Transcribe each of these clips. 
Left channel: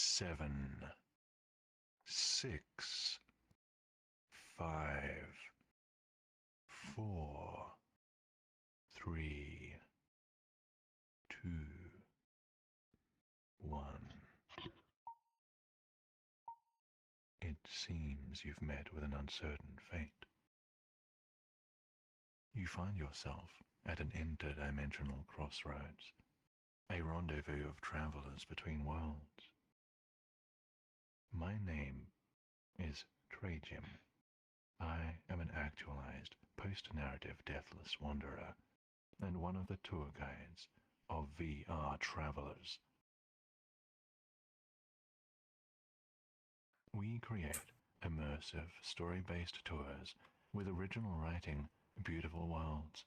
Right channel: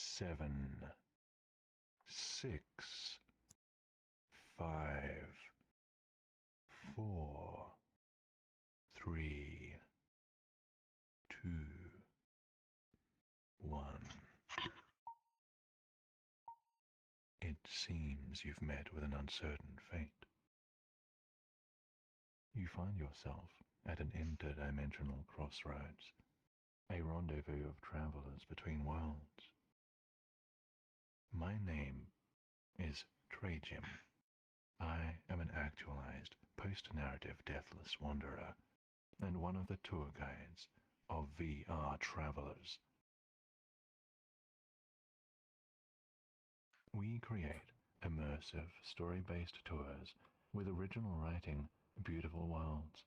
7, 6, 5, 4, 3, 2, 1. It seems you've met with an uncertain fate. You find yourself at an interdimensional crossroads, a rendezvous of travelers between worlds. My name is Trajim. I am an actualized, post-narrative deathless wanderer, and one of the tour guides of VRTravellers. We create immersive, story-based tours with original writing, beautiful worlds,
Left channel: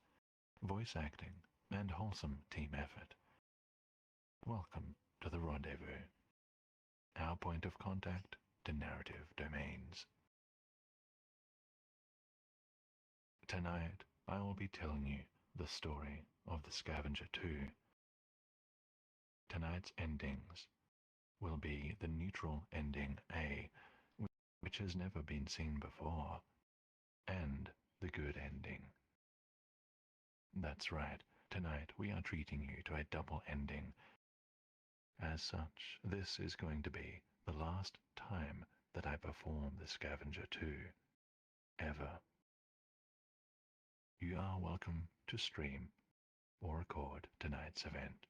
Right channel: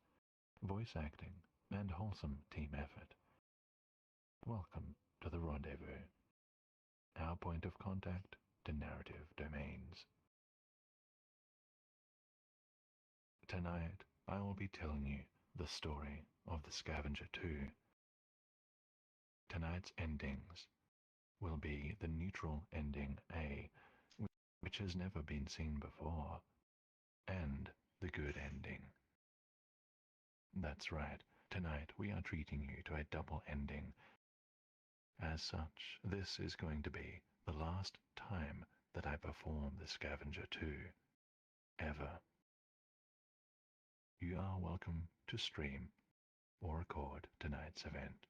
voice acting, and wholesome team effort. Welcome to the rendezvous, our point of contact to narrative domains. Tonight, I will be telling you the story of the Scavenger 2. Tonight's endings will be the neutral ending A, which has never been seen before, and the good ending. That's right, tonight we are treating you to a double ending. As such, this is going to be the last time that I perform the Scavenger 2, ever. You are welcome to stream or record tonight's event.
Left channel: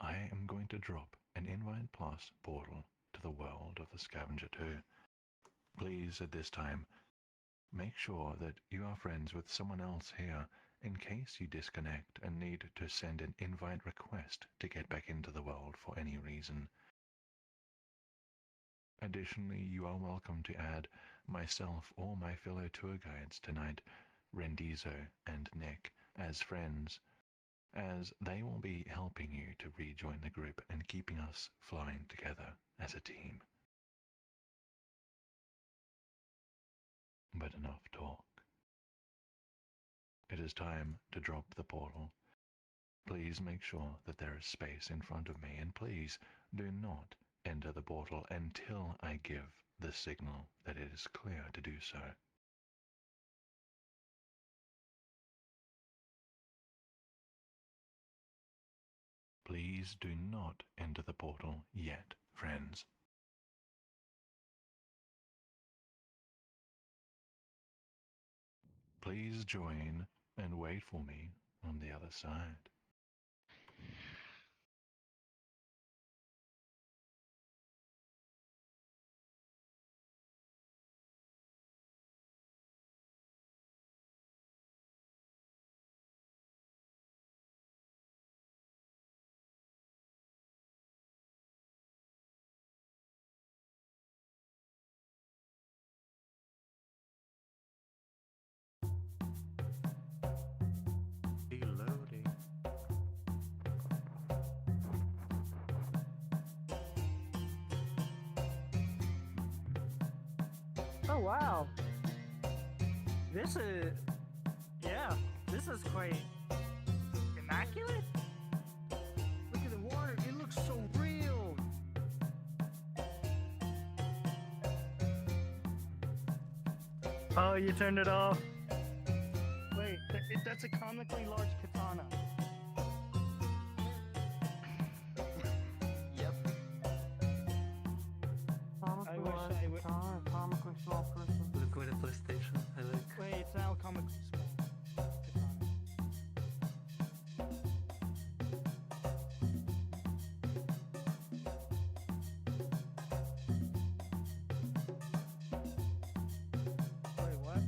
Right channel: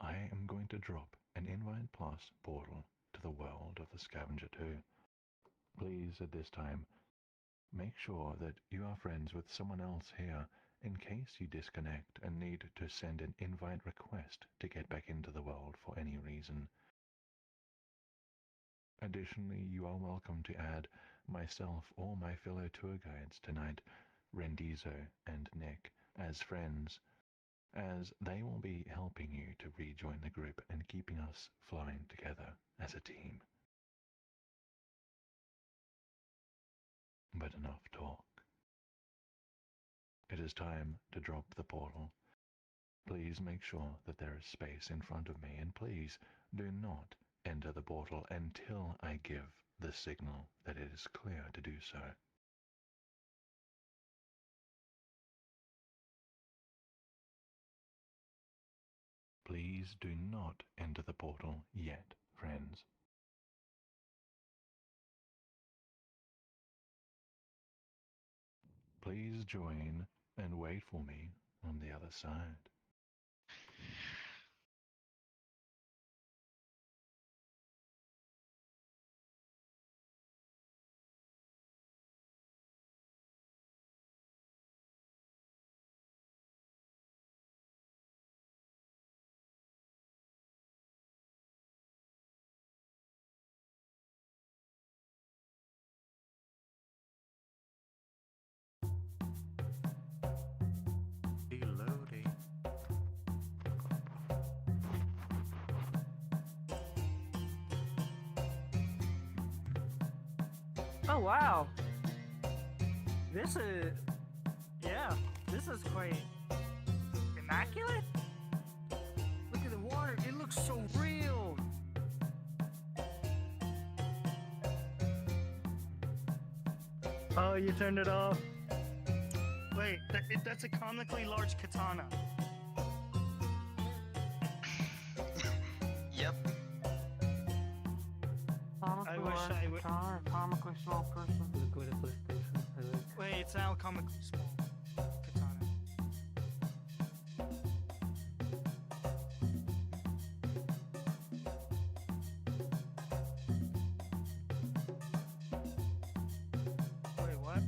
I am going to drop an Invite Plus portal to the world of the Scavenger 2. Please, at this time, make sure that you are friends with someone else here in case you disconnect and need to send an invite request to get back into the world for any reason. Additionally, you are welcome to add myself or my fellow tour guides tonight, Rendizo and Nick, as friends, as they will be helping you to rejoin the group and keeping us flowing together as a team. But enough talk. It is time to drop the portal. Please make sure that there is space in front of me, and please do not enter the portal until I give the signal that it is clear to do so. Please do not enter the portal yet, friends. Please join and wait for me on the other side. Reloading. Oh wow! This is quite immaculate. Look at the water, it looks so real. Oh, you turned it off? Wait, that's a comically large katana. Yep. I wish I would. Comically small person. Look with a PlayStation. I look. Wait, it's now comical small katana. Wait, what?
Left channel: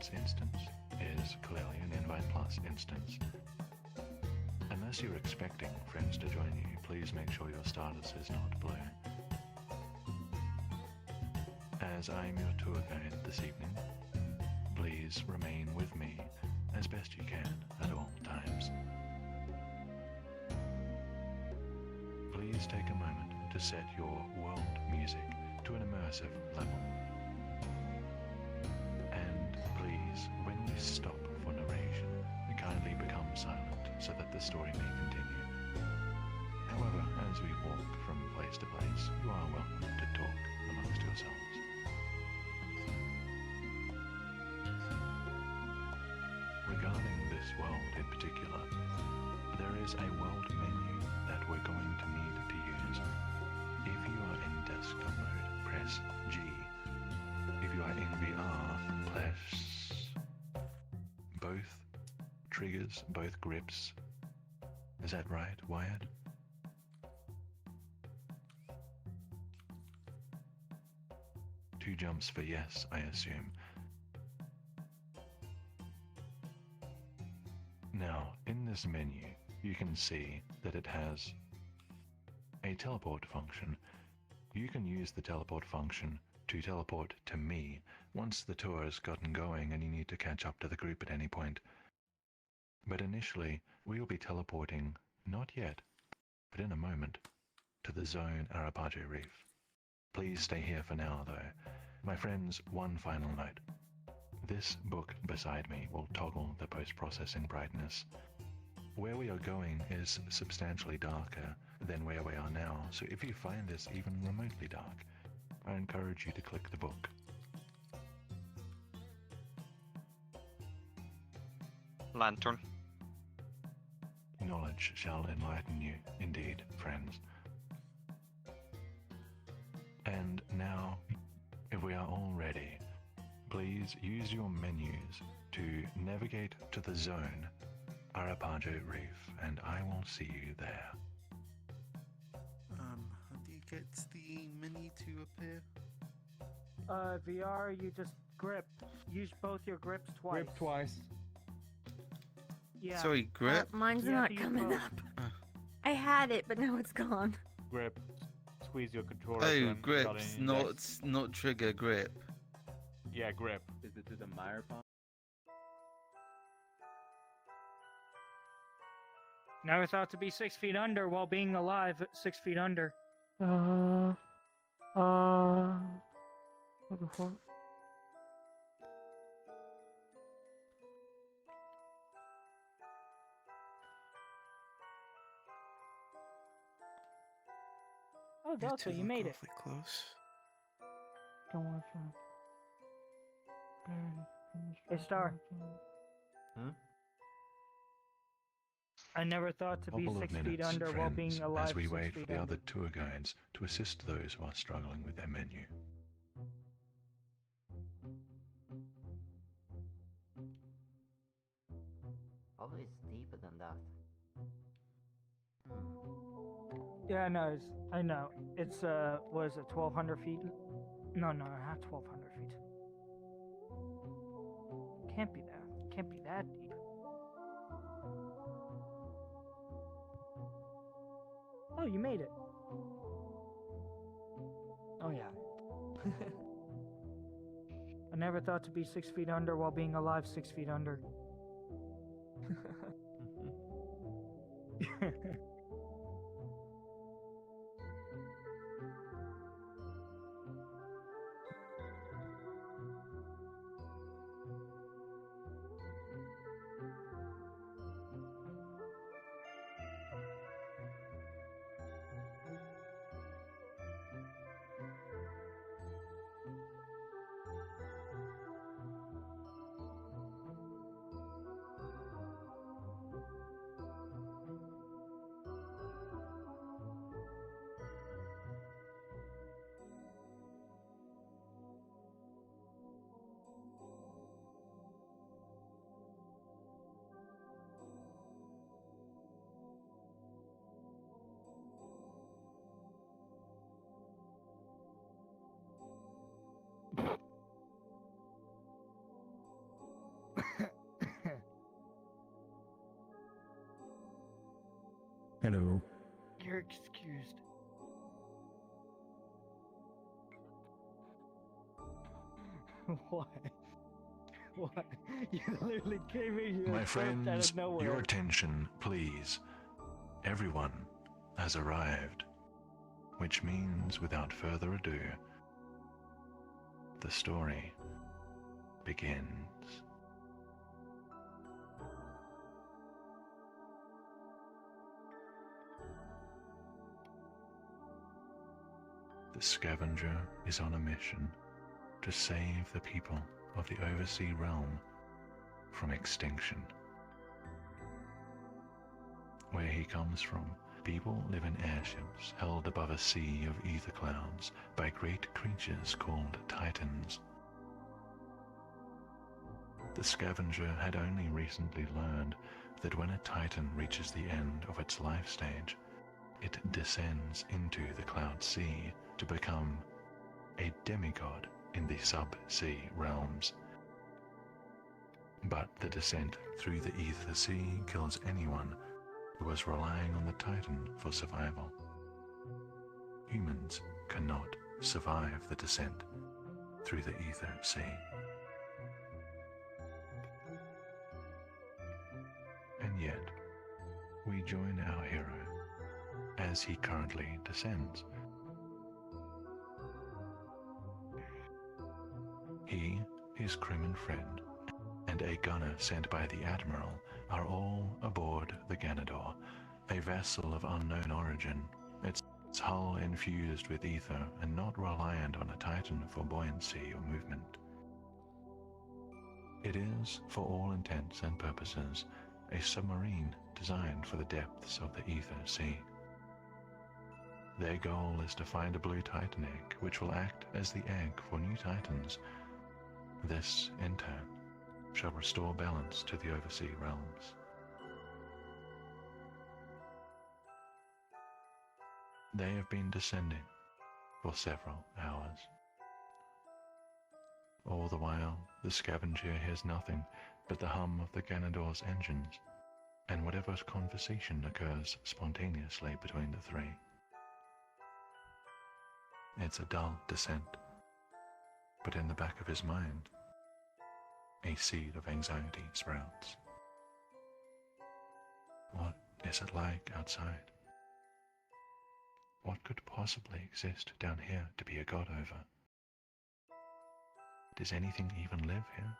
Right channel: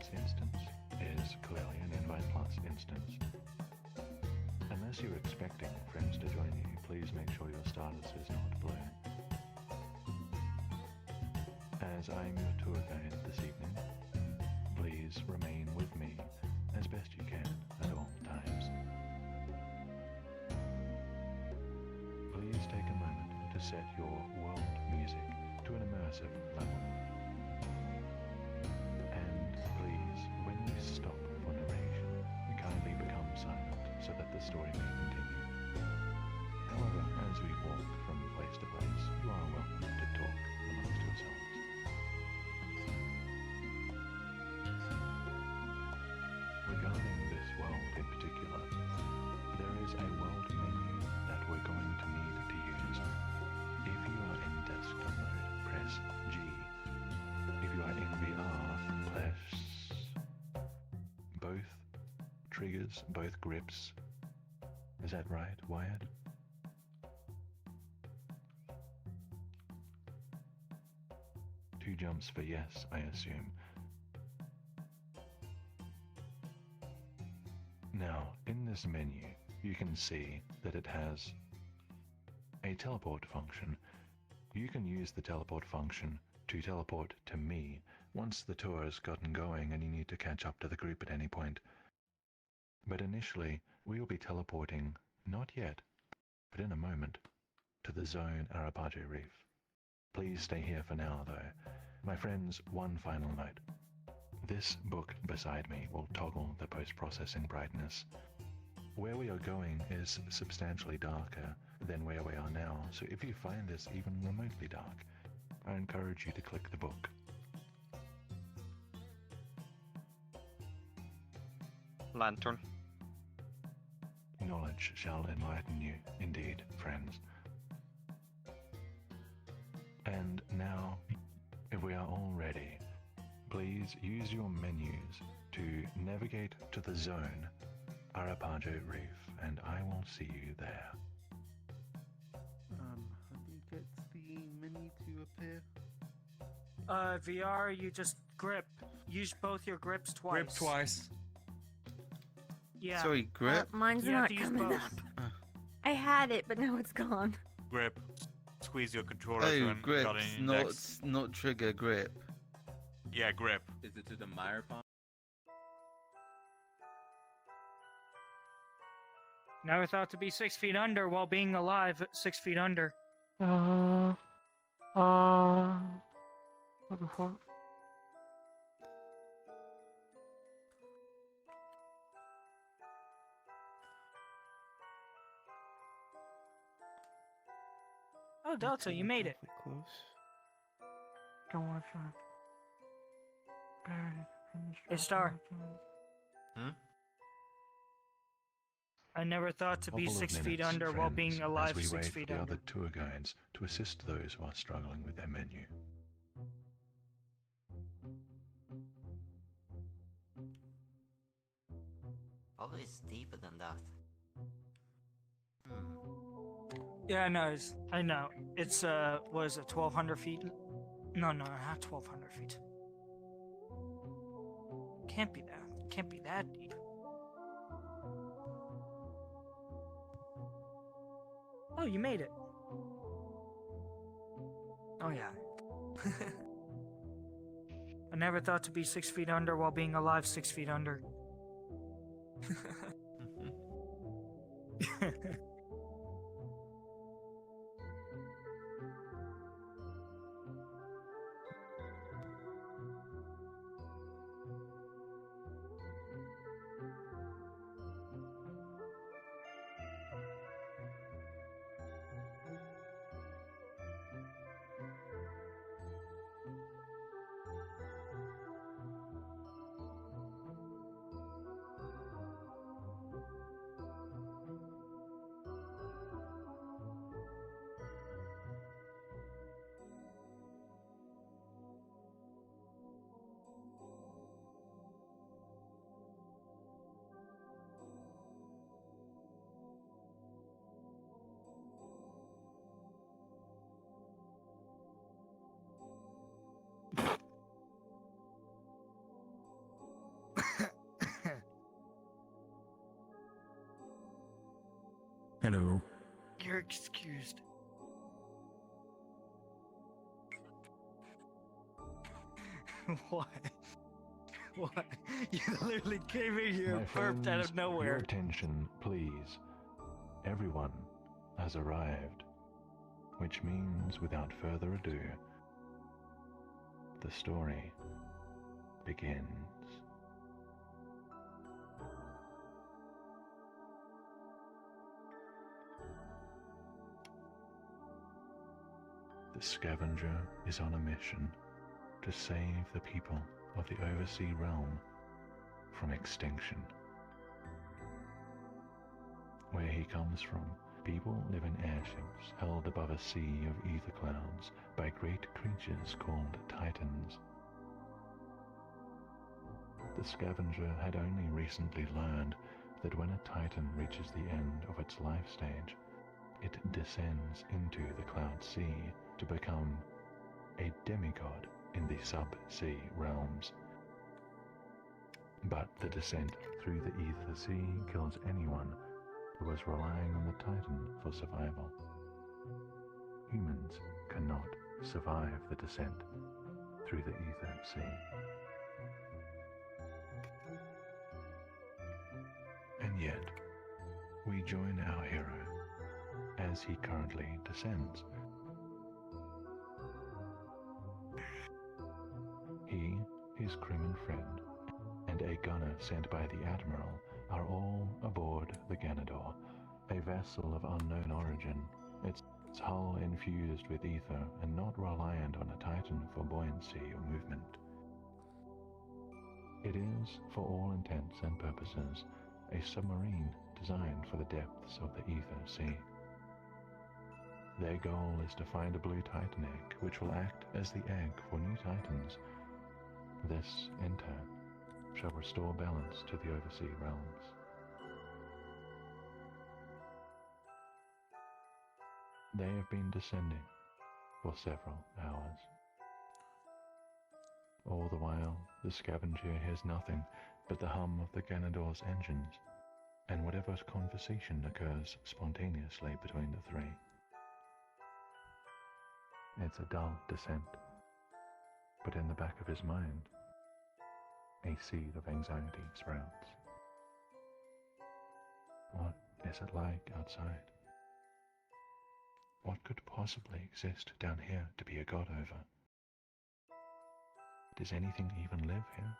Plus instance is clearly an Invite Plus instance. Unless you're expecting friends to join you, please make sure your status is not blue. As I'm your tour guide this evening, please remain with me as best you can at all times. Please take a moment to set your world music to an immersive level. And please, when you stop for narration, kindly become silent so that the story may continue. However, as we walk from place to place, you are welcome to talk amongst yourselves. Regarding this world in particular, there is a world menu that we're going to need to use. If you are in desktop mode, press G. If you are in VR, press both triggers, both grips. Is that right, Wyatt? Two jumps for yes, I assume. Now, in this menu, you can see that it has a teleport function. You can use the teleport function to teleport to me once the tour has gotten going and you need to catch up to the group at any point. But initially, we will be teleporting, not yet, but in a moment, to the zone Arapaje Reef. Please stay here for now, though. My friends, one final note. This book beside me will toggle the post-processing brightness. Where we are going is substantially darker than where we are now, so if you find this even remotely dark, I encourage you to click the book. Lantern. Knowledge shall enlighten you, indeed, friends. And now, if we are all ready, please use your menus to navigate to the zone Arapaje Reef, and I will see you there. How do you get the menu to appear? VR, you just grip. Use both your grips twice. Grip twice. Yeah. Sorry, grip. Mine's You have not to use coming both. up. I had it, but now it's gone. Grip. Squeeze your controller. Oh, to grip, got an index. not trigger, grip. Yeah, grip. Is it to the microphone? Never thought to be 6 feet under while being alive at 6 feet under. What the fuck? Oh, Delta, you made it. Awfully close. Don't watch that. Hey, Star. Hmm? I never thought to be Couple of 6 feet minutes, under while friends, being alive as we 6 wait feet for the under. other tour guides to assist those who are struggling with their menu. Oh, it's deeper than that. Yeah, I know. It's, what is it, 1,200 feet? No, not 1,200 feet. Can't be that deep. Oh, you made it. Oh, yeah. I never thought to be 6 feet under while being alive 6 feet under. Hello. You're excused. What? What? You literally came in here My and burped out friends, of your nowhere. attention, please. Everyone has arrived, which means, without further ado, the story begins. The Scavenger is on a mission to save the people of the Oversea Realm from extinction. Where he comes from, people live in airships held above a sea of ether clouds by great creatures called Titans. The Scavenger had only recently learned that when a Titan reaches the end of its life stage, it descends into the Cloud Sea to become a demigod in the sub-sea realms. But the descent through the Ether Sea kills anyone who is relying on the Titan for survival. Humans cannot survive the descent through the Ether Sea. And yet, we join our hero as he currently descends. He, his crewman friend, and a gunner sent by the Admiral are all aboard the Ganador, a vessel of unknown origin, its hull infused with ether and not reliant on a Titan for buoyancy or movement. It is, for all intents and purposes, a submarine designed for the depths of the Ether Sea. Their goal is to find a blue Titan egg, which will act as the egg for new Titans. This, in turn, shall restore balance to the oversea realms. They have been descending for several hours. All the while, the Scavenger hears nothing but the hum of the Ganador's engines, and whatever conversation occurs spontaneously between the three. It's a dull descent, but in the back of his mind, a seed of anxiety sprouts. What is it like outside? What could possibly exist down here to be a god over? Does anything even live here?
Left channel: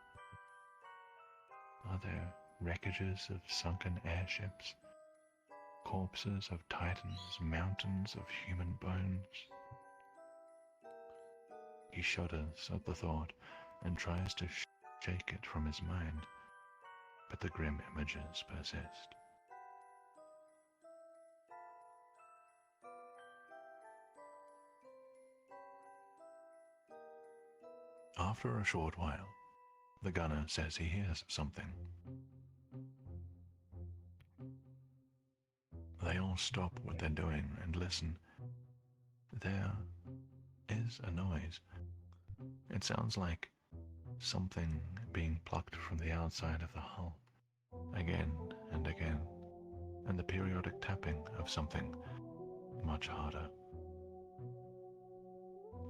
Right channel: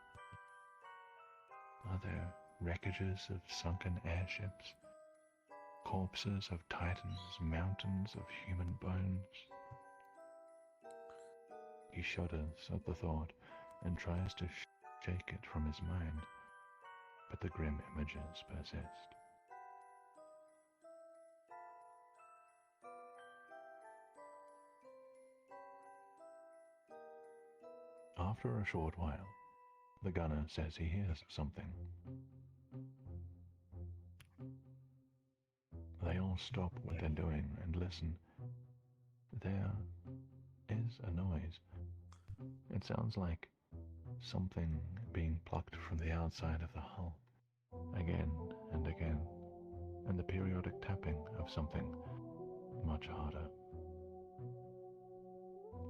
Are there wreckages of sunken airships? Corpses of titans, mountains of human bones? He shudders at the thought and tries to shake it from his mind, but the grim images persist. After a short while, the gunner says he hears something. They all stop what they're doing and listen. There is a noise. It sounds like something being plucked from the outside of the hull, again and again, and the periodic tapping of something much harder.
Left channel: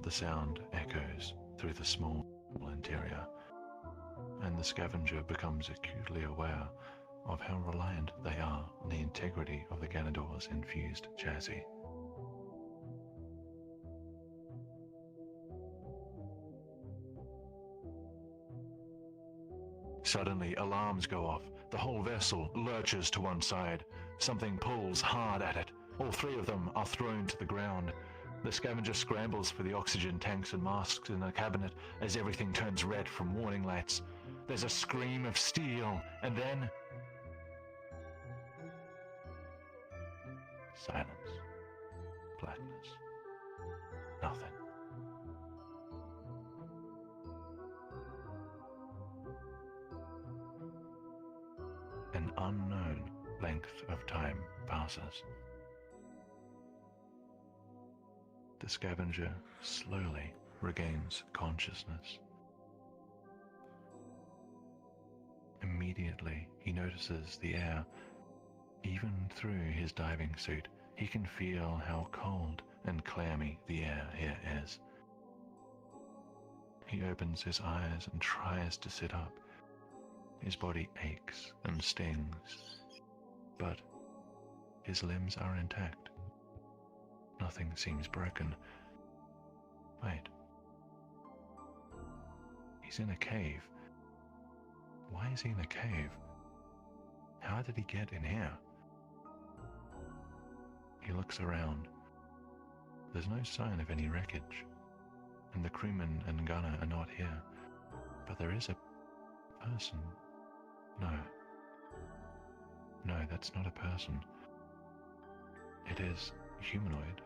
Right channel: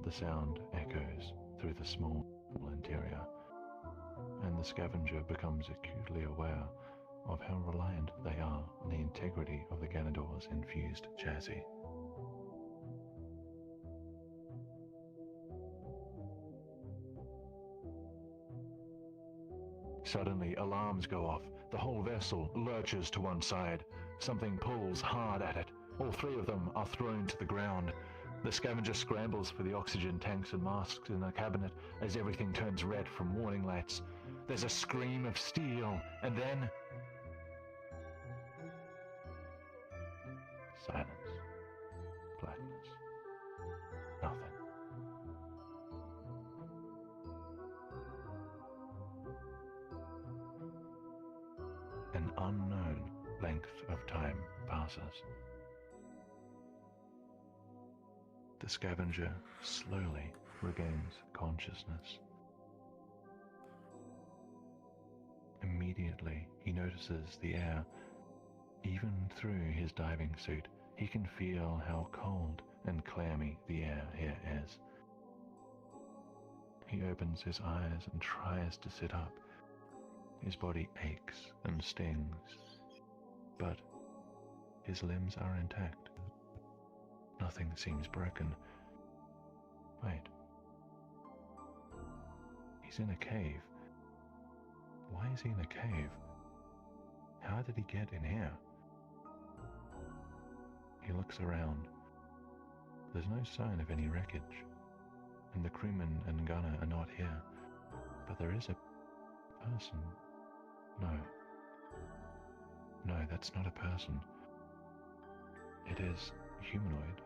The sound echoes through the small interior, and the Scavenger becomes acutely aware of how reliant they are on the integrity of the Ganador's infused chassis. Suddenly, alarms go off. The whole vessel lurches to one side. Something pulls hard at it. All three of them are thrown to the ground. The Scavenger scrambles for the oxygen tanks and masks in the cabinet as everything turns red from warning lights. There's a scream of steel, and then silence. Blackness. Nothing. An unknown length of time passes. The Scavenger slowly regains consciousness. Immediately, he notices the air Even through his diving suit, he can feel how cold and clammy the air here is. He opens his eyes and tries to sit up. His body aches and stings, but his limbs are intact. Nothing seems broken. Wait. He's in a cave. Why is he in a cave? How did he get in here? He looks around. There's no sign of any wreckage, and the crewman and gunner are not here. But there is a person. No, that's not a person. It is humanoid,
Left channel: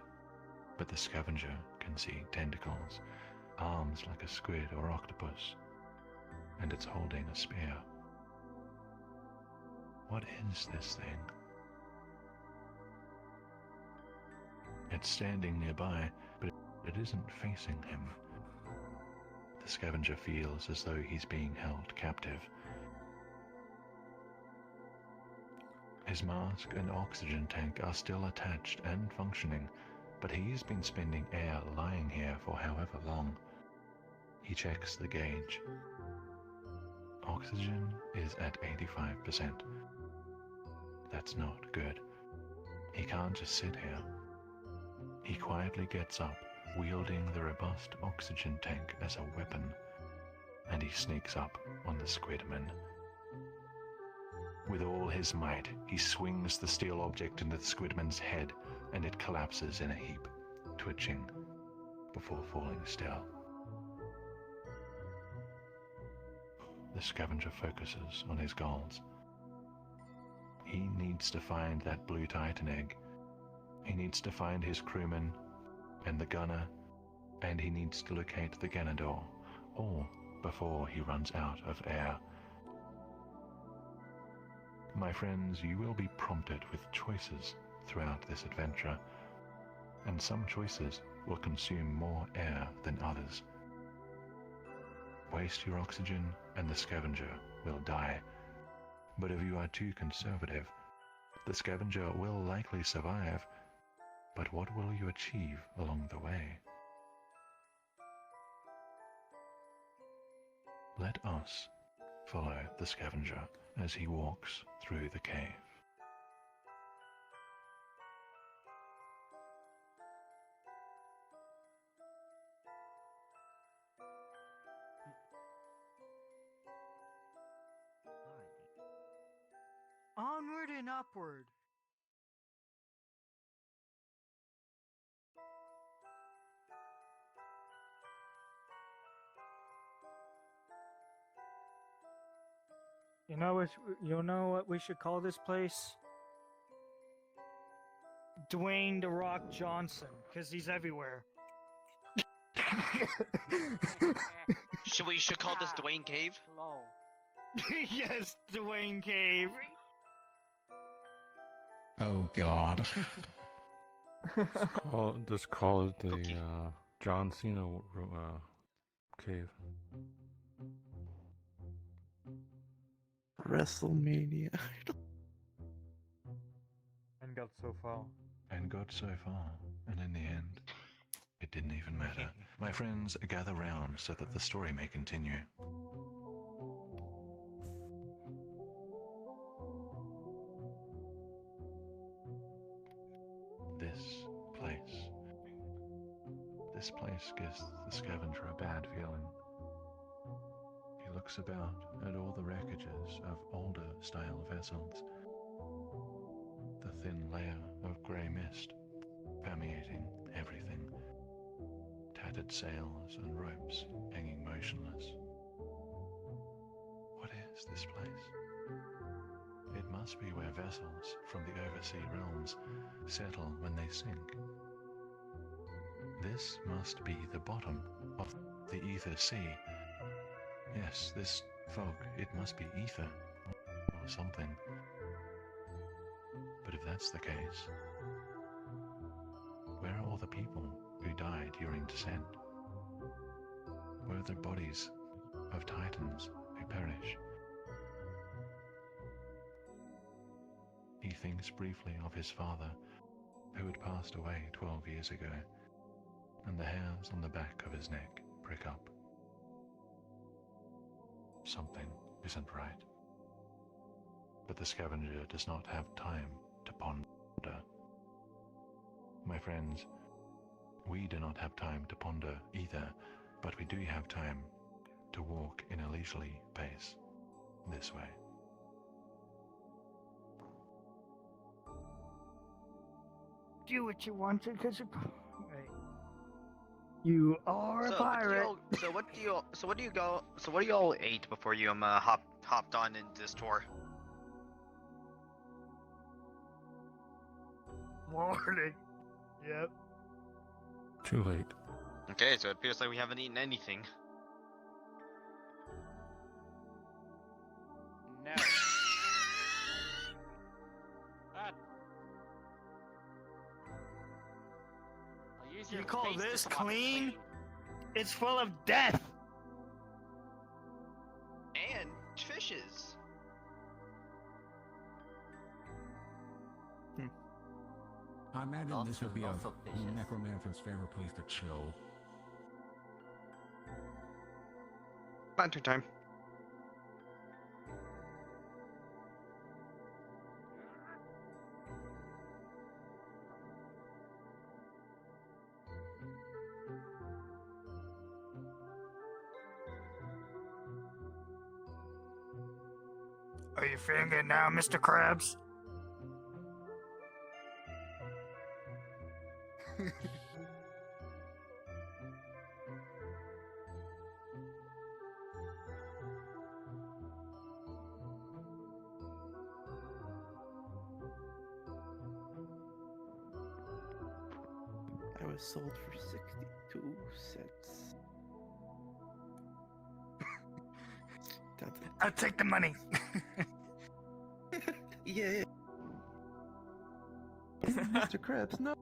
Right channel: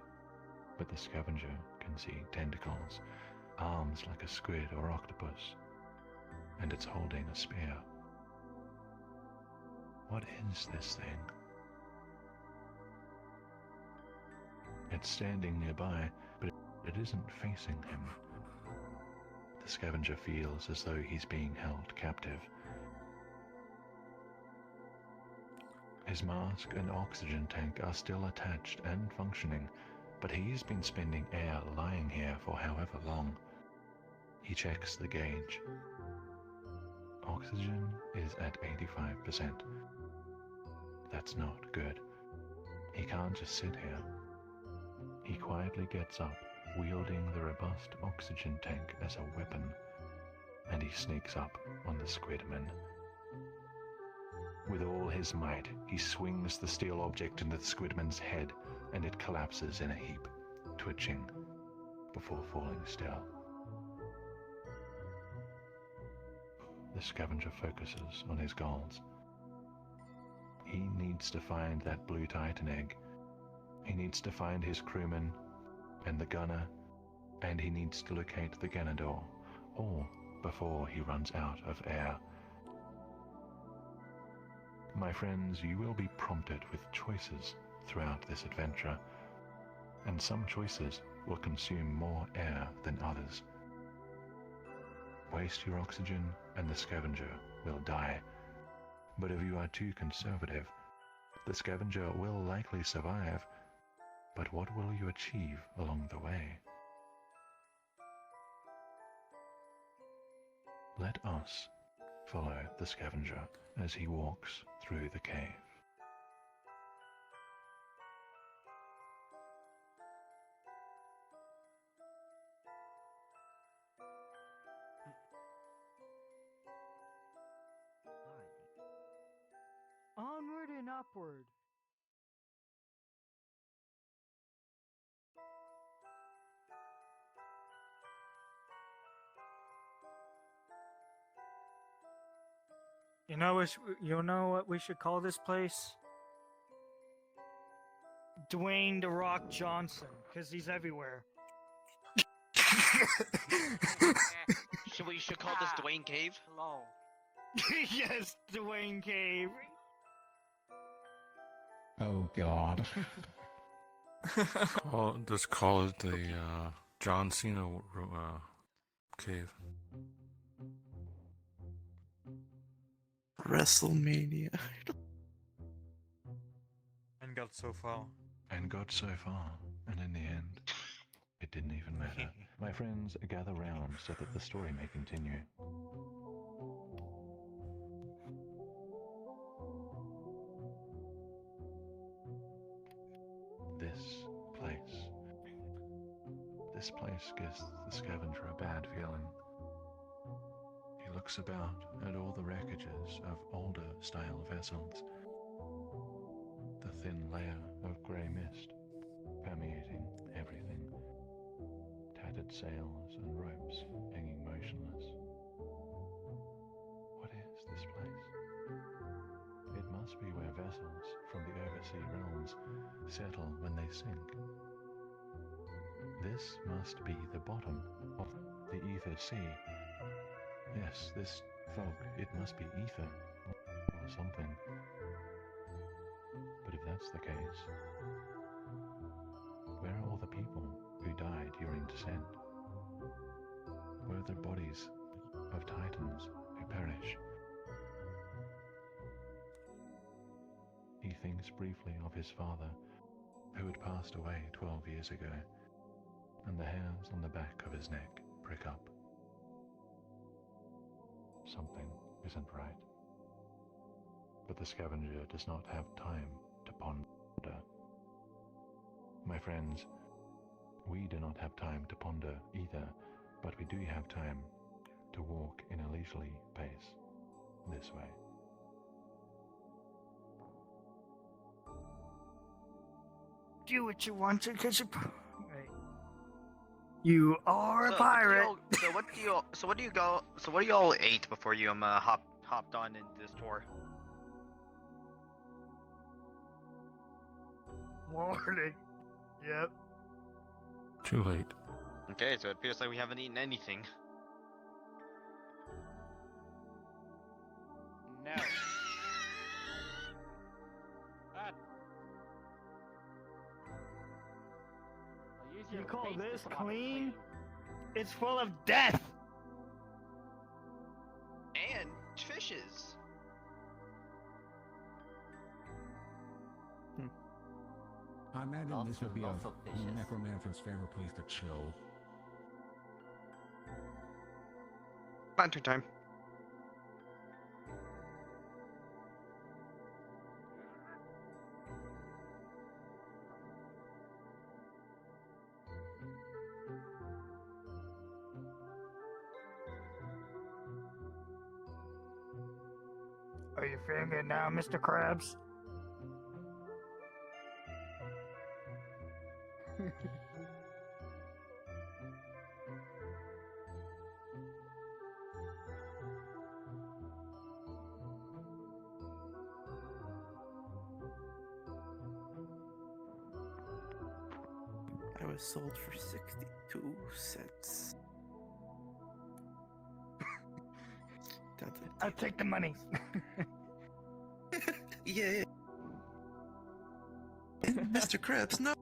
but the scavenger can see tentacles, arms like a squid or octopus, and it's holding a spear. What is this thing? It's standing nearby, but it isn't facing him. The scavenger feels as though he's being held captive. His mask and oxygen tank are still attached and functioning, but he's been spending air lying here for however long. He checks the gauge. Oxygen is at 85%. That's not good. He can't just sit here. He quietly gets up, wielding the robust oxygen tank as a weapon, and he sneaks up on the Squidman. With all his might, he swings the steel object into the Squidman's head, and it collapses in a heap, twitching before falling still. The scavenger focuses on his goals. He needs to find that blue Titan egg. He needs to find his crewman and the gunner, and he needs to locate the Ganador, all before he runs out of air. My friends, you will be prompted with choices throughout this adventure, and some choices will consume more air than others. Waste your oxygen and the scavenger will die. But if you are too conservative, the scavenger will likely survive. But what will you achieve along the way? Let us follow the scavenger as he walks through the cave. Onward and upward. You know what we should call this place? Dwayne "The Rock" Johnson, because he's everywhere. We should call this Dwayne Cave? Yes, Dwayne Cave. Oh God. Just call it the John Cena cave. WrestleMania. And got so far. And got so far, and in the end, it didn't even matter. My friends, gather round so that the story may continue. This place gives the scavenger a bad feeling. He looks about at all the wreckages of older style vessels. The thin layer of grey mist permeating everything. Tattered sails and ropes hanging motionless. What is this place? It must be where vessels from the oversea realms settle when they sink. This must be the bottom of the ether sea. Yes, this fog, it must be ether or something. But if that's the case, where are all the people who died during descent? Where are the bodies of Titans who perish? He thinks briefly of his father, who had passed away 12 years ago, and the hairs on the back of his neck prick up. Something isn't right. But the scavenger does not have time to ponder. My friends, we do not have time to ponder either, but we do have time to walk in a leisurely pace this way. Do what you want to, cause you are a pirate. So what do you all ate before you hopped on into this tour? Morning. Yep. Too late. Okay, so it appears like we haven't eaten anything. No. You call this clean? It's full of death. And fishes. I imagine this would be a Lots of fishes. necromancer's favorite place to chill. Lantern time. Are you feeling it now, Mr. Krabs? I was sold for 62 cents. I'll take the money. Yeah. Mr. Krabs, no.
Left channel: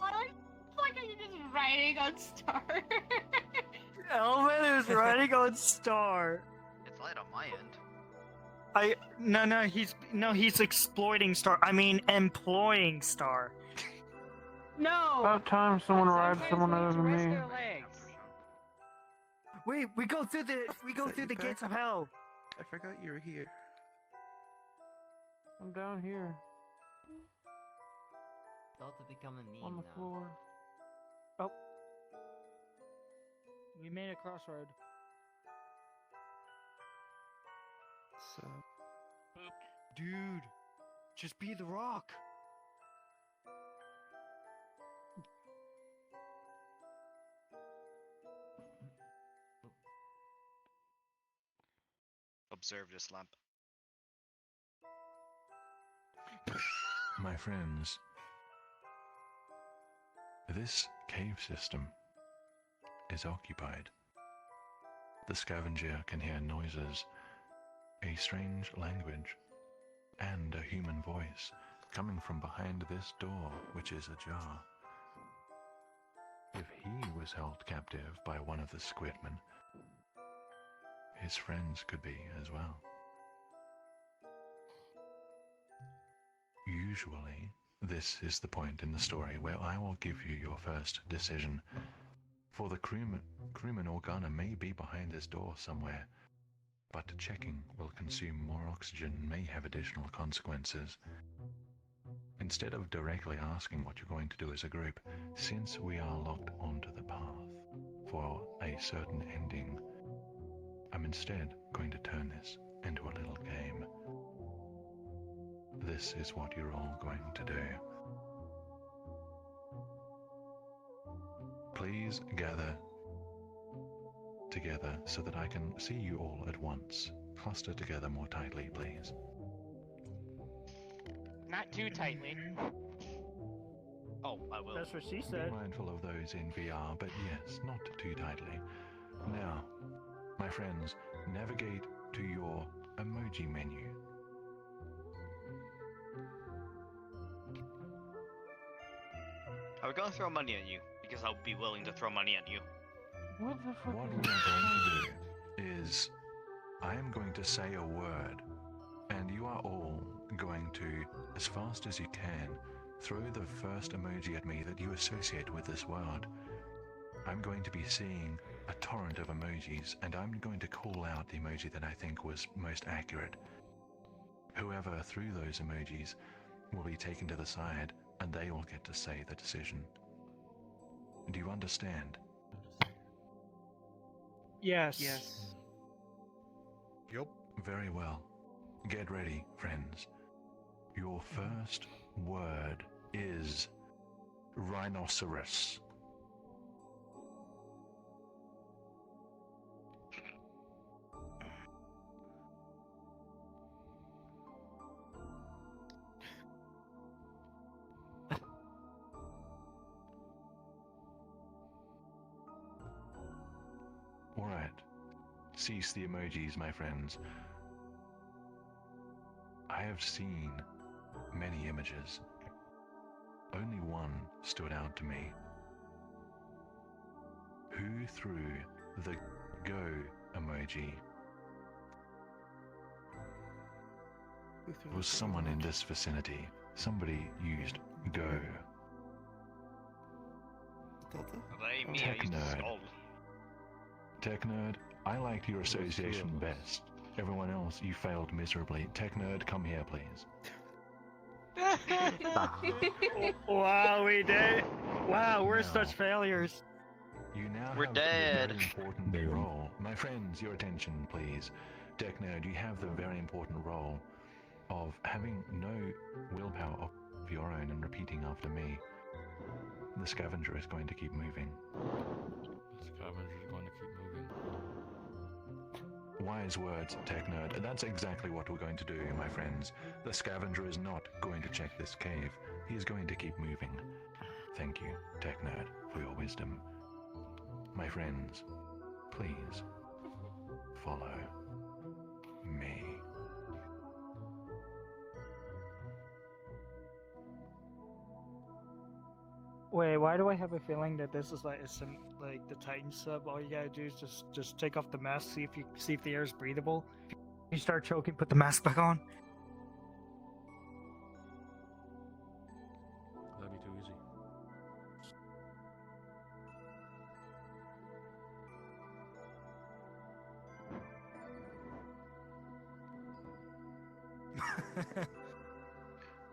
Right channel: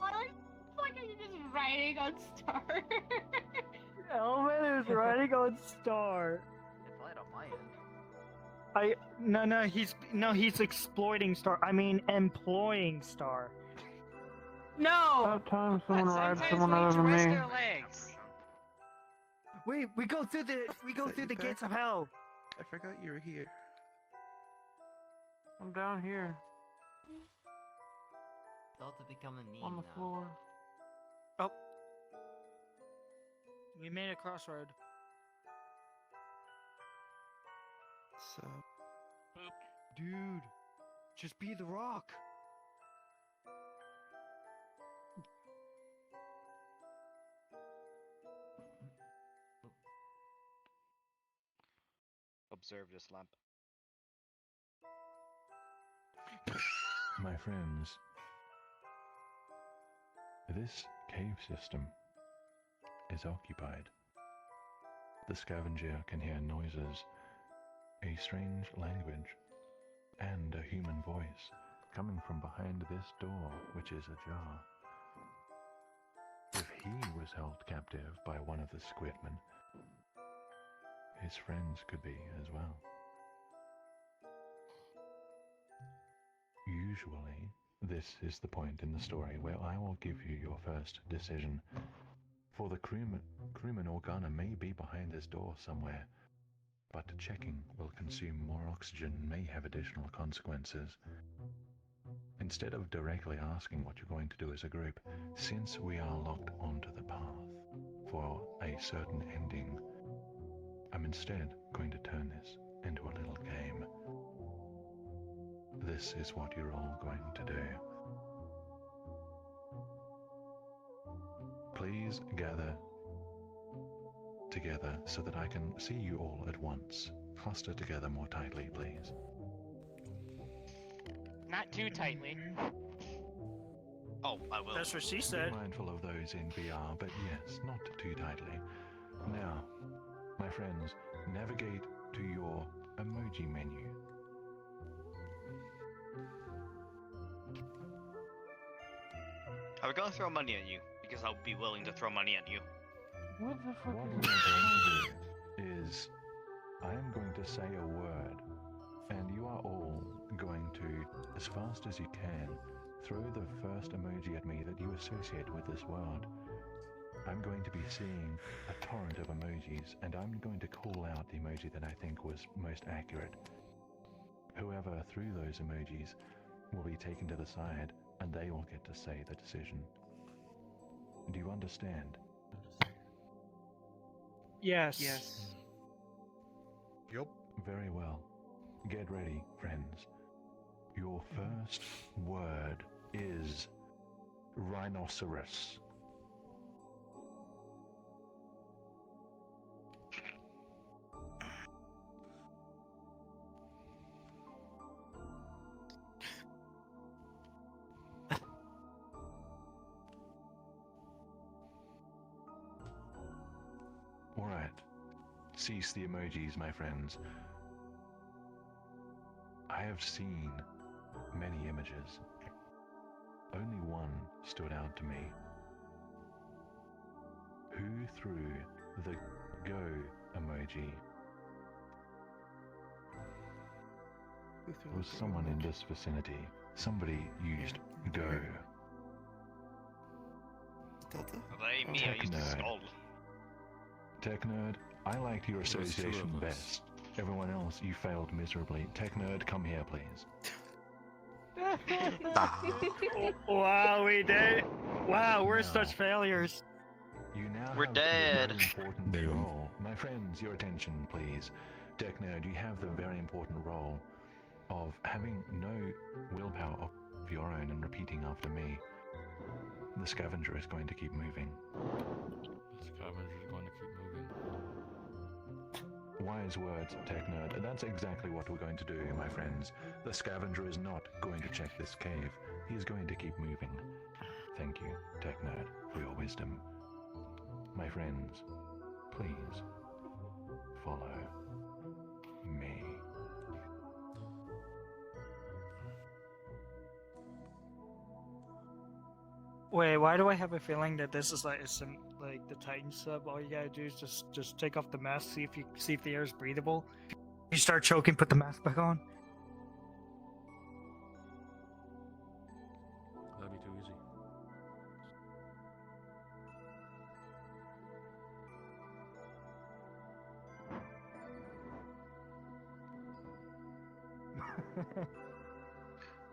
Like are you just writing on Star? Elvin is riding on Star. It's light on my end. He's exploiting Star. I mean, employing Star. No. About time someone rides someone other than me. Wait, we go through the gates of hell. I forgot you were here. I'm down here Thought to become a meme on the now. floor. We made a crossroad. So, Dude, just be the rock. Observe this lamp. My friends, this cave system is occupied. The scavenger can hear noises, a strange language, and a human voice coming from behind this door, which is ajar. If he was held captive by one of the squidmen, his friends could be as well. Usually, this is the point in the story where I will give you your first decision. For the crewman Organa may be behind this door somewhere, but checking will consume more oxygen and may have additional consequences. Instead of directly asking what you're going to do as a group, since we are locked onto the path for a certain ending, I'm instead going to turn this into a little game. This is what you're all going to do. Please gather together so that I can see you all at once. Cluster together more tightly, please. Not too tightly. Oh, I will. That's what she Be said. mindful of those in VR, but yes, not too tightly. Now, my friends, navigate to your emoji menu. I was gonna throw money at you, because I'll be willing to throw money at you. What the fuck What is we this? are going to do is I am going to say a word, and you are as fast as you can, throw the first emoji at me that you associate with this word. I'm going to be seeing a torrent of emojis, and I'm going to call out the emoji that I think was most accurate. Whoever threw those emojis will be taken to the side, and they will get to say the decision. Do you understand? Yes. Yup. Very well. Get ready, friends. Your first word is rhinoceros. Alright. Cease the emojis, my friends. I have seen many images. Only one stood out to me. Who threw the go emoji? It was someone in this vicinity. Somebody used go. Blame me, I Tech used to nerd. skull. Tech Nerd, I liked your association best. Everyone else, you failed miserably. Tech Nerd, come here, please. Wow, we did. Wow, we're No. such failures. You now We're have dead. the very important role. My friends, your attention, please. Tech Nerd, you have the very important role of having no willpower of your own and repeating after me. The Scavenger is going to keep moving. The Scavenger's going to keep moving. Wise words, Tech Nerd. That's exactly what we're going to do, my friends. The Scavenger is not going to check this cave. He is going to keep moving. Thank you, Tech Nerd, for your wisdom. My friends, please follow me. Wait, why do I have a feeling that this is like some like the Titan sub? All you gotta do is just take off the mask, see if the air is breathable. You start choking, put the mask back on. That'd be too easy.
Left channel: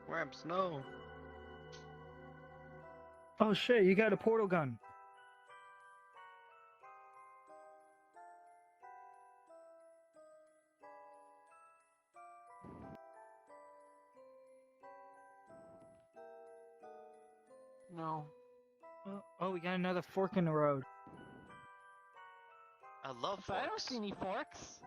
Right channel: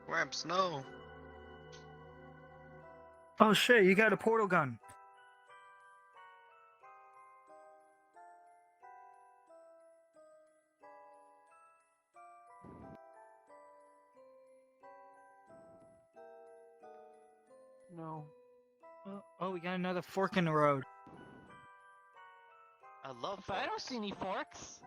Ramps, no. Oh shit! You got a portal gun. No. Oh, we got another fork in the road. I love But I don't forks. see any forks.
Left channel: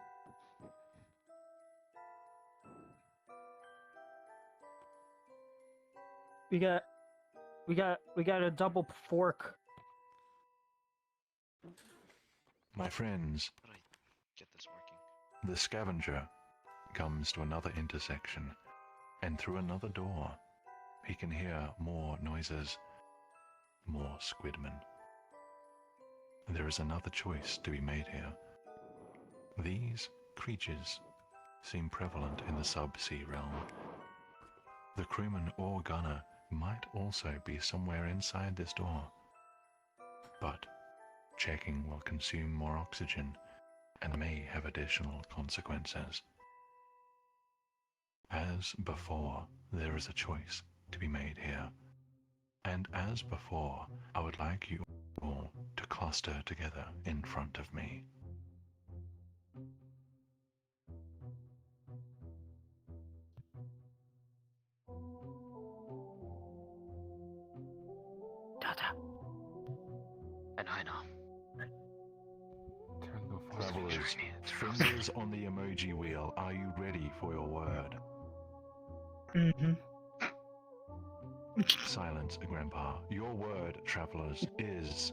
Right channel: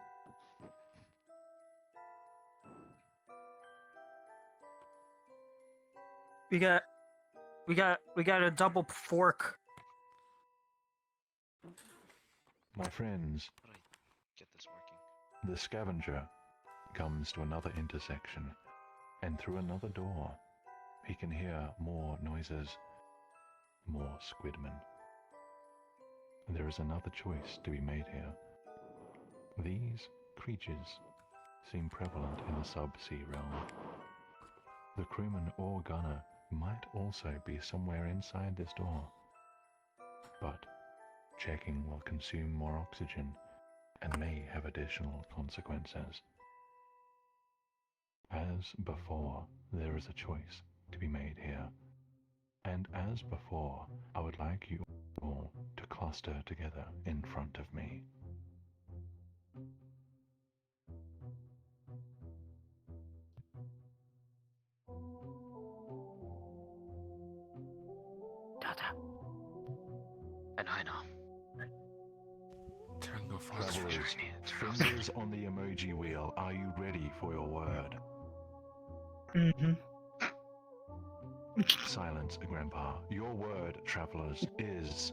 We got a double fork. My friends, How do I get this working? the Scavenger comes to another intersection, and through another door, he can hear more noises, more squidmen. There is another choice to be made here. These creatures seem prevalent in the sub-sea realm. The crewman or gunner might also be somewhere inside this door. But checking will consume more oxygen and may have additional consequences. As before, there is a choice to be made here. And as before, I would like you all to cluster together in front of me. I know. Tango for Travelers, fingers on the emoji wheel. Are you ready for your word? Mm-hmm. Silence, Grandpa. Your word, travelers, is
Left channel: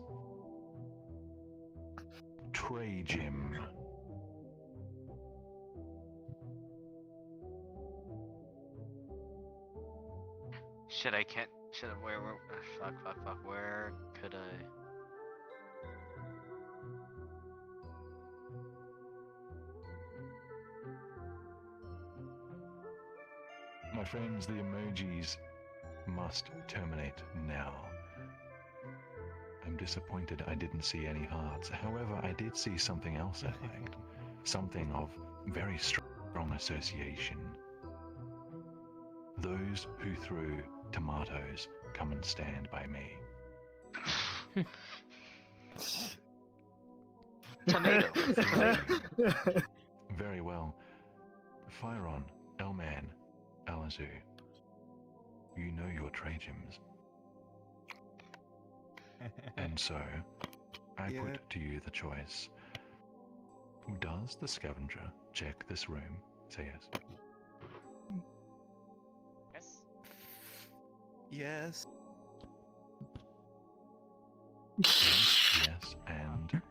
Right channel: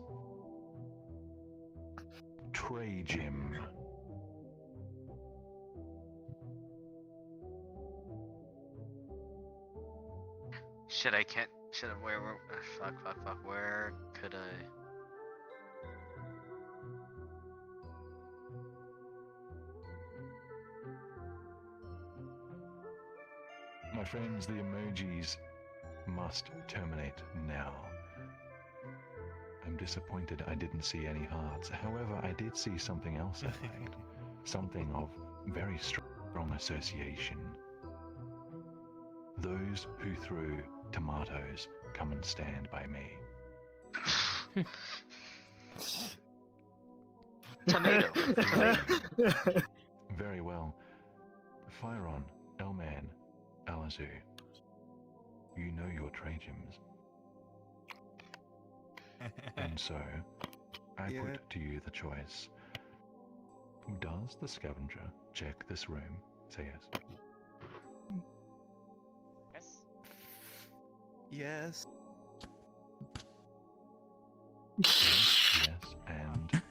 Trajim. Shit, I can't. Shit, where fuck. Where could I? My friends, the emojis must terminate now. I'm disappointed I didn't see any hearts. However, I did see something else, I think. Something of very strong association. Those who threw tomatoes, come and stand by me. Tomato. Very well. Fyron, Elman, Alazu. You know your tratiums. And so, I put to you the choice. Does the scavenger check this room? Say yes. Yes. Yes, and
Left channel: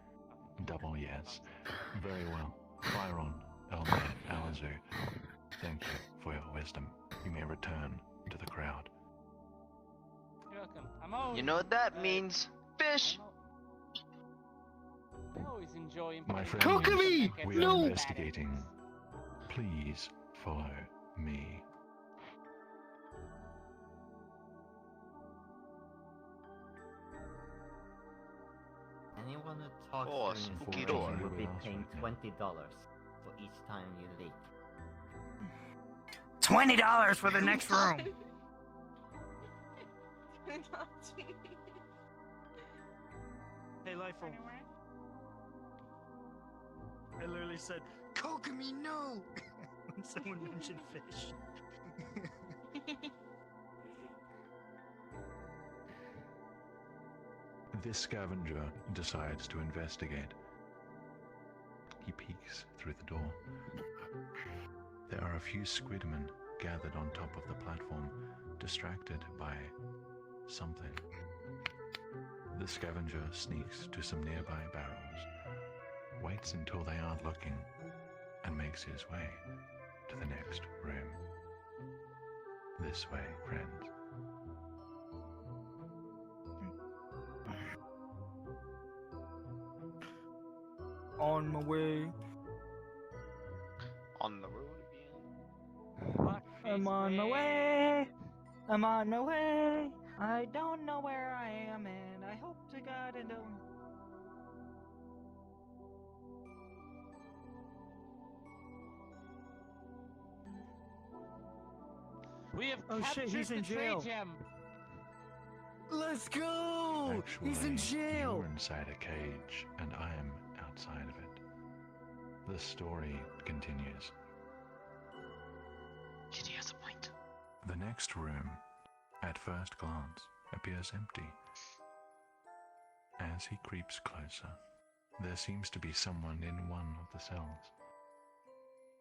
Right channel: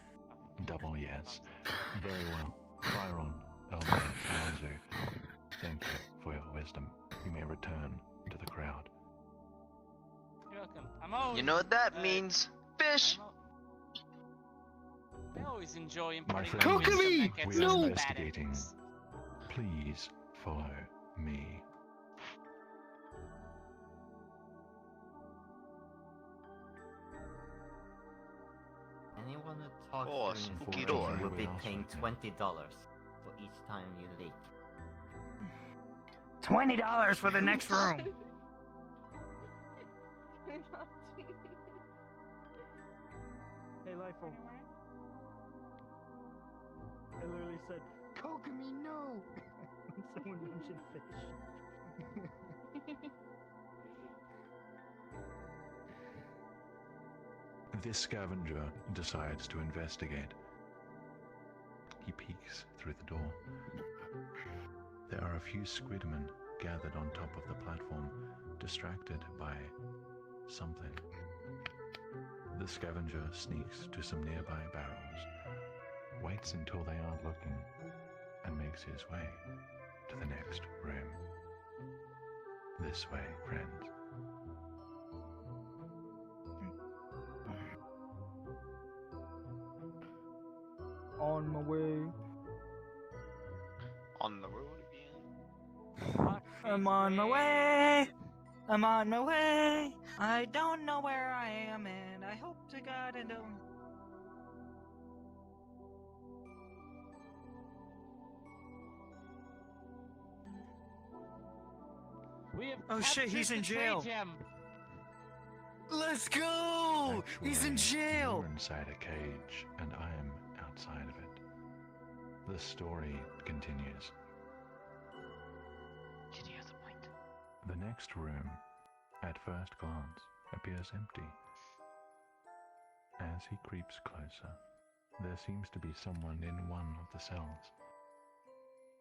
double yes. Very well. Fyron, Elman, Alazu. Thank you for your wisdom. You may return to the crowd. You're welcome. I'm always, You know what that means? Fish! I always enjoy My playing friends, games we that are get investigating. Please follow me. Anyone who talks Oh, during spooky information door. will be paying $20 for each time you're late. $20 for the next room. Hey, Lifer. I literally said, Kokomi, no! When someone mentioned fish. This scavenger decides to investigate. He peeks through the door. There are a few squidmen gathered on top of the platform, distracted by something. The scavenger sneaks to some nearby barrels, waits until they aren't looking, and makes his way to the next room. This way, friends. On my way. On the road. I'm on my way. I'm on my way. I don't know where I am, and I hope to God I don't. We have Oh shit, he's in jail. Him. Let's go! He's in jail! You're inside a cage, and I'm outside of it. The story continues. GD has a point. The next room, at first glance, appears empty. As he creeps closer, there seems to be someone in one of the cells.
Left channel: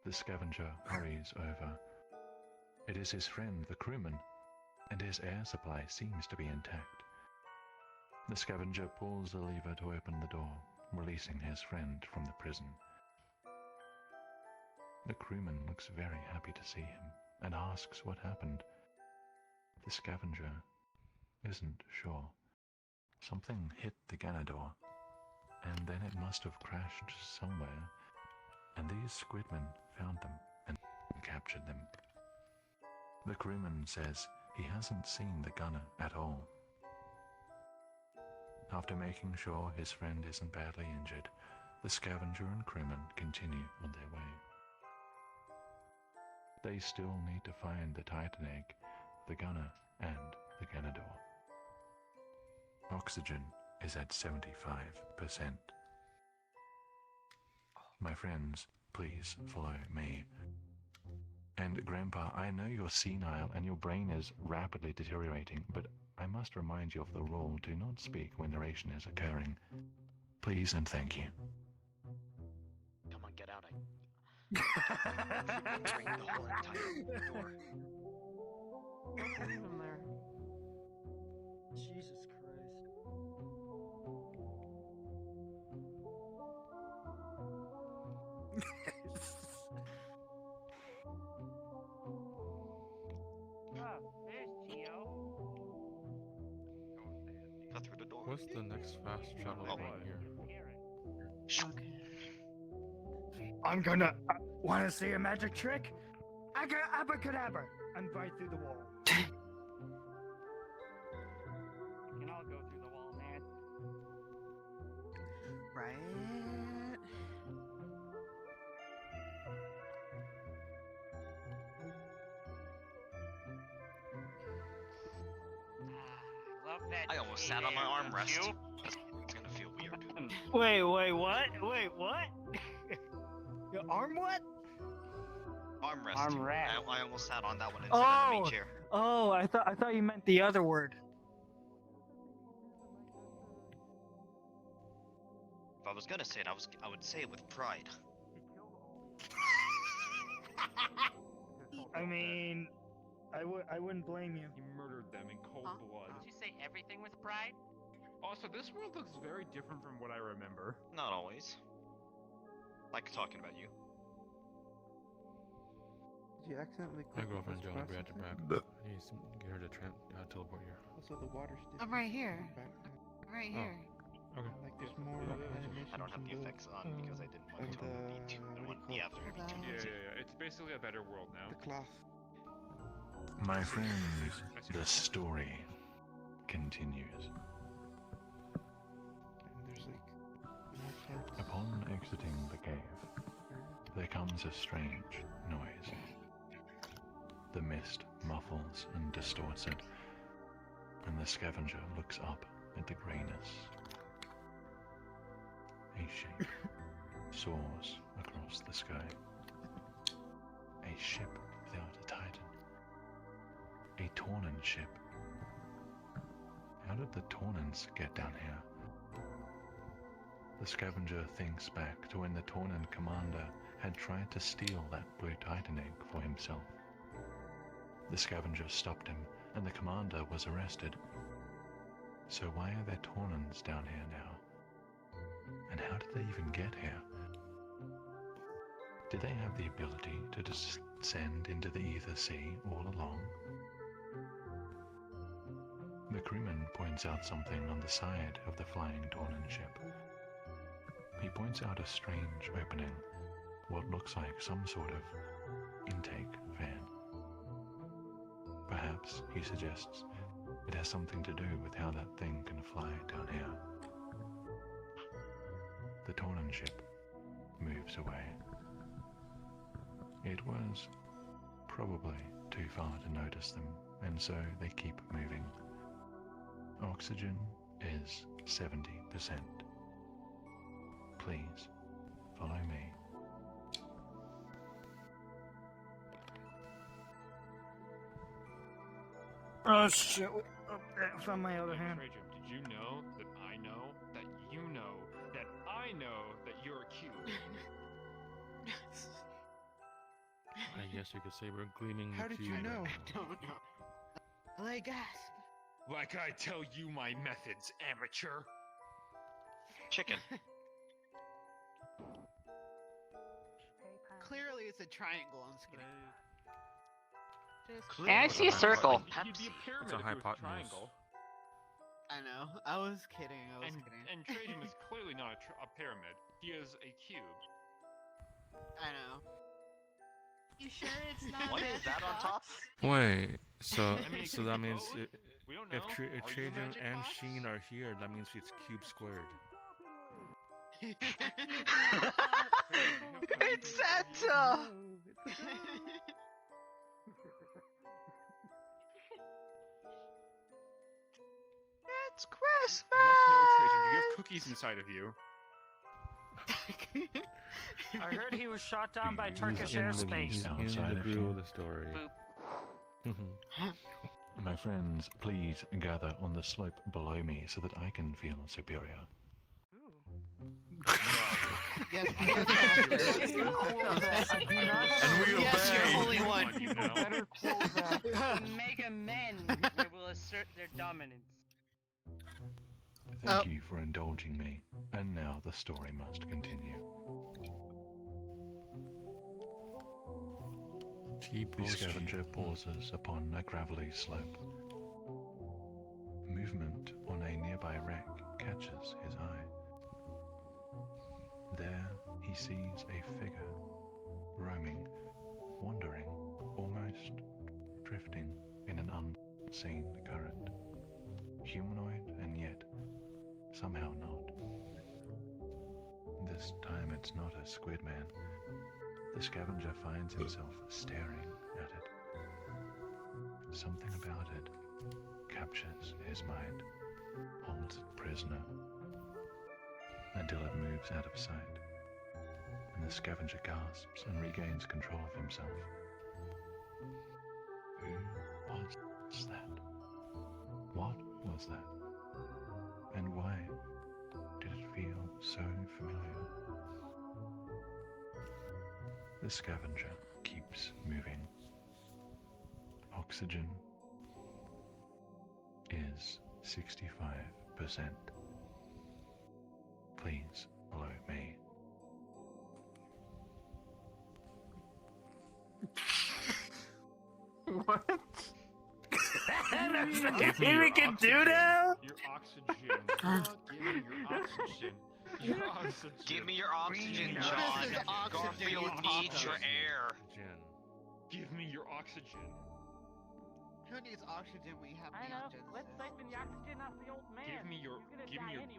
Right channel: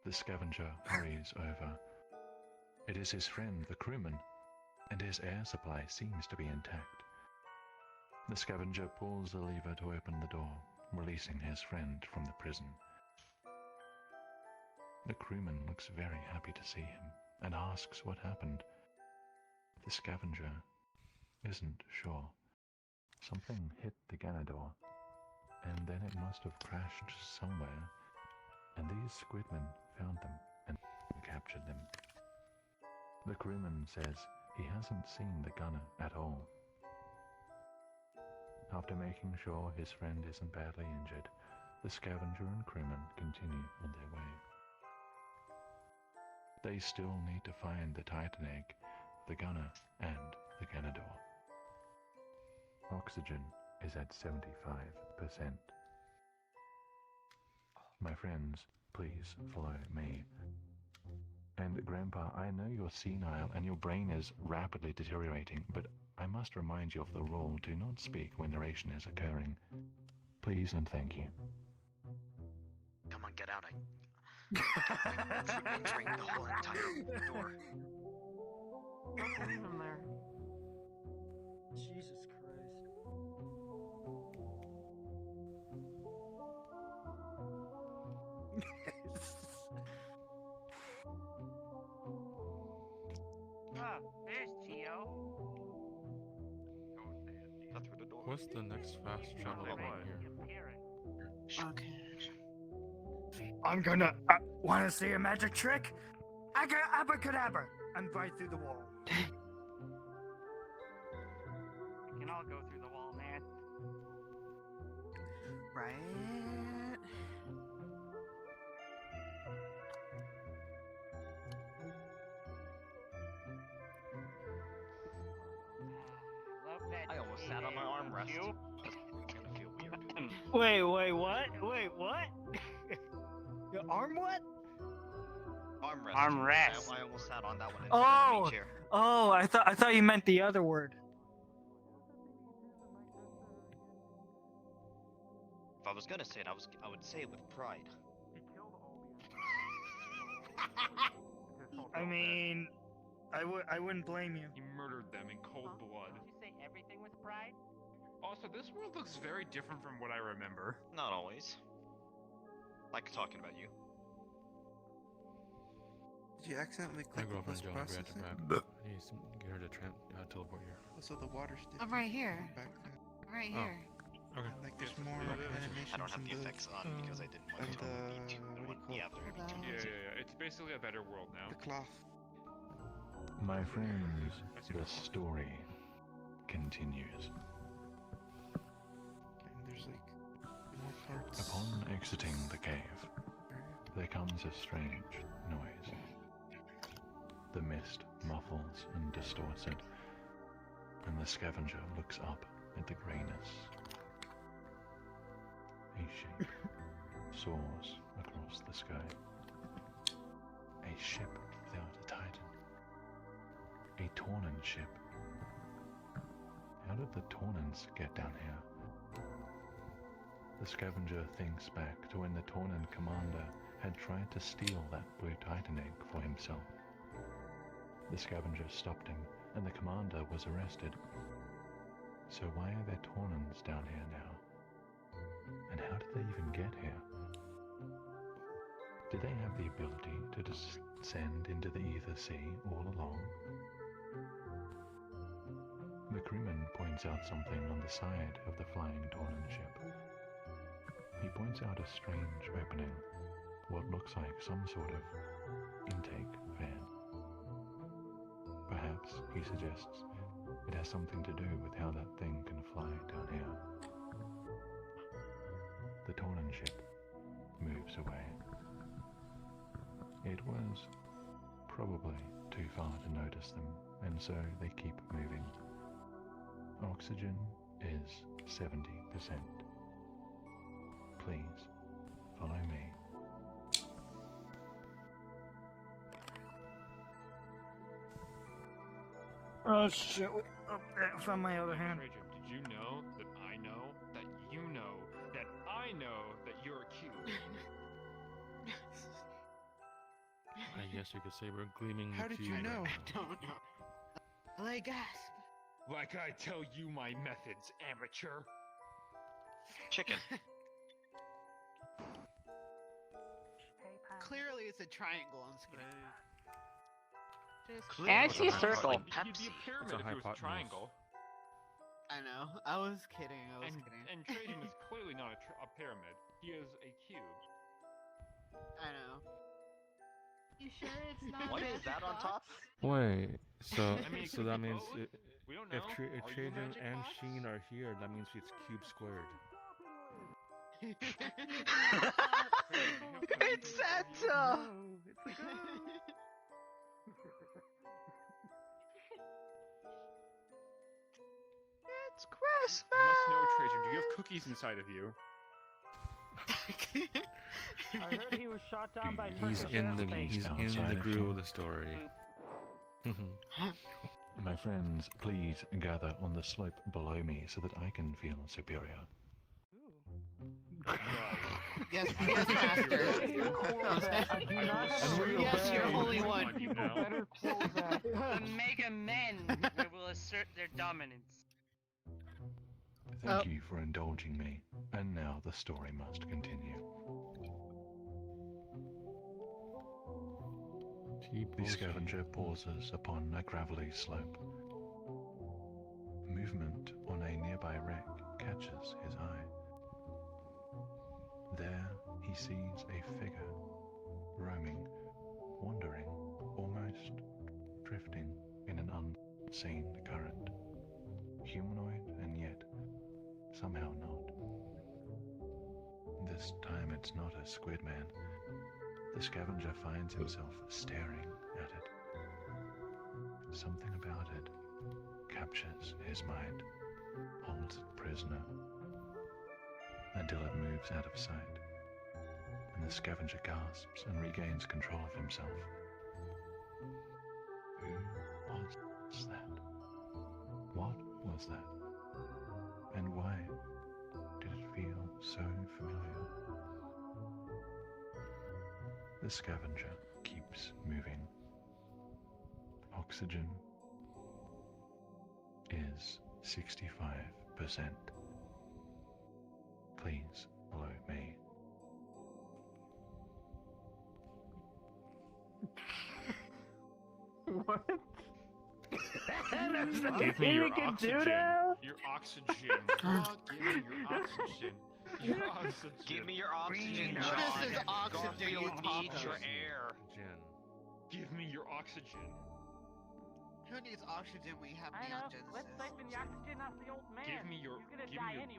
The scavenger hurries over. It is his friend, the crewman, and his air supply seems to be intact. The scavenger pulls the lever to open the door, releasing his friend from the prison. The crewman looks very happy to see him and asks what happened. The scavenger isn't sure. Something hit the Ganador, and then it must have crashed somewhere, and these squidmen found them and captured them. The crewman says he hasn't seen the gunner at all. After making sure his friend isn't badly injured, the scavenger and crewman continue on their way. They still need to find the Titan egg, the gunner, and the Ganador. Oxygen is at 75%. My friends, please follow me. And Grandpa, I know you're senile and your brain is rapidly deteriorating, but I must remind you of the rule: do not speak when narration is occurring. Please and thank you. Come on, get out. Entering the whole entire door. Leave him there. Jesus Christ. Not through the door. What's the next fast travel point here? I'm gonna. Want to see a magic trick? Abracadabra! I'm right through the wall. We can all go through the wall, man. Right. Love that. I almost sat on my armrest. Cute. It's gonna feel weird. Wait, what? Wait, what? Your arm what? Armrest. Armrest. I almost sat on that one in Oh! the enemy chair. Oh, I thought you meant the other word. If I was gonna say it, I would say it with pride. I mean, I wouldn't blame you. He murdered them in cold blood. Did you say everything with pride? Also, this world looks very different from what I remember. Not always. Like talking about you. Did you accidentally My click girlfriend this Jonah process grabbed it back. in? He's get her to teleport here. So the water's different. I'm right here. Back then. Right Oh. here. Okay. Like there's more I animations don't have the in the, effects on because I didn't want and it the, to be too. what do you call it? Yeah, there would be too Yeah, noisy. It's basically a better world now. The cloth. My friends, the story continues. And there's like more parts. Upon exiting the cave, there comes a strange noise. The mist muffles and distorts it, and the scavenger looks up at the greyness. A shape soars across the sky. A ship without a titan. A Tornin ship. How did the Tornins get down here? The scavenger thinks back to when the Tornin commander had tried to steal that blue titan egg for himself. The scavenger stopped him, and the commander was arrested. So why are there Tornins down here now? And how did they even get here? Did they have the ability to descend into the Ether Sea all along? The crewman points out something on the side of the flying Tornin ship. He points out a strange opening, what looks like some sort of intake fan. Perhaps, he suggests, it has something to do with how that thing can fly down here. The Tornin ship moves away. It was probably too far to notice them, and so they keep moving. Oxygen is 70%. Please, follow me. Oh shit! Oh, I found my other hand. Trajan, did you know that I know that you know that I know that you're a cube? I guess you could say we're gleaming the How did you cube know? right now. Don't know. I gasp. Like I tell you my methods, amateur. Chicken. Clearly, it's a triangle. I'm just kidding. Clearly I it was see a a circle. It'd be a pyramid It's a if it was a hypotenuse. triangle. I know. I was kidding. I was And, kidding. and Trajan is clearly not a pyramid. He is a cube. I know. You sure it's not? What is that on top? Wait, so I mean, it so could that be means both. We don't know. if Are you Trajan magic and box? Sheen are here, that means it's cube squared. It's Santa! It's Christmas! You must know, Trajan. Do you have cookies inside of you? I heard he was shot down by He's Turkish in the airspace. lead. in outside the of view you. of the story. My friends, please gather on the slope below me so that I can feel superior. Yes, yes, master. Yes, you're holy one. You know. Mega men they will assert their dominance. Thank you for indulging me, and now the story must continue. The scavenger pauses upon a gravelly slope. Movement on a nearby wreck catches his eye. There he sees a figure, roaming, wandering, almost seen the current. Humanoid and yet somehow not. This time it's not a squid man. The scavenger finds himself staring at it. Something about it captures his mind, holds it prisoner, until it moves out of sight, and the scavenger gasps and regains control of himself. Who was that? What was that? And why did it feel so familiar? The scavenger keeps moving. Oxygen is 65%. Please follow me. What? Give me your oxygen. Your oxygen. Give me your oxygen. Give me your oxygen. What is this oxygen Garfield you needs talk your of? air. Give me your oxygen. Who needs oxygen? We have I know. Genesis. Let's siphon the oxygen off the old man. Give me your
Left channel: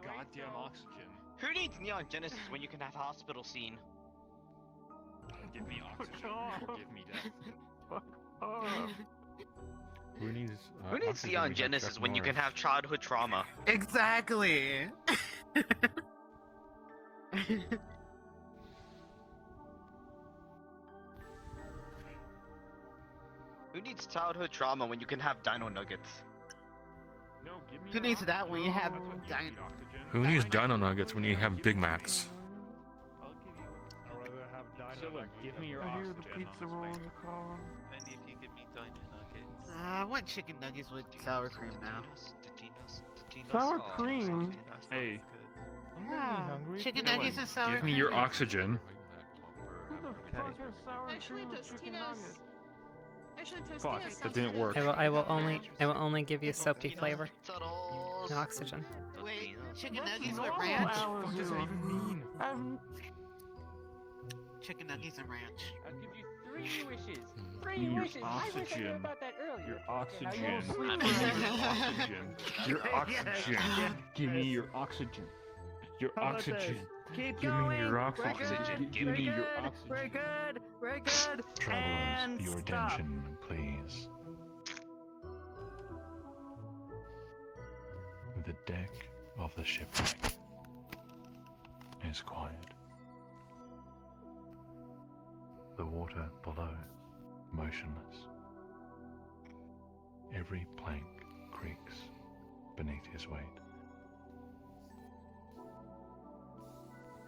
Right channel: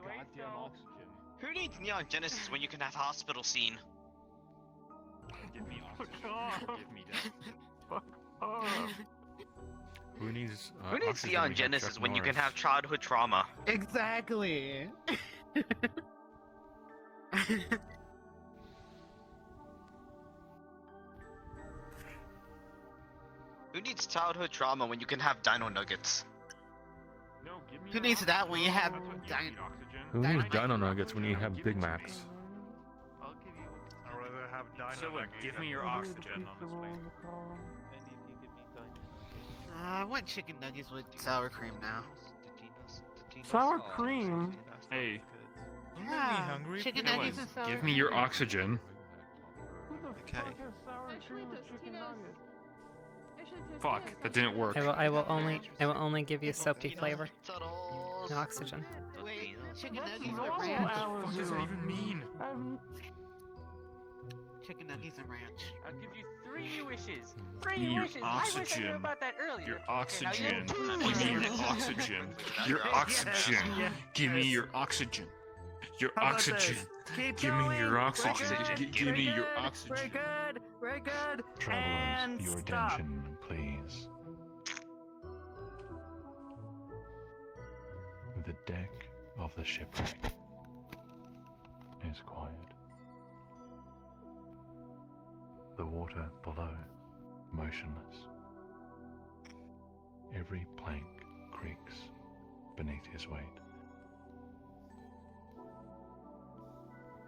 goddamn oxygen. Who needs Neon Genesis when you can have hospital scene? Give me oxygen. Give me that. Who needs? Who needs oxygen Neon to Genesis Chuck when you can Norris? have childhood trauma? Exactly. Who needs childhood trauma when you can have dino nuggets? No, give me Who your needs that when you have That's what gives me oxygen. Who needs Dino Nuggets when you have Big Macs? I'd rather have dino. So look, give me your oxygen. I want chicken nuggets with sour cream now. Sour cream? Hey, Yeah, chicken nuggets and sour cream. give me your oxygen. Who the fuck has sour cream with chicken nuggets? Fuck, that didn't work. I will only give you soapy flavor. No oxygen. Wait, chicken That's nuggets with normal ranch. What does that allergen. even mean? Chicken nuggets and ranch. I'll give you 3 wishes. Give me your wishes. I wish I knew oxygen. about that earlier. Your oxygen. you- Give me your oxygen. Your oxygen. Give me your oxygen. Your How about oxygen. this? Keep Give me your going. oxygen. We're good. Give me your We're oxygen. good. We're good. Travelers, And your stop. attention, please. The deck of the shipwreck is quiet. The water below, motionless. Every plank creaks beneath his weight.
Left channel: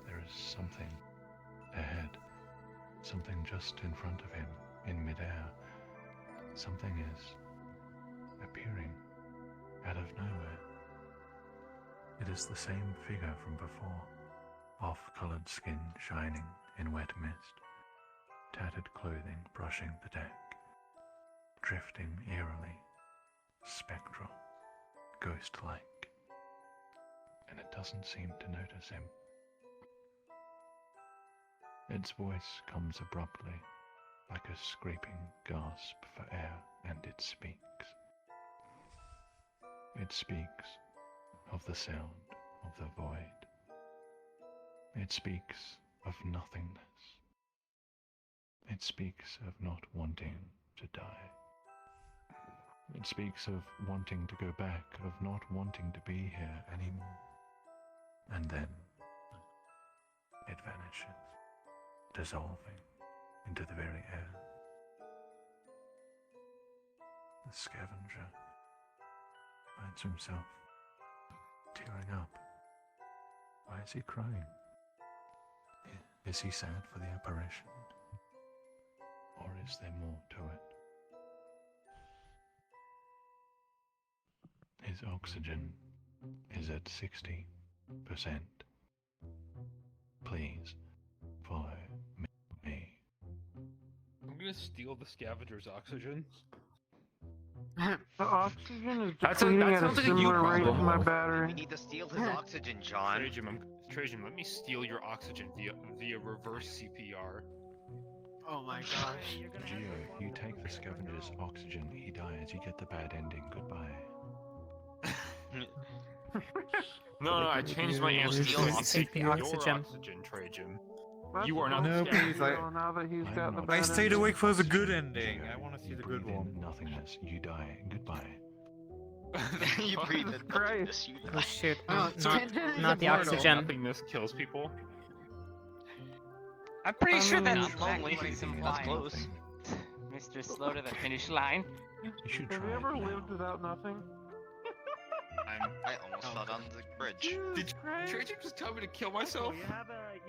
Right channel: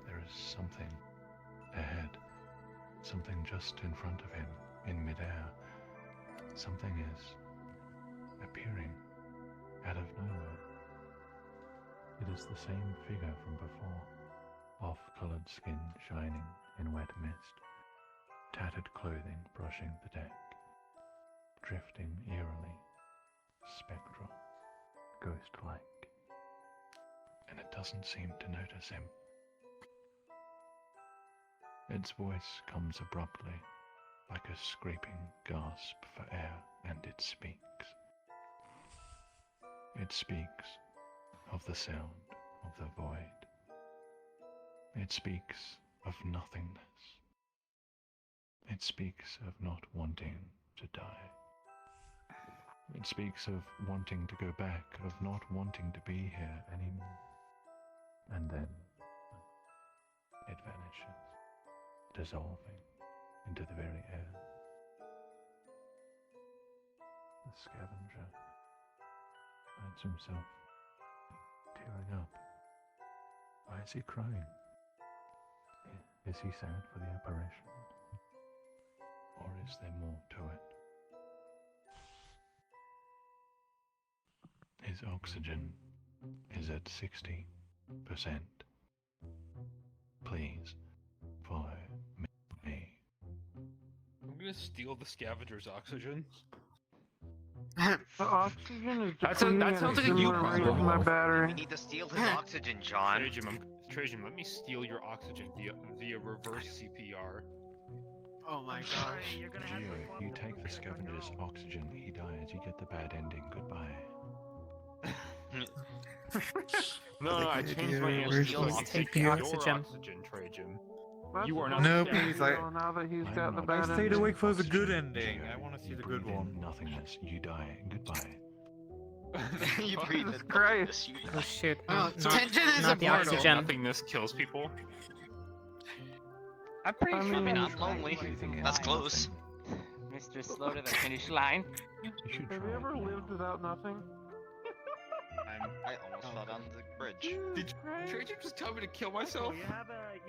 There is something ahead, something just in front of him, in midair. Something is appearing out of nowhere. It is the same figure from before, off-colored skin shining in wet mist, tattered clothing brushing the deck, drifting eerily, spectral, ghost-like, and it doesn't seem to notice him. Its voice comes abruptly, like a scraping gasp for air, and it speaks. It speaks of the sound of the void. It speaks of nothingness. It speaks of not wanting to die. It speaks of wanting to go back, of not wanting to be here anymore. And then it vanishes, dissolving into the very air. The scavenger finds himself tearing up. Why is he crying? Is he sad for the apparition? Or is there more to it? His oxygen is at 60%. Please follow me. I'm gonna steal the scavenger's oxygen. The oxygen is That depleting sounds at a like a you similar rate problem. as my We battery. need to steal his oxygen, John. Trajan, let me steal your oxygen via reverse CPR. Oh my gosh. Geo, you take the scavenger's oxygen, he dies, you get the bad ending, goodbye. No, I changed my answer. Where's I'll this take the your oxygen? Trajan. That's You are not. supposed No, to be please, Geo now that he's got the not bad I stayed ending. awake for the good oxygen. ending. Geo, I want to see you the good breathe one. in nothingness, you die, goodbye. You breathe in Christ. nothingness, you Oh die. shoot! Oh, No, Tenjin is not the immortal. oxygen. Nothingness kills people. I'm pretty I sure mean- that's Not lonely. Breathing in That's close. nothing. Mr. Slow to the finish line. You should Have try you it ever now. lived without nothing? I almost fell down the bridge. Did Trajan just tell me to kill myself? You have a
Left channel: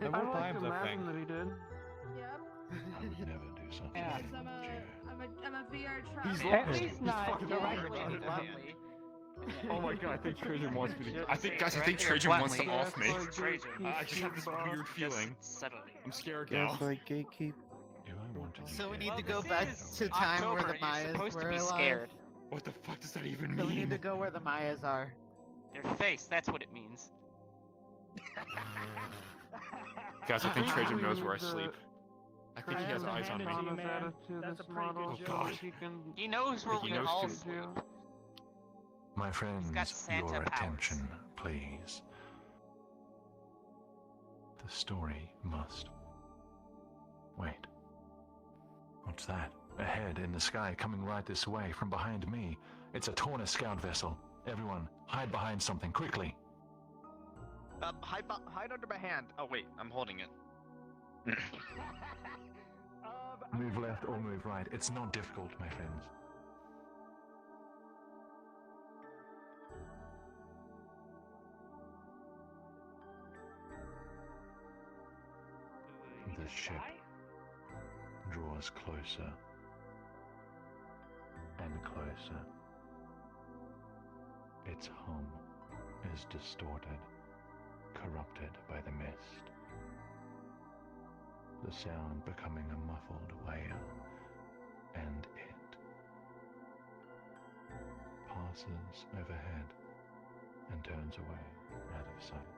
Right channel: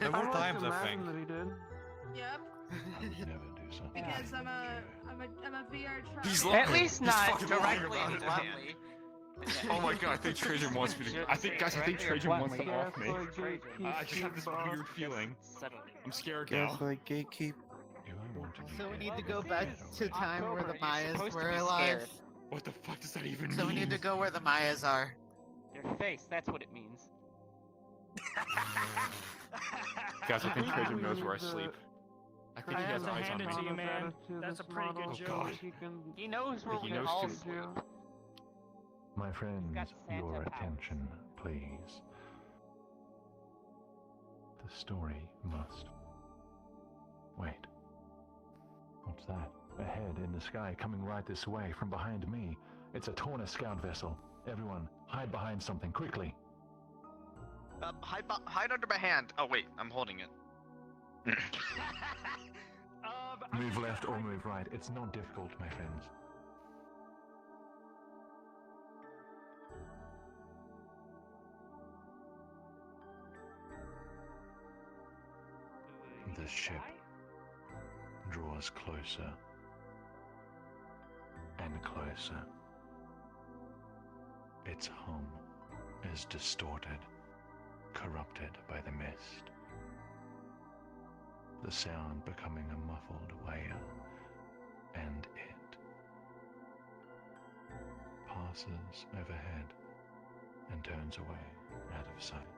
There I were like times to I imagine think. that he did. I would never do something. Because I'm a VR traveler. At least not fucking directly lying and about it. bluntly. Oh my god, I think Trajan wants me to. Should I think, say guys, I think directly or Trajan wants to bluntly. off me. Yeah, it's like I just have this weird feeling. Subtly. I'm scared Yeah, now. it's like gatekeep. If I wanted you So we dead, need to I'd go get back rid to of it. time where October, the you're Mayas supposed to were be alive. scared. What the fuck does that even So we mean? need to go where the Mayas are. Your face, that's what it means. Guys, I think think Trajan we knows where I need to sleep. I think he has eyes on me. His attitude That's this a pretty model good Oh so god. that he can He knows where He we're knows all too. sleep. My friends, got Santa your powers. attention, please. The story must. Wait. What's that? Ahead in the sky, coming right this way from behind me. It's a Torna scout vessel. Everyone, hide behind something, quickly. Hide under my hand. Oh wait, I'm holding it. Move left or move right. It's not difficult, my friends. The ship draws closer and closer. Its hum is distorted, corrupted by the mist. The sound becoming a muffled wail, and it passes overhead and turns away out of sight.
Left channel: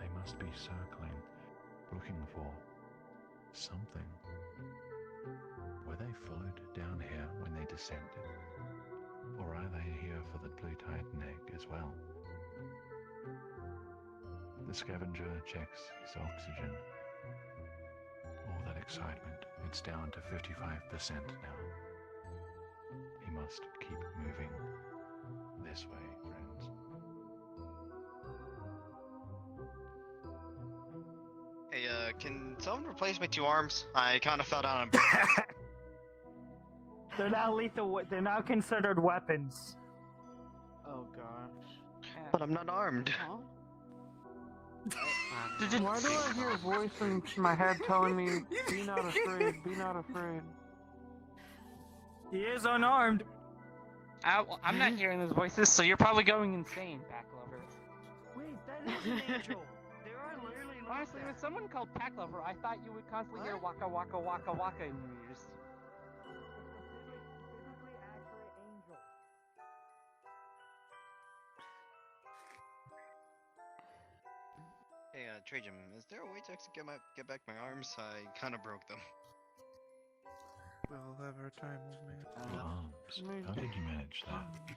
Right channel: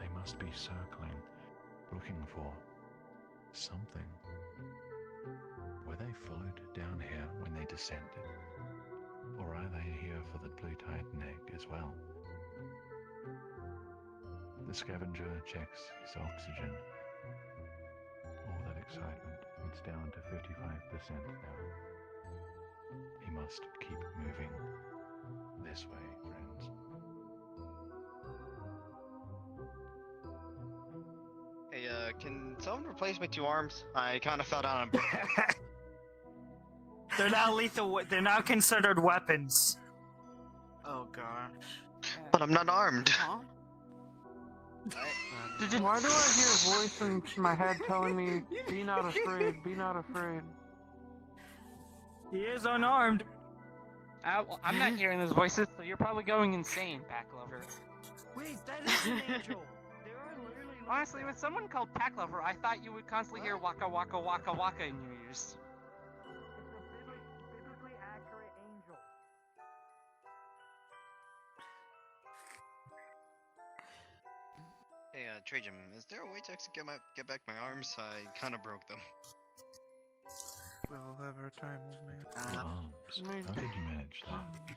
They must be circling, looking for something. Were they followed down here when they descended? Or are they here for the Blue Titan egg as well? The scavenger checks his oxygen. All that excitement, it's down to 55% now. He must keep moving. This way, friends. Hey, can someone replace my 2 arms? I kind of fell down on. They're not lethal. They're not considered weapons. Oh gosh. But I'm not armed. Why do I hear a voice in my head telling me, be not afraid, be not afraid? He is unarmed. I'm not hearing those voices, so you're probably going insane, Pack Lover. Wait, that is an angel. Honestly, with someone called Pack Lover, I thought you would constantly hear waka waka waka waka in your ears. Hey, Trajan, is there a way to actually get back my arms? I kind of broke them. We'll have our time with me. Arms. How did you manage that?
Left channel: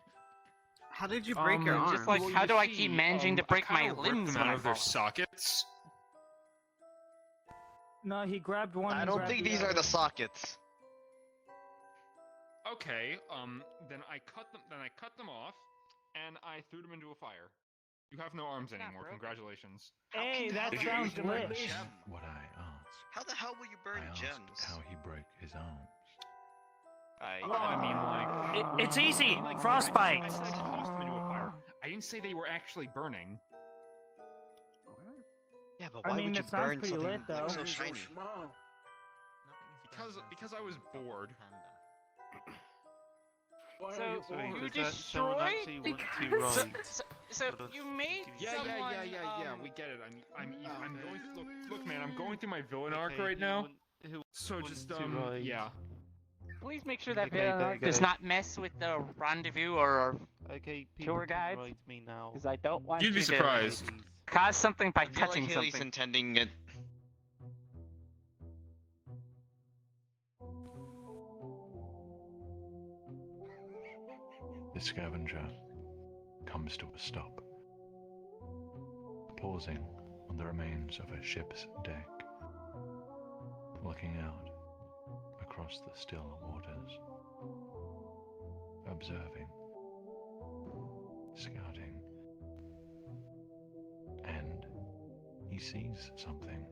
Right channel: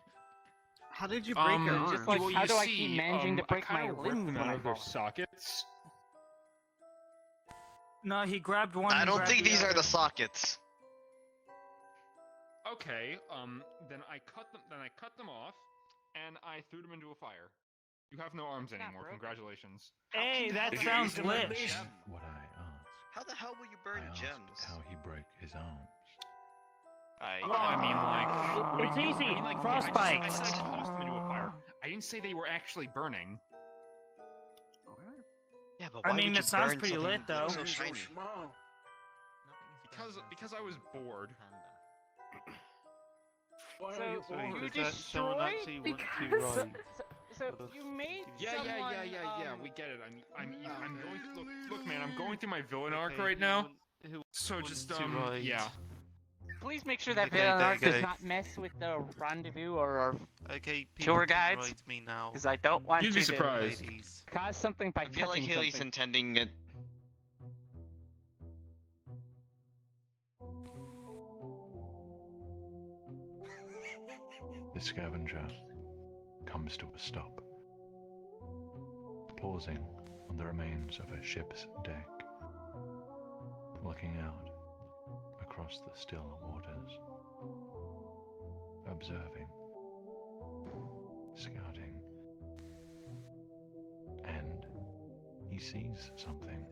How did you break your arm? Just like, how do I keep managing to break my limbs them when out I of their fall? sockets? No, he grabbed one. I and don't grabbed think the these other. are the sockets. Okay, then I cut them off, and I threw them into a fire. You have no arms anymore. broken. Congratulations. Hey, that If you sounds would lit. mention what I asked. How the hell will you burn I asked gems? how he broke his arms. I mean, like, It's easy. like, Frostbite. I said I tossed them into a fire. I didn't say they were actually burning. Yeah, but I why mean, would you it sounds burn pretty something lit, though. so shiny? Because I was bored. So you does someone actually want to? So you made Yeah, someone, we get it. I'm going. Look, man. I'm going through my villain arc right now. So just yeah. please make sure that Okay, Villanark does not mess with the rendezvous or our tour guides. Me now. Because I don't want You'd be you to surprised. cause something by I feel like touching he's something. intending it. The scavenger comes to a stop, pausing on the remains of a ship's deck, looking out across the still waters, observing, scouting, and he sees something.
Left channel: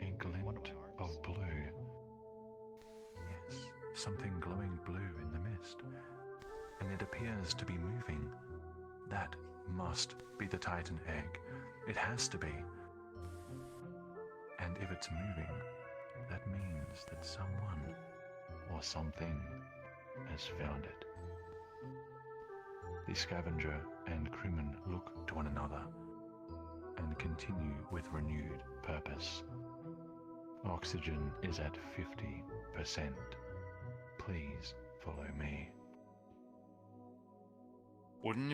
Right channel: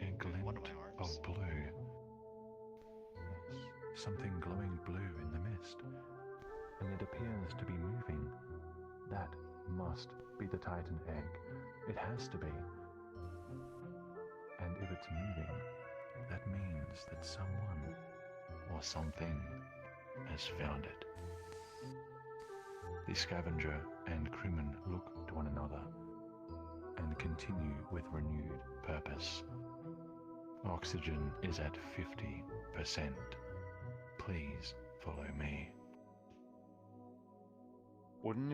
A glint of blue. Yes, something glowing blue in the mist, and it appears to be moving. That must be the Titan egg. It has to be. And if it's moving, that means that someone or something has found it. The scavenger and crewman look to one another and continue with renewed purpose. Oxygen is at 50%. Please follow me. Wouldn't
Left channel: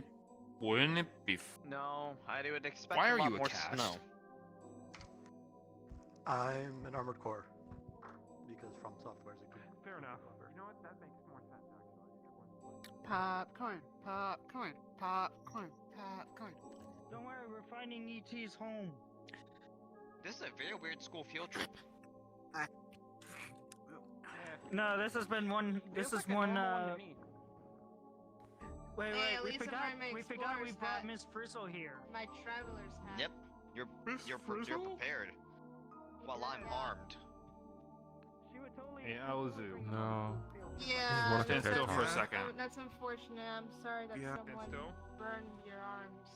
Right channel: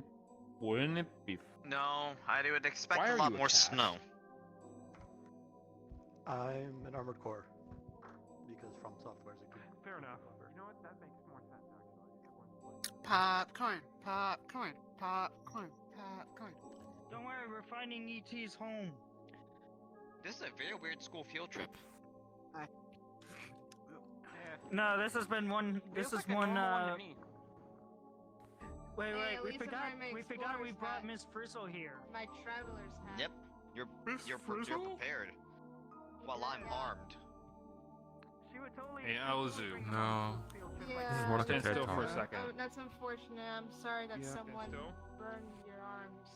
it be? No, I would expect Why a are lot you a more cast? snow. I'm an armored core because From Software is a good. Fair enough. You know what? That makes more sense actually. Popcorn, popcorn, popcorn, popcorn. Don't worry, we're finding ET's home. This is a very weird school field trip. No, this has been one. This is one. Wait, Hey, at we least if forgot. I'm We forgot we explorer's brought hat. Miss Frizzle here. My traveler's hat. Yep, you're prepared. While I'm armed. She would totally. Hey, Alzu. No. Yeah. What if Stand I still for a talk? second. Oh, that's unfortunate. I'm sorry that Yeah. someone Still? burned your arms.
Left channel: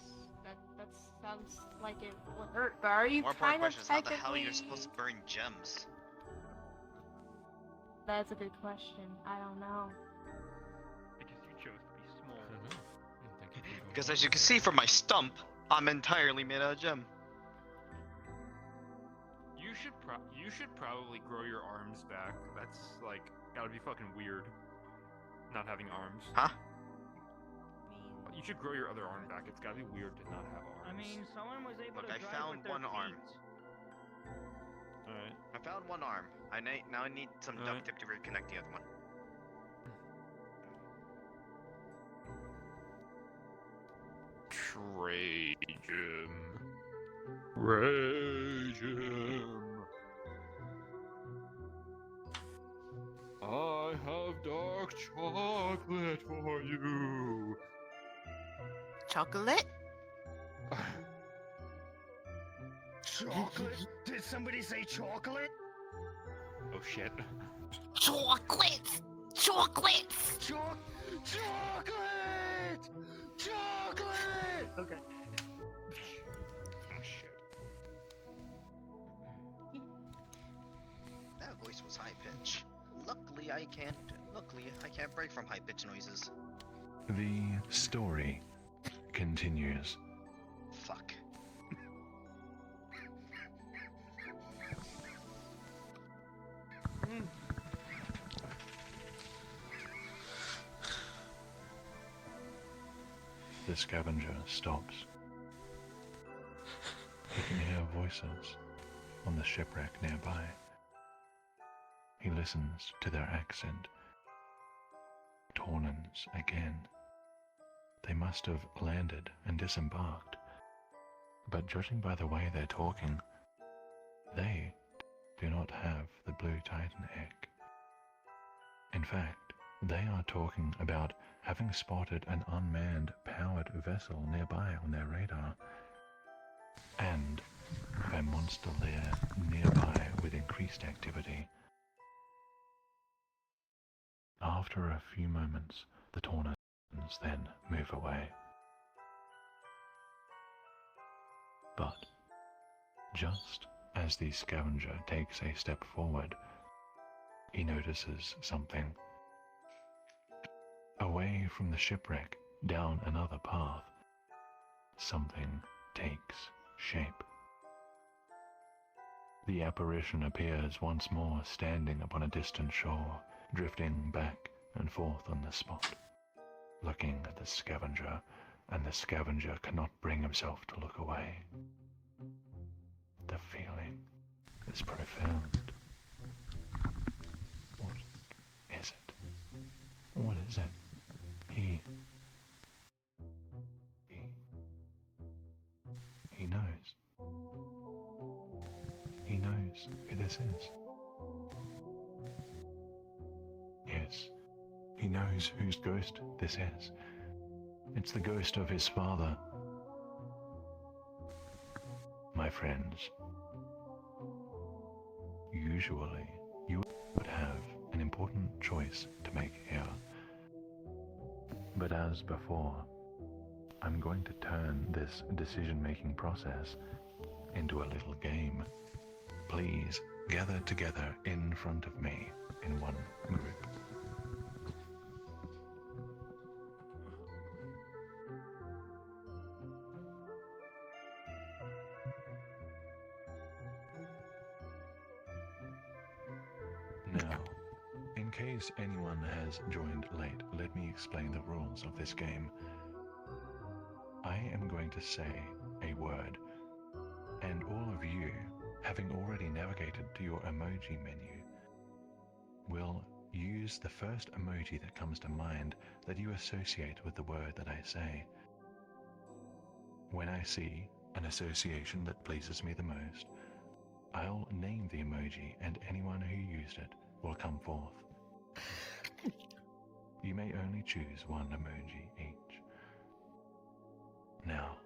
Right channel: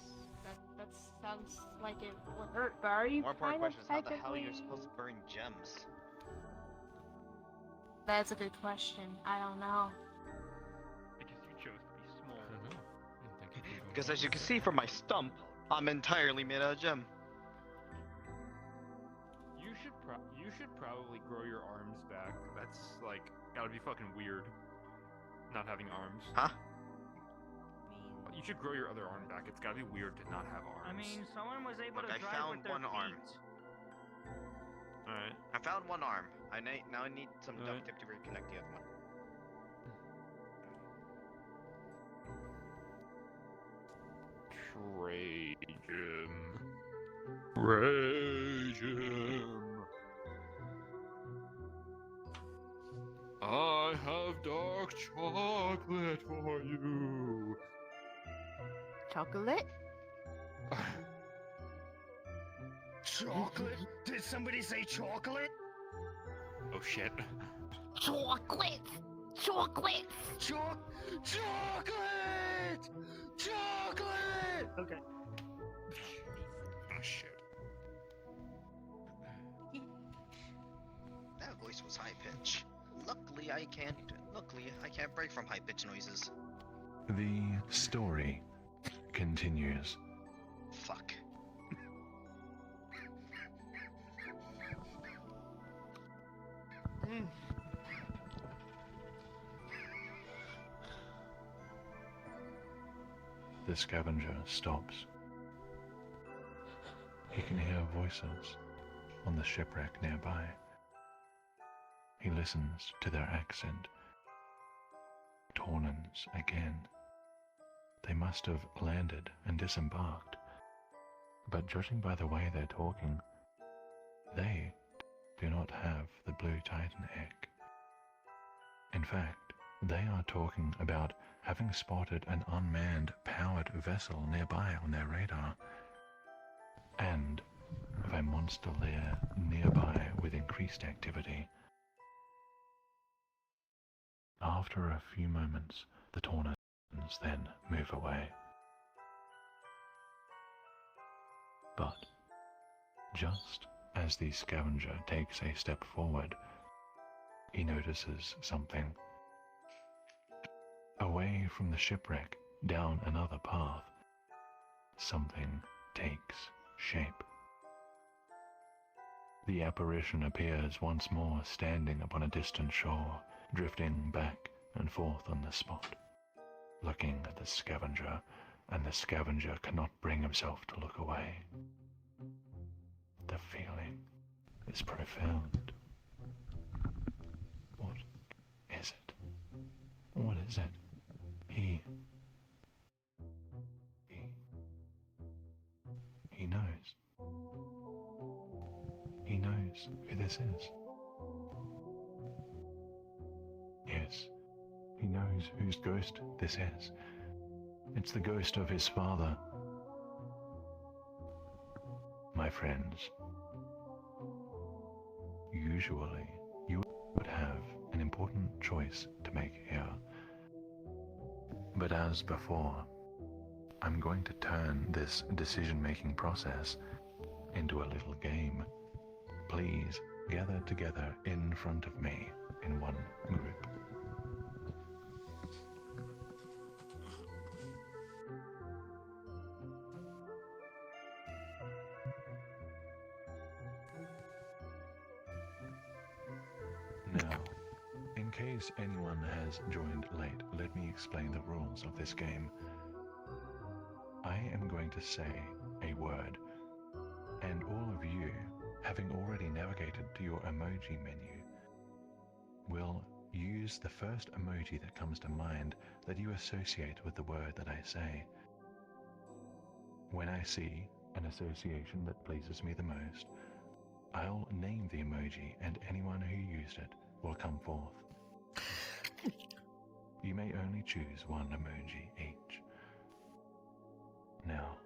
That sounds like it would hurt. But are you More important kind of question is how the hell technically? you're supposed to burn gems? That's a good question. I don't know. Because you chose to be small. I don't know. I don't think you can go Because wrong as you with can that. see from my stump, I'm entirely made out of gem. You should probably grow your arms back. That's like gotta be fucking weird. Not having arms. Huh? You should grow your other arm back. It's gotta be weird to not have arms. I mean, someone was able Look, to I drive found with their one arm. feet. Alright. I found one arm. Now I need some duct Alright. tape to reconnect the other one. Trajan. Trajan. I have dark chocolate for you. Chocolate? Chocolate? Did somebody say chocolate? Oh shit. Chocolate! Chocolate! Chocolate! Chocolate! Okay. Oh shit. That voice was high pitch. Luckily I can't break from high pitch noises. The story continues. Fuck. The scavenger stops. He can hear voices on the shipwreck nearby. He listens to their accent. Tornans again. They must have landed and disembarked. But judging by the way they're talking, they do not have the blue Titan egg. In fact, they are talking about having spotted an unmanned powered vessel nearby on their radar, and of a monster lair nearby with increased activity. After a few moments, the Tornans then move away. But just as the scavenger takes a step forward, he notices something. Away from the shipwreck, down another path, something takes shape. The apparition appears once more standing upon a distant shore, drifting back and forth on the spot, looking at the scavenger, and the scavenger cannot bring himself to look away. The feeling is profound. What is it? What is it? He knows. He knows who this is. Yes, he knows whose ghost this is. It's the ghost of his father. My friends, usually you would have an important choice to make here. But as before, I'm going to turn this decision-making process into a little game. Please gather together in front of me in one group. Now, in case anyone has joined late, let me explain the rules of this game. I am going to say a word, and all of you, having already navigated to your emoji menu, will use the first emoji that comes to mind that you associate with the word that I say. When I see an association that pleases me the most, I'll name the emoji, and anyone who used it will come forth. You may only choose one emoji each. Now,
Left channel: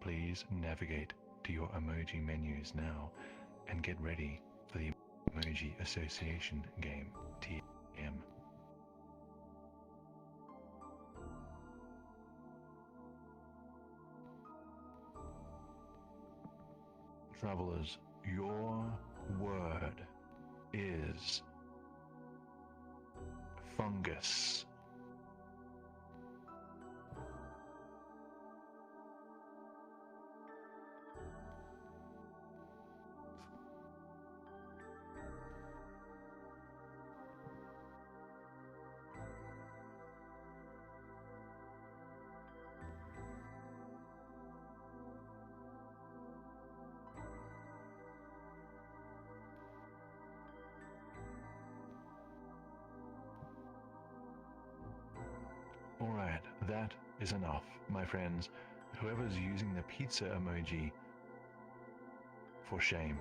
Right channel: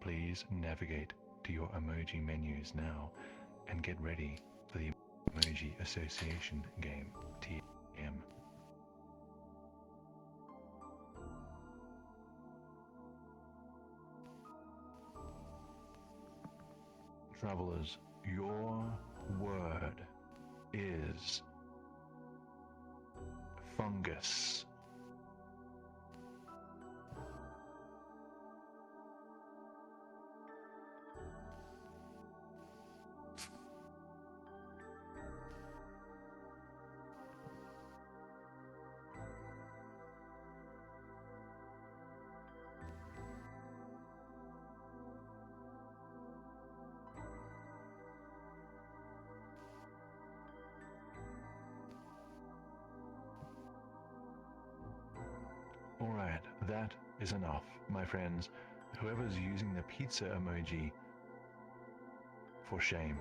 please navigate to your emoji menus now and get ready for the emoji association game, TM. Travelers, your word is fungus. Alright, that is enough, my friends. Whoever's using the pizza emoji, for shame.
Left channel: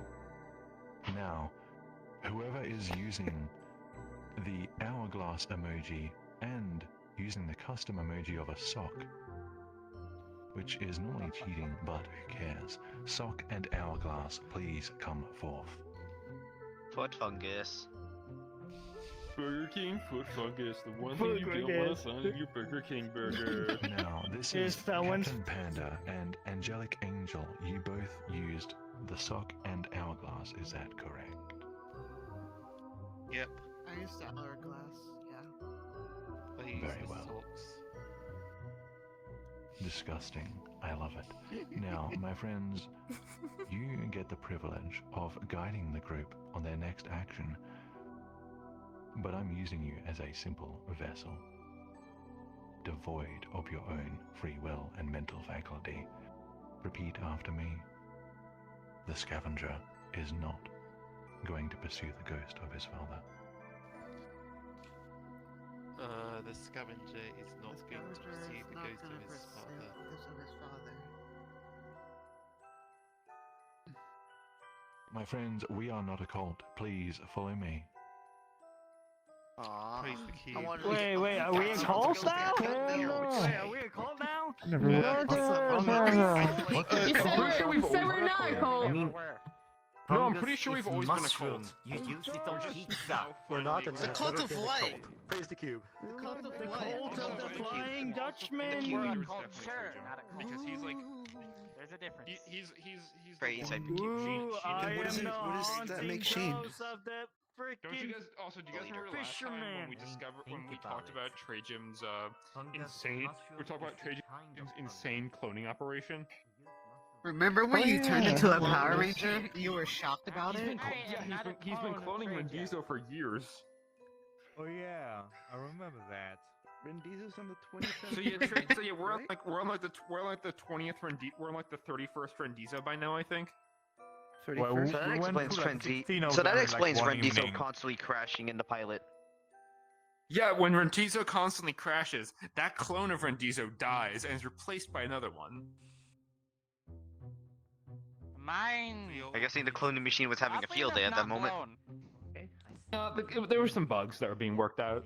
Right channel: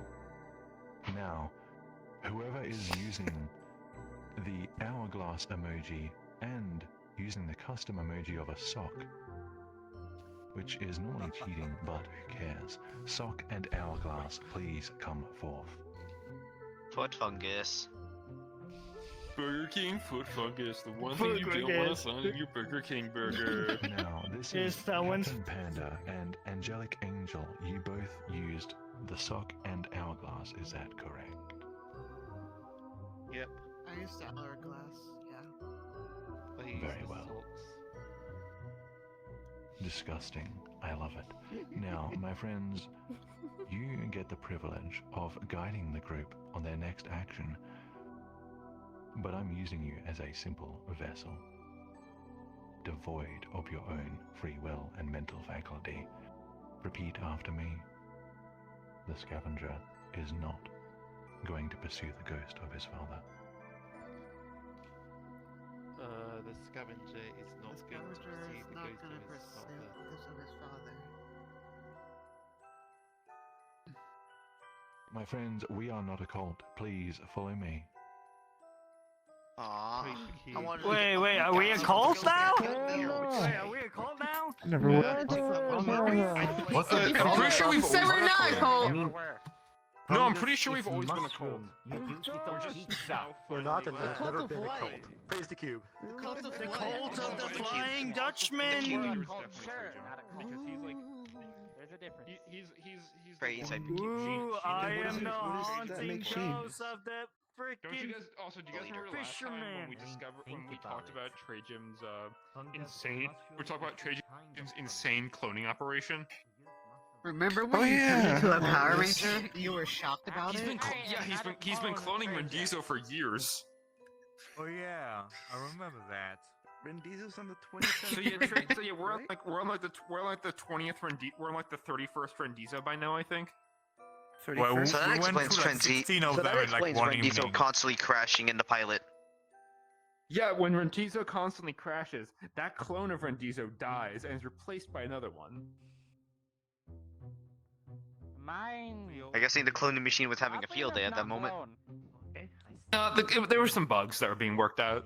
Now, whoever is using the hourglass emoji and using the custom emoji of a sock, which is normally cheating, but who cares? Sock and hourglass, please come forth. Foot fungus. Burger King foot fungus, the one thing you don't want to find in your Burger King burger. Now, this is Captain Panda and Angelic Angel. You both used the sock and hourglass, is that correct? Yep. I used the hourglass, yeah. Very well. Disgusting. I love it. Now, my friends, you get the privilege of guiding the group on their next action, but I'm using you as a simple vessel, devoid of your own free will and mental faculty. Repeat after me. The scavenger is not going to pursue the ghost of his father. The scavenger is not going to pursue the ghost of his father. My friends, we are not a cult. Please follow me. Wait, are we a cult now? Wait, are we a cult now? Never I'm pretty sure we've always been a cult. I mean, No, I'm pretty sure we've always been a cult. We're not, and there's never been a cult. Praise the cube. The cult of the Flying Dutchman. Because he's like, There's a difference. he's Praise the I one. Ooh, I What does am it- the what does that haunting make shame? ghost of the Don't you freaking. guys also? Do you guys remember last time when we talked about Trey Jim's insane? We talked about Trey Jim's insane cloning operation. Remember when Oh, you turned yeah. into a Well, Power this- Ranger? You were shocked about He's it? been he's been cloning Rendizo for years. Oh yeah, I remember that. Vin Diesel's on the 27th. So yeah, we're on like the 20th we're on like the 31st Rendizo by now, I think. Well, So that explains Rendizo constantly crashing in the pilot. Yeah, when Rendizo constantly crashes, that clone of Rendizo dies and is replaced by another one. Mine. I guess the cloning machine was having a field day at that moment. There were some bugs that were being worked out.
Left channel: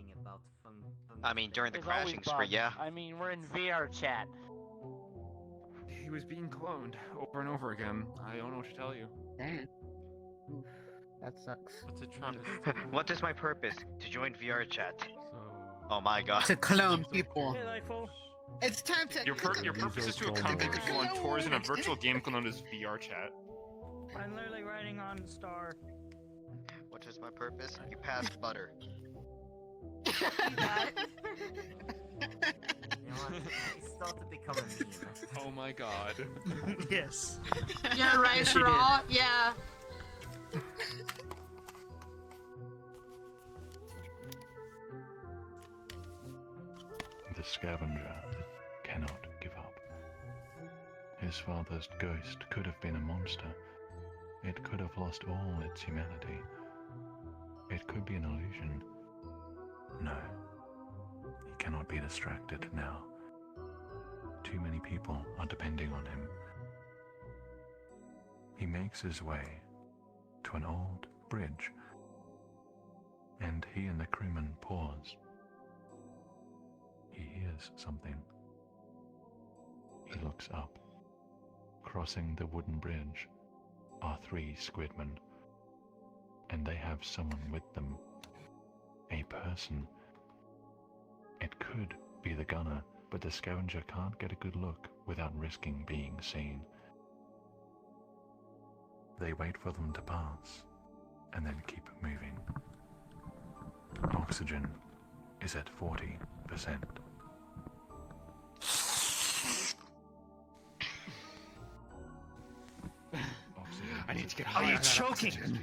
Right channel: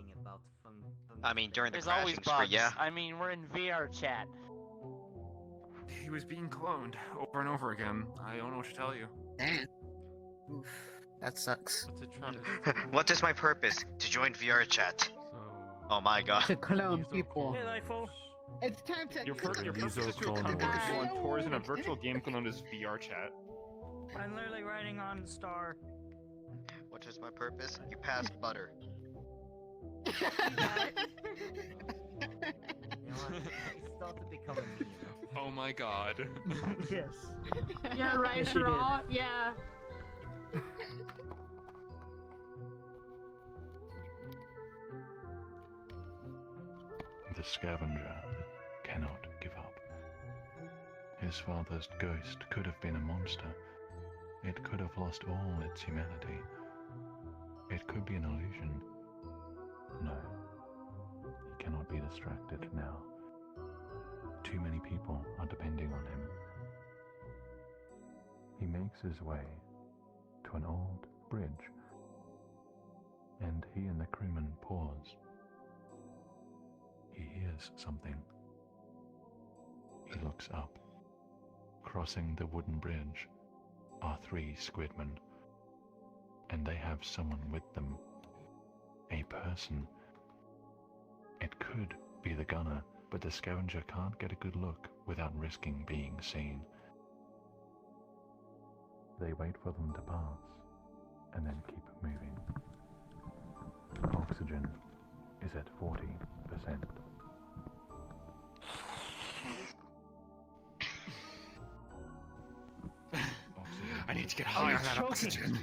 I mean, during the There's always crashing spree, bugs. yeah. I mean, we're in VR chat. He was being cloned over and over again. I don't know what to tell you. Oof, that sucks. What is my purpose? To join VR chat. Oh my god. To clone people. Hey, Lightful. It's time to. Your purpose is to accompany people on tours in a virtual game known as VR chat. I'm literally riding on the star. What is my purpose? You passed butter. Oh my god. Yes. Yeah, right, Yes, you did. Raw. Yeah. The scavenger cannot give up. His father's ghost could have been a monster. It could have lost all its humanity. It could be an illusion. No, he cannot be distracted now. Too many people are depending on him. He makes his way to an old bridge, and he and the crewman pause. He hears something. He looks up. Crossing the wooden bridge are 3 squidmen, and they have someone with them. A person. It could be the gunner, but the scavenger can't get a good look without risking being seen. They wait for them to pass, and then keep moving. Oxygen is at 40%. I need to get Are high you on that choking? oxygen.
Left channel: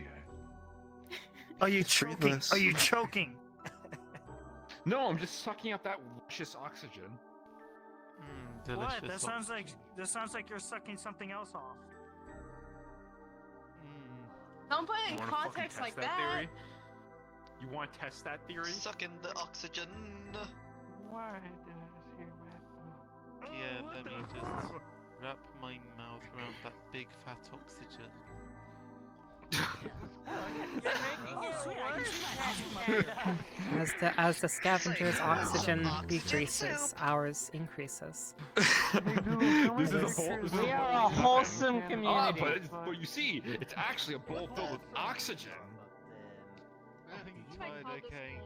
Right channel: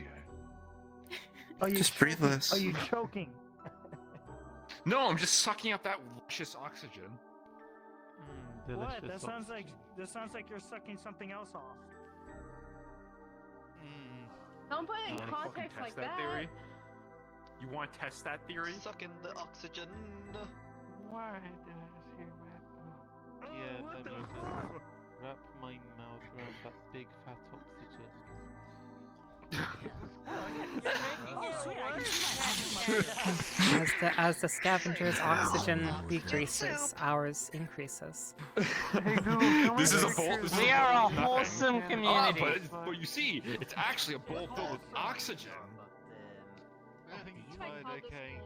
Are you Just breathe choking? less. Are you choking? No, I'm just sucking up that luscious oxygen. What? That sounds like you're sucking something else off. Don't put it in Wanna fucking context test like that that. theory? You want to test that theory? Sucking the oxygen. Why did I hear that? Yeah, let me just wrap my mouth around that big fat oxygen. As the scavenger's oxygen decreases, ours increases. This is a bowl. We are a wholesome community. But you see, it's actually a bowl filled with oxygen. I think it's fine, okay.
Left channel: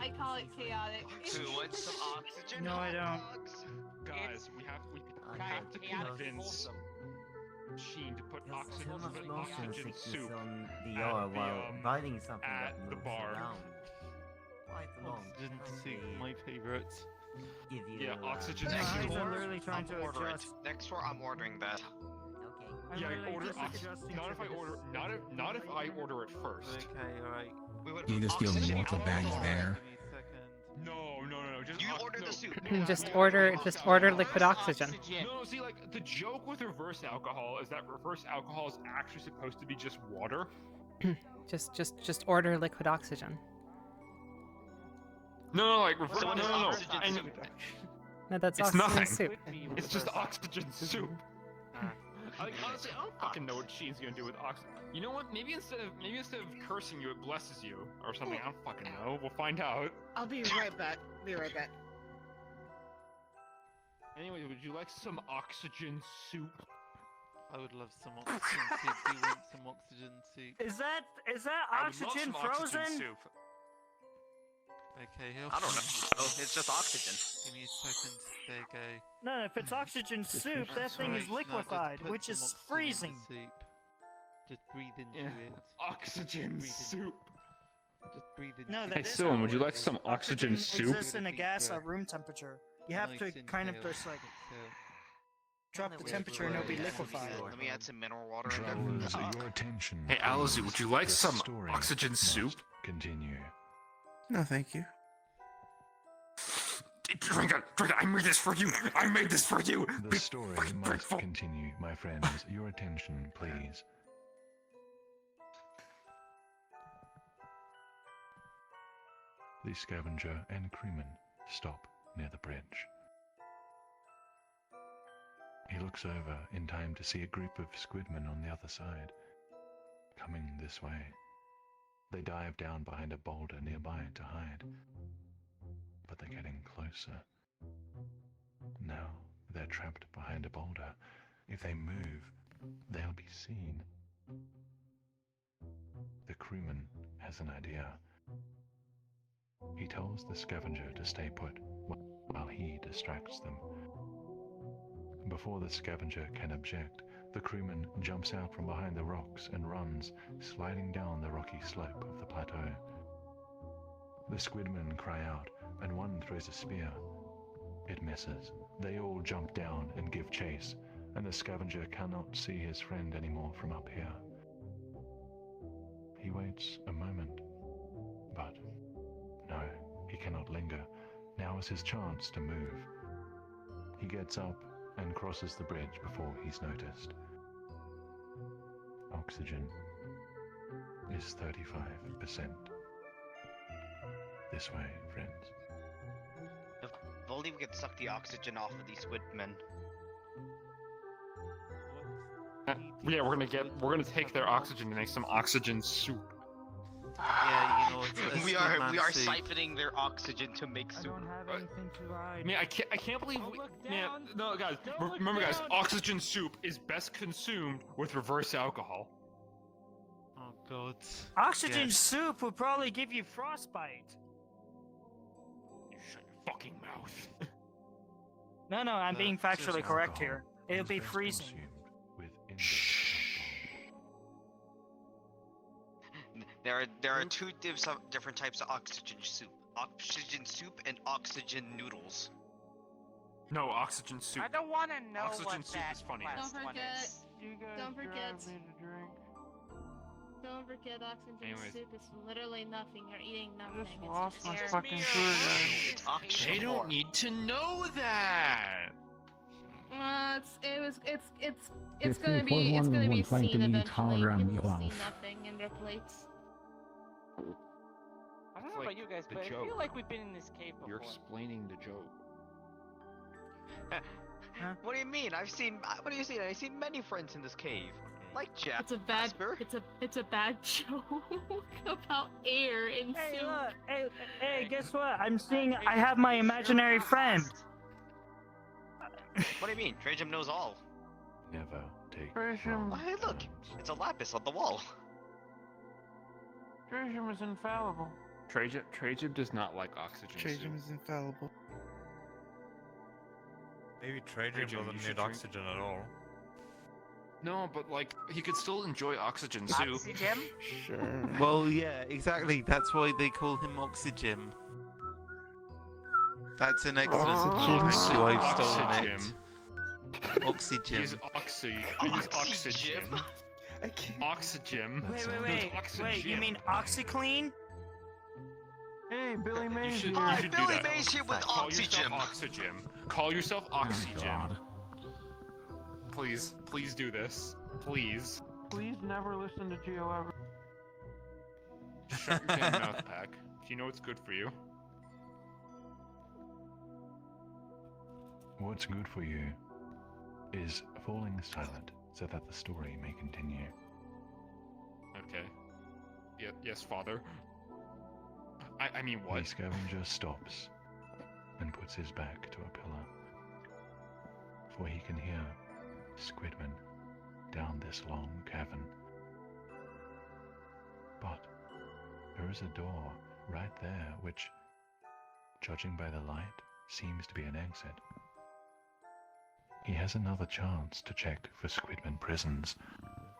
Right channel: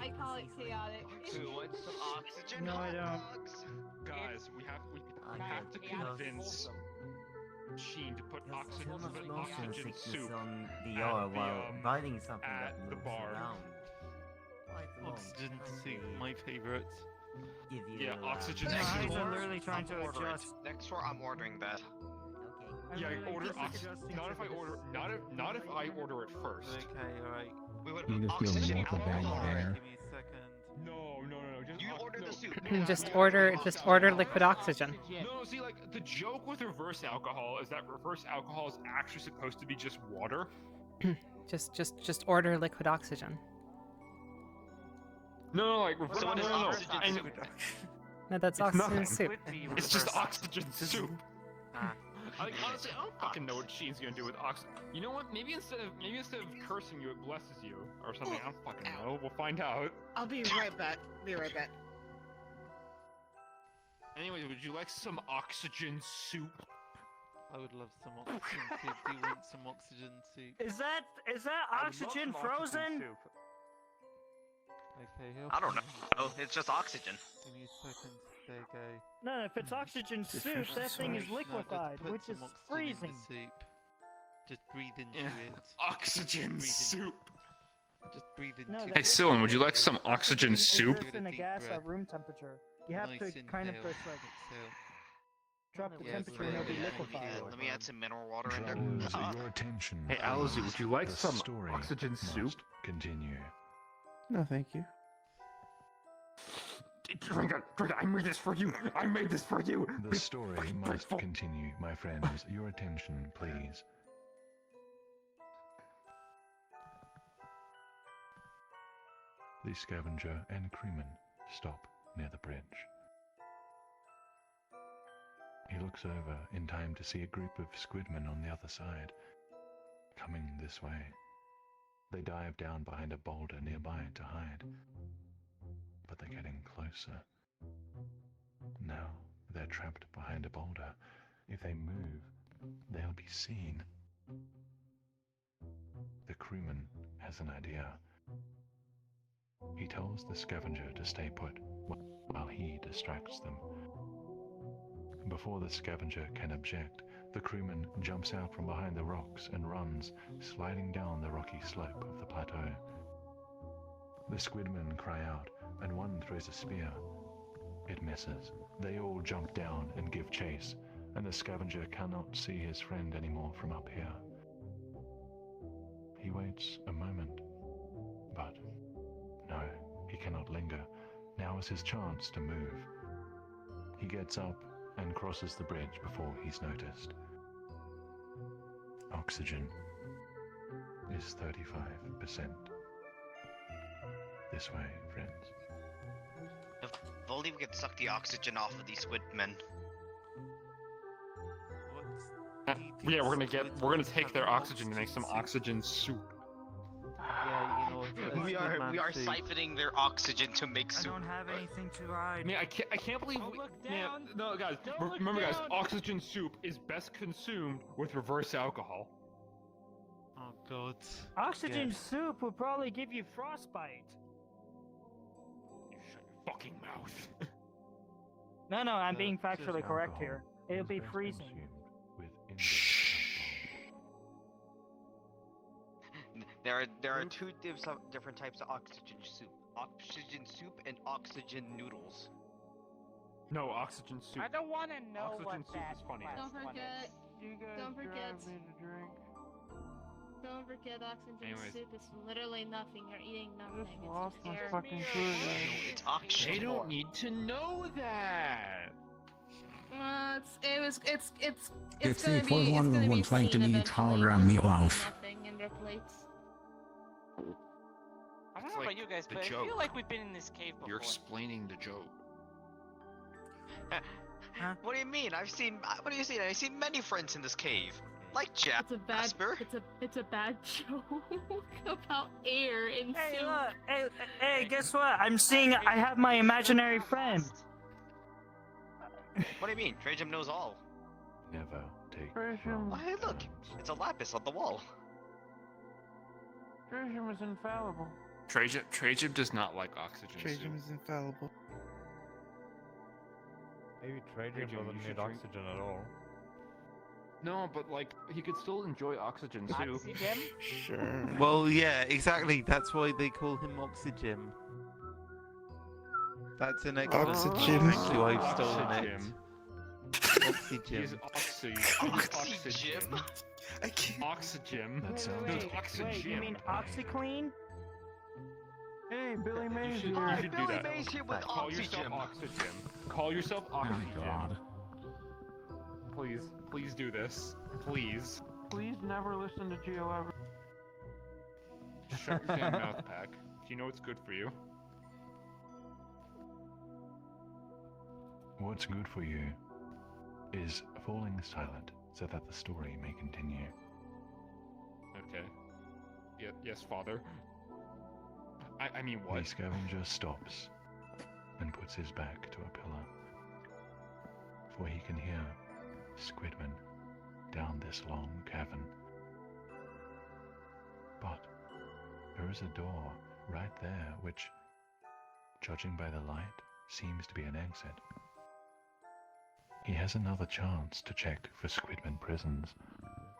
I call it chaotic. Oxygen? No, I don't. Guys, we have to convince Sheen to put oxygen soup riding something at that the moves bar. around. Oxygen soup, my favorite. Yeah, oxygen Guys soup. are literally trying to adjust. Next tour, I'm ordering that. Yeah, order oxygen. Not if I order. Not if I order it first. Okay, alright. We would You just do oxygen multiple bags there. No. Just you order the soup. Just order liquid oxygen. No, see, like the joke with reverse alcohol is that reverse alcohol is actually supposed to be just water. Just order liquid oxygen. No, like So what is oxygen And soup? No, that's it's oxygen nothing. soup. It's just oxygen soup. Like, honestly, I don't fucking know what Sheen's gonna do with oxygen. You know what? Maybe instead of cursing you, it blesses you or something. I don't fucking know. We'll find out. I'll be right back. Be right back. Anyway, would you like some oxygen soup? I would love some oxygen soup. Do you want some oxygen soup? Is that oxygen frozen? Okay, I don't know. Oh, it's just oxygen. Give me a second. There you go. No, if it's oxygen soup, that thing is Right, now just liquefied, put which some is oxygen in the freezing. soup. Just breathe into it. Oxygen Breathe in- soup. Just breathe into No, it. that Hey, Sylvan, would you like some oxygen soup? Exists in a gas at room temperature. You have Nice to kind of inhale. just like Exhale. drop the temperature and it'll be liquefied. Let me add some mineral water in there. Travelers, your attention. Hey, Alizu, would you like The some story oxygen soup? must Continue. No, thank you. Drink it! Drink it! I made this for you! I made this for you! The story must continue, my friends. Your attention, please. The scavenger and crewman stop near the bridge. He looks over in time to see a group of squidmen on the other side, coming this way. They dive down behind a boulder nearby to hide, but they're getting closer. Now they're trapped behind a boulder. If they move, they'll be seen. The crewman has an idea. He tells the scavenger to stay put while he distracts them. Before the scavenger can object, the crewman jumps out from behind the rocks and runs, sliding down the rocky slope of the plateau. The squidmen cry out, and one throws a spear. It misses. They all jump down and give chase, and the scavenger cannot see his friend anymore from up here. He waits a moment, but no, he cannot linger. Now is his chance to move. He gets up and crosses the bridge before he's noticed. Oxygen is 35%. This way, friends. If only we could suck the oxygen off of these squidmen. Yeah, we're gonna take their oxygen and make some oxygen soup. Yeah, you know, we are siphoning their oxygen to make soup. I don't have anything to ride. Man, I can't believe. Don't look Man, down. no, guys, Don't look remember, guys, down. oxygen soup is best consumed with reverse alcohol. Oh god. Oxygen Yes. soup will probably give you frostbite. Shut your fucking mouth. No, I'm being factually correct here. It'll be freezing. There are two different types of oxygen soup. Oxygen soup and oxygen noodles. No, oxygen soup. I don't want to know Oxygen what soup that is funny. last Don't one forget. is. You guys Don't forget. drive me to drink. Don't forget oxygen Anyways. soup is literally nothing. You're eating nothing. Just lost It's my just air. fucking sugar. It's oxygen. They don't need to know that. It's gonna be trying to seen meet eventually. Tara and Just Meatloaf. nothing in their plates. I don't know like about you guys, the but I joke. feel like we've been in this cave before. You're explaining the joke. What do you mean? What do you see? I've seen many friends in this cave. Like Jeff. It's a bad. It's a bad joke about air and Hey, soup. look, hey, guess what? I have my imaginary friend. What do you mean? Trajum knows all. Never take Trajum. Hey, look! It's a lapis on the wall. Trajum is infallible. Trajib does not like oxygen Trajum soup. is infallible. Maybe Trajan Trajan, you doesn't should need drink- oxygen at all. No, but like he could still enjoy oxygen soup. Oxygen? Sure. Well, yeah, exactly. That's why they call him Oxygen. That's an excellent Oxygen. line. Thank you, I've stolen Oxygen. it. Oxygen. He's oxy. Oxygen? I can't. Oxygen. That sounds Wait, oxygen. you mean OxyClean? Hey, Billy You Mays should, here. you should do Billy that. Mays here with Call oxygen. yourself oxygen. Call yourself Oh oxygen. god. Please do this. Please. Please never listen to Geo ever. Shut your damn mouth, Pack. You know what's good for you. What's good for you is falling silent so that the story may continue. Okay. Yes, father. I mean what? The scavenger stops and puts his back to a pillar, for he can hear squidmen down this long cavern. But there is a door right there which, judging by the light, seems to be an exit. He has another chance to check for squidmen prisons,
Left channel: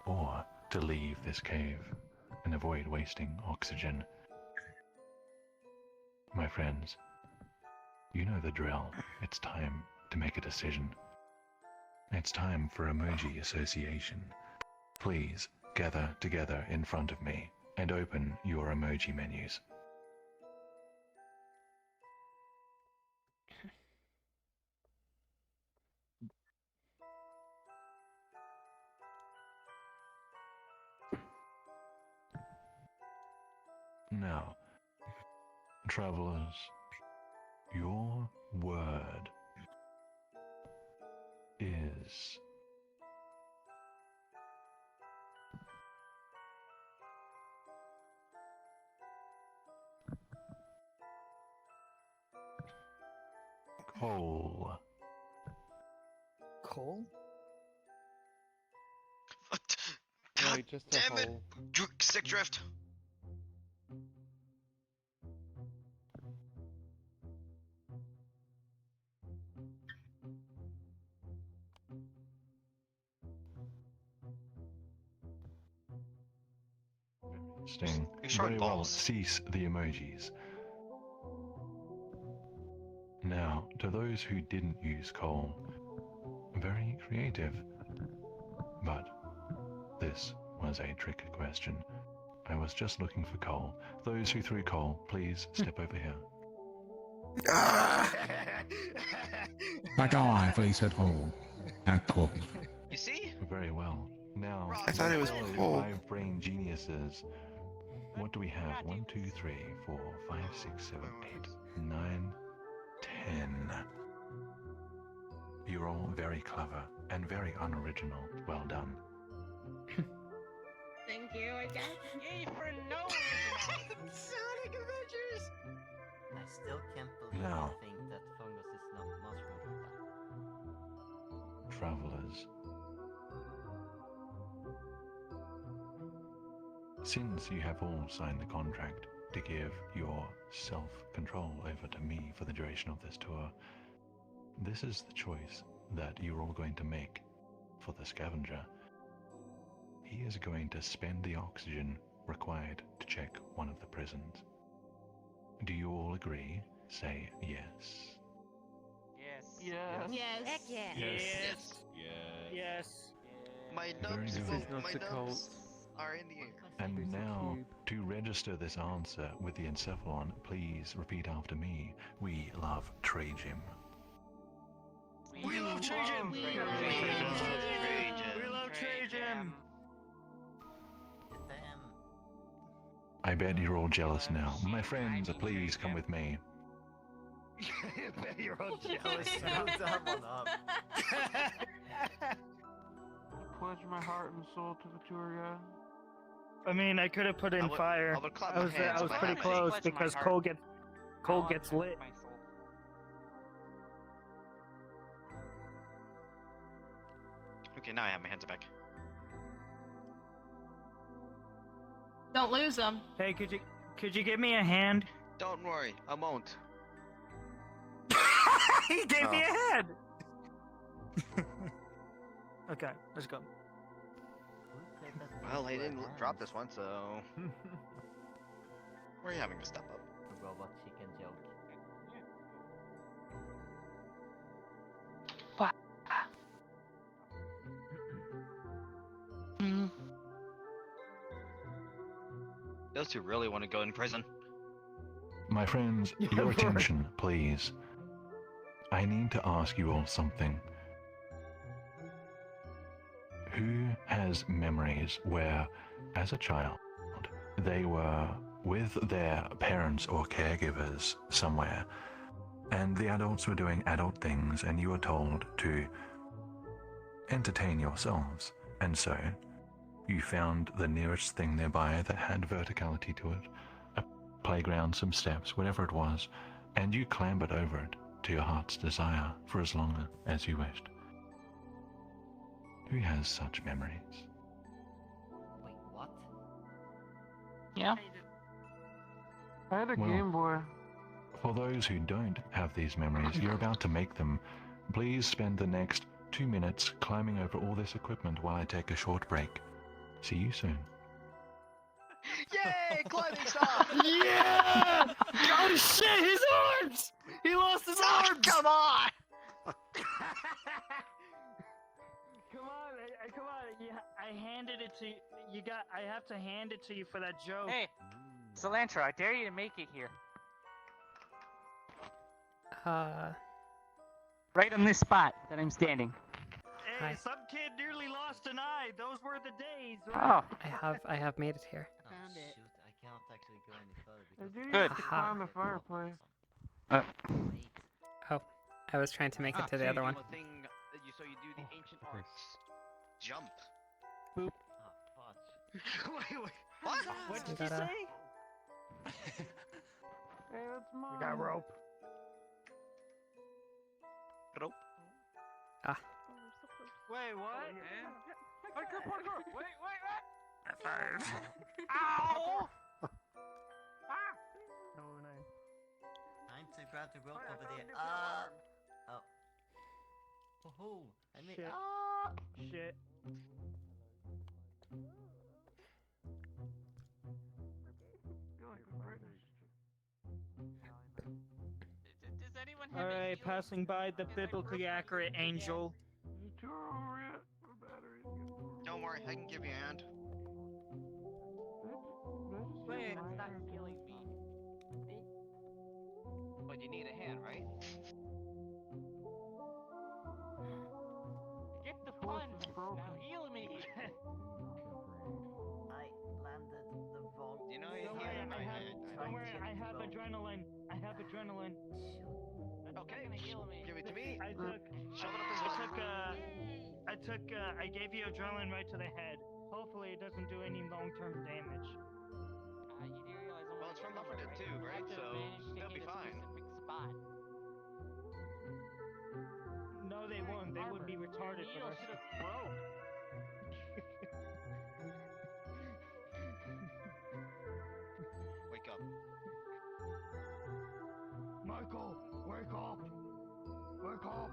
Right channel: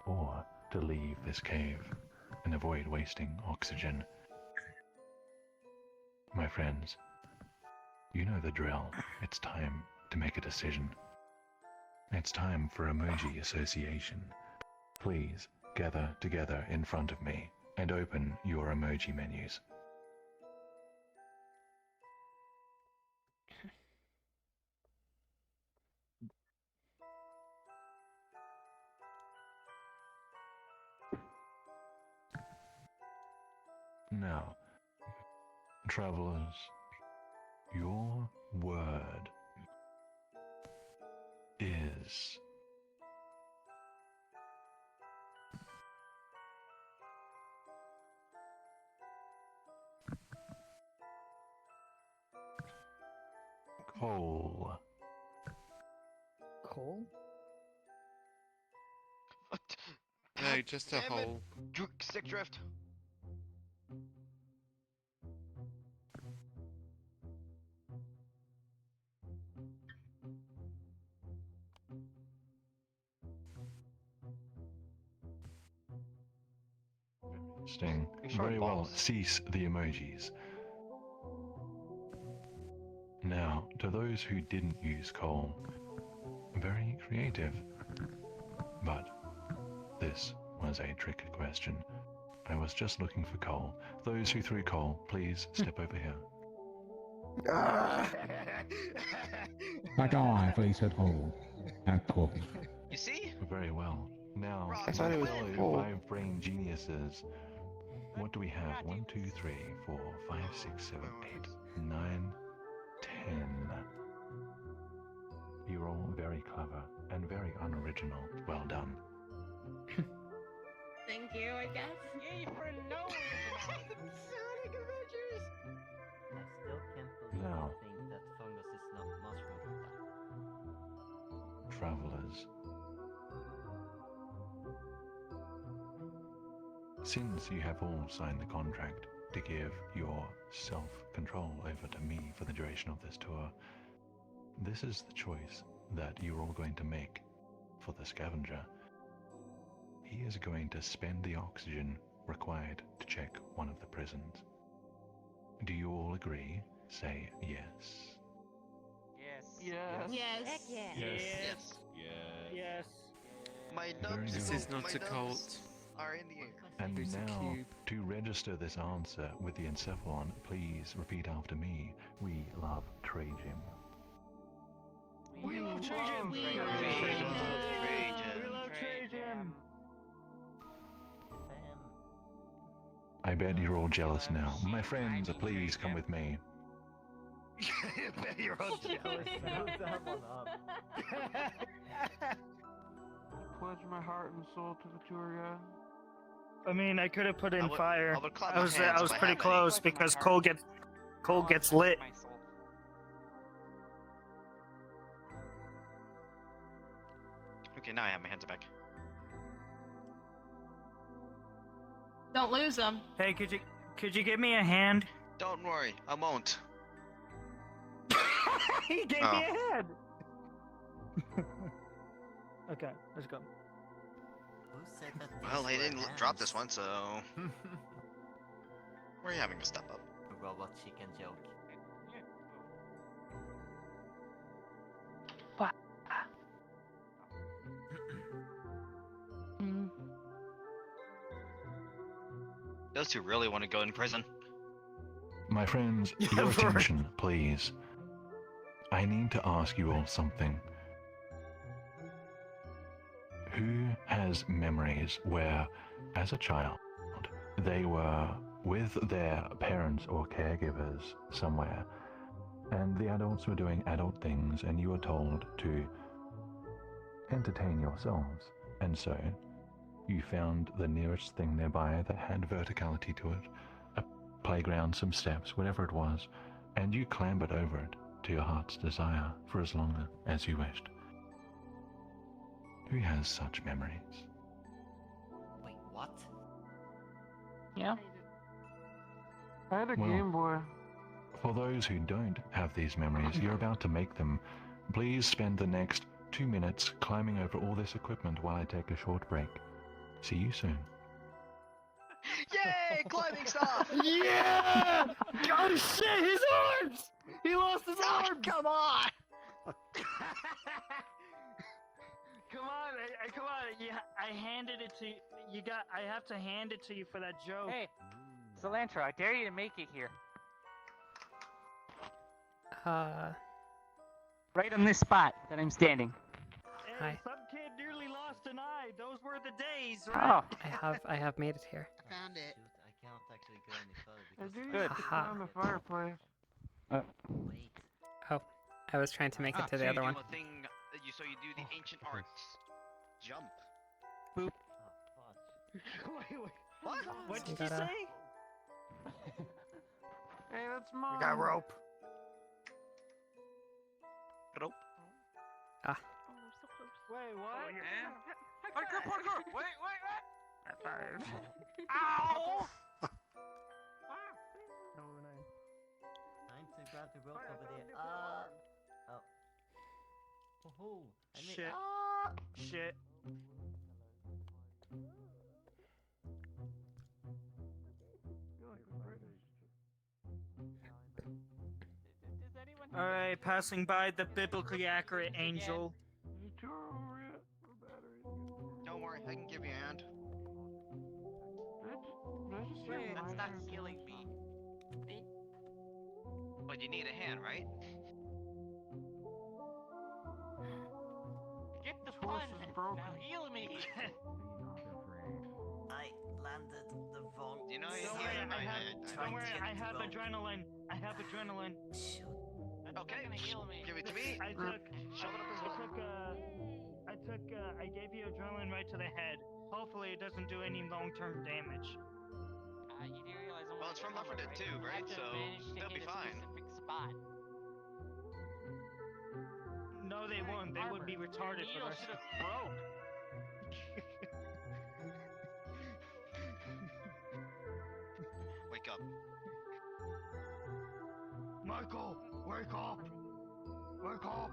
or to leave this cave and avoid wasting oxygen. My friends, you know the drill. It's time to make a decision. It's time for emoji association. Please gather together in front of me and open your emoji menus. Now, travelers, your word is coal. Coal? Yeah, just a Damn it! hole. Sick drift. Sting. Very well, cease the emojis. Now, to those who didn't use coal, very creative. But this was a trick question. I was just looking for coal. Those who threw coal, please step over here. That guy, I thought he said hole. Not coal. You see? Very well. Now, I thought it was fellow coal. 5 brain geniuses. What do we have? 1, 2, 3, 4, 5, 6, 7, 8, 9, 10. You're all very clever and very unoriginal. Well done. Thank you, I guess. Yay for no Sonic Avengers! I still can't believe No. you think that fungus is not mushroom. Travelers. Since you have all signed the contract to give your self-control over to me for the duration of this tour, this is the choice that you're all going to make for the Scavenger. He is going to spend the oxygen required to check one of the prisons. Do you all agree? Say yes. Yes. Yes. Yes. Yes. My Very nubs, good. This is not my a nubs cult. are in the air. And There's a now, cube. to register this answer with the encephalon, please repeat after me. We love Trajan. We love Trajan! We We love love Trajan! I bet you're all jealous now. My friends, please come with me. I bet you're all jealous. Pledge my heart and soul to the tour guide. I mean, I could have put in fire. I would clap I my was hands if I pretty had any. close because coal gets lit. Okay, now I have my hands back. Don't lose them. Hey, could you give me a hand? Don't worry, I won't. He gave me a hand. Okay, let's go. Well, he didn't drop this one, so we're having to step up. Robot chicken joke. Those two really want to go in prison. My friends, your attention, please. I need to ask you all something. Who has memories where, as a child, they were with their parents or caregivers somewhere, and the adults were doing adult things, and you were told to entertain yourselves, and so you found the nearest thing nearby that had verticality to it, a playground, some steps, whatever it was, and you clambered over it to your heart's desire for as long as you wished. Who has such memories? Wait, what? Yeah. I had a Well, Game Boy. For those who don't have these memories, you're about to make them. Please spend the next 2 minutes climbing over all this equipment while I take a short break. See you soon. Yay! Climbing stuff! Yeah! Oh shit, his arms! He lost his arms! Come on! I handed it to you. I have to hand it to you for that joke. Hey, Cilantro, I dare you to make it here. Right on this spot that I'm standing. Hey, some kid nearly lost an eye. Those were the days, right? Oh. I have made it here. Found it. Shoot, I can't actually go any further because Good. Haha. Find the fireplace. Wait. Oh, I was trying to make it to the other one. So you do the ancient arts jump. Boop. Wait. What So did you you gotta- say? Hey, that's mine. We got rope. Rope. Ah. Wait, what? Parkour! Wait, what? Ow! Time to grab the rope over there. Oh. I made. Shit. Shit. Alright, passing by the biblically accurate angel. Don't worry, I can give you a hand. That's not killing me. But you need a hand, right? Get the fun. Now heal me. I landed the wrong. You know, Don't worry, I have adrenaline. I have adrenaline. Okay, heal me. give it to me. I gave you adrenaline right to the head. Hopefully it doesn't do any long-term damage. You do realize Well, it's from Left 4 Dead 2, right? So they'll be fine. Spot. No, they won't. They would be retarded for Needle this. should have broke. Wake up. Michael, wake up! Wake up!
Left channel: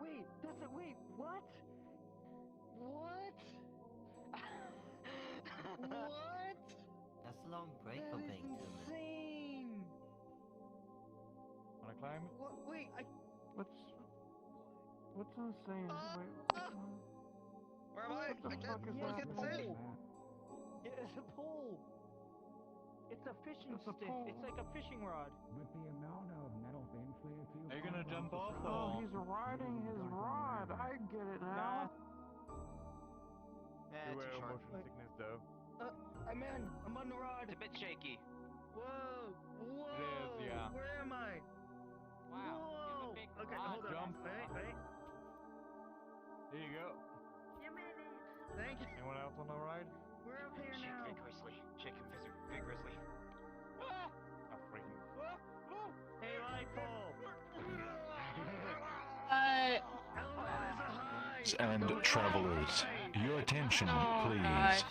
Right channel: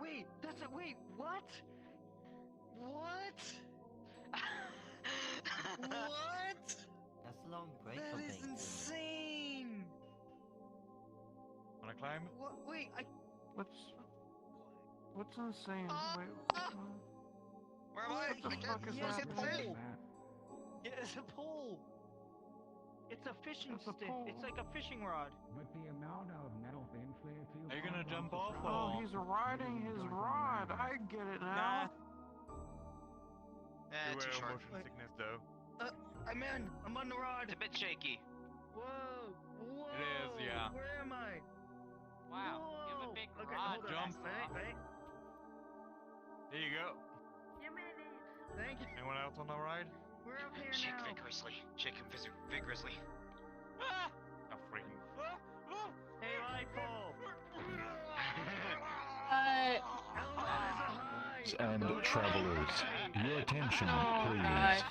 Wait, what? What? What? That's a long break for That is being human. insane! Wanna climb? Wait, What's insane? Wait. Where am I? What the fuck is Yes, happening? Yeah, it's a pool. It's a fishing It's a stick. pole. It's like a fishing rod. With the amount of metal fanfare Are you gonna jump off? Oh, he's riding his rod. I get it now. Too short. Motion sickness though. I'm in. I'm on the rod. It's a bit shaky. Whoa! It is, yeah. Where am I? Wow. You have a big Okay, rod. hold on. Jump. Wait. There you go. Thank you. Anyone else on the ride? We're up here Shake now. vigorously. Shake him vigorously. I'm freaking. Hey, Michael. And travelers, your attention, please. God.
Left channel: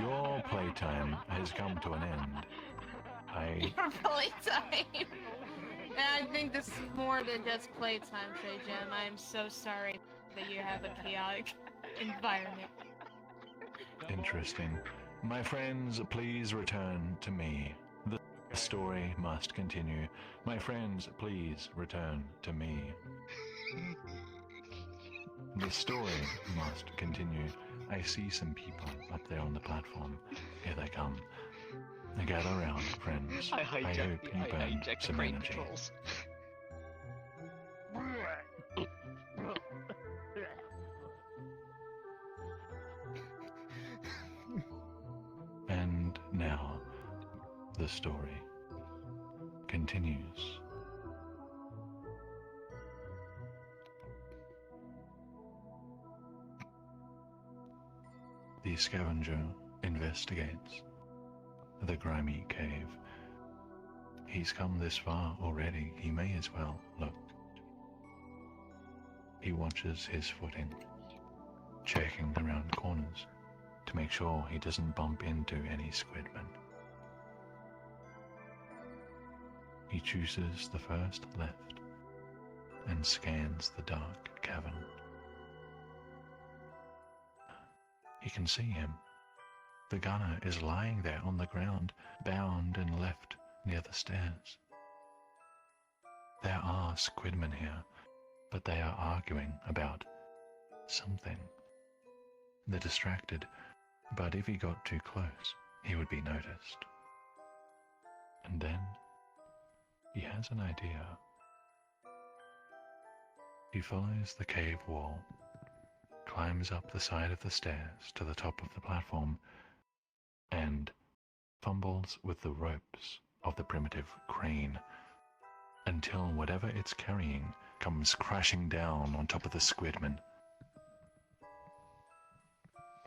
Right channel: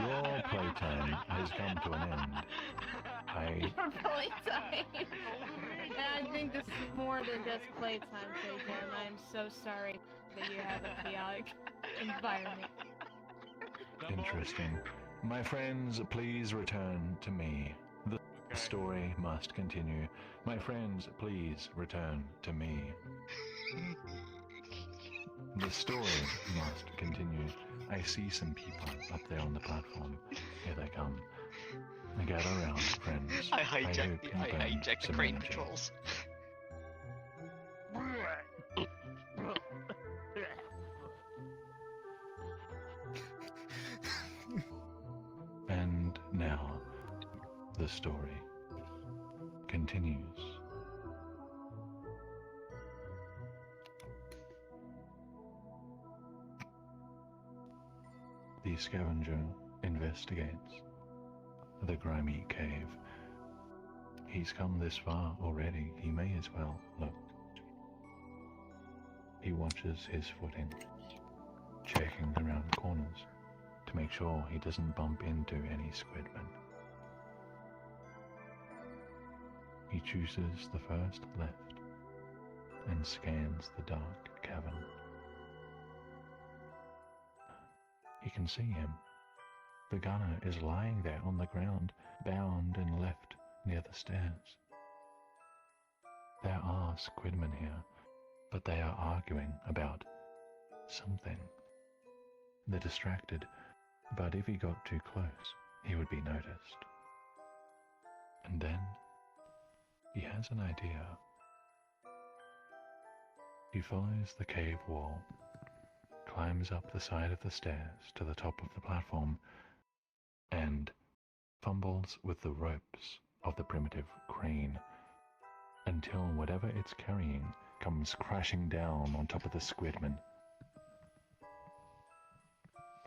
Your playtime has come to an end. Your playtime. And I think this is more than just playtime, Sejan. I am so sorry that you have a chaotic environment. Interesting. My friends, please return to me. The story must continue. My friends, please return to me. The story must continue. I see some people up there on the platform. Here they come. Gather around, friends. I hope hijacked you burn hijacked some crane energy. patrols. And now, the story continues. The scavenger investigates the grimy cave. He's come this far already, he may as well look. He watches his footing, checking around corners to make sure he doesn't bump into any squidmen. He chooses the first left and scans the dark cavern. he can see him. The gunner is lying there on the ground, bound and left near the stairs. There are squidmen here, but they are arguing about something. They're distracted, but if he got too close, he would be noticed. And then he has an idea. He follows the cave wall, climbs up the side of the stairs to the top of the platform, and fumbles with the ropes of the primitive crane until whatever it's carrying comes crashing down on top of the squidman.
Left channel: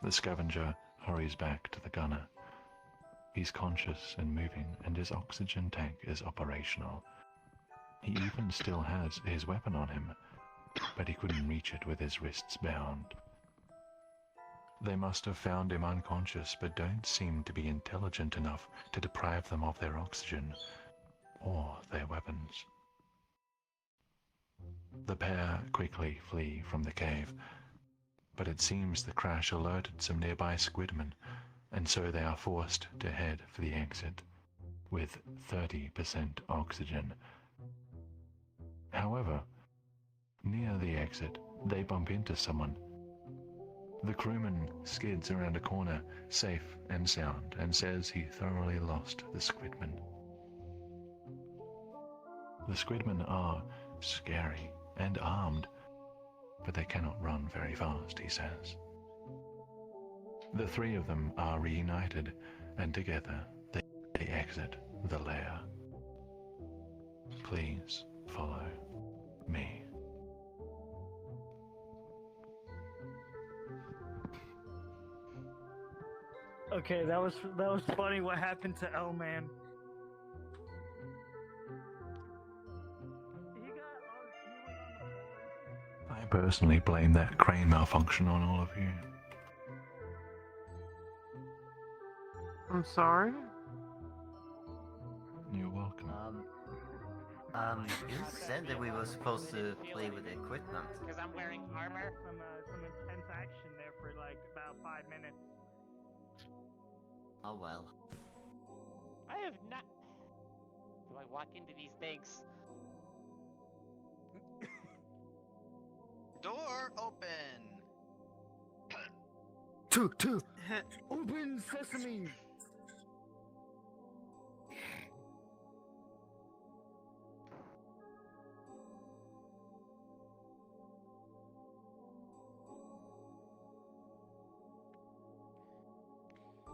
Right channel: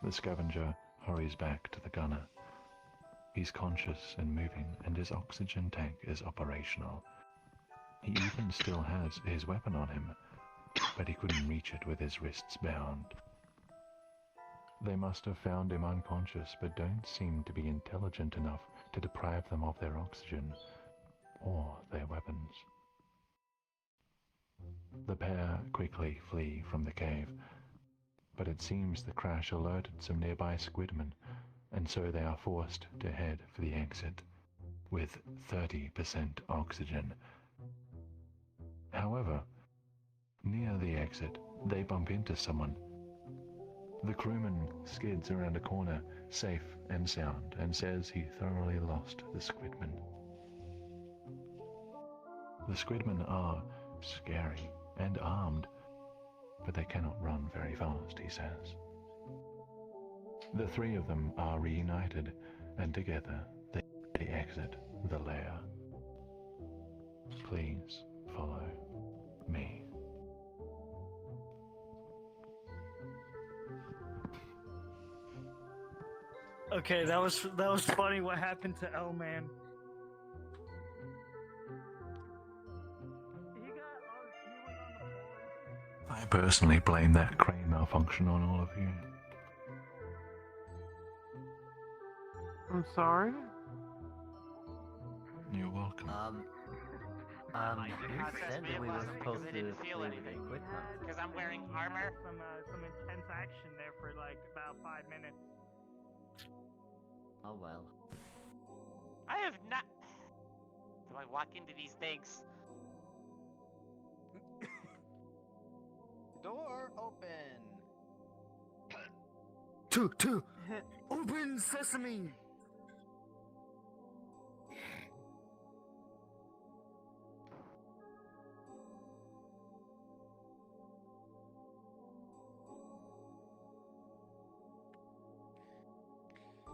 The scavenger hurries back to the gunner. He's conscious and moving, and his oxygen tank is operational. He even still has his weapon on him, but he couldn't reach it with his wrists bound. They must have found him unconscious, but don't seem to be intelligent enough to deprive them of their oxygen or their weapons. The pair quickly flee from the cave, but it seems the crash alerted some nearby squidmen, and so they are forced to head for the exit with 30% oxygen. However, near the exit, they bump into someone. The crewman skids around a corner, safe and sound, and says he thoroughly lost the squidmen. The squidmen are scary and armed, but they cannot run very fast, he says. The three of them are reunited, and together they exit the lair. Please follow me. Okay, that was funny. What happened to L-Man? I personally blame that crane malfunction on all of you. I'm sorry? You're welcome. Who said that we were supposed to play with equipment? Because I'm wearing armor. Some intense action there for like about 5 minutes. Oh well. I have not. Do I walk into these things? Door open. Two. Open sesame.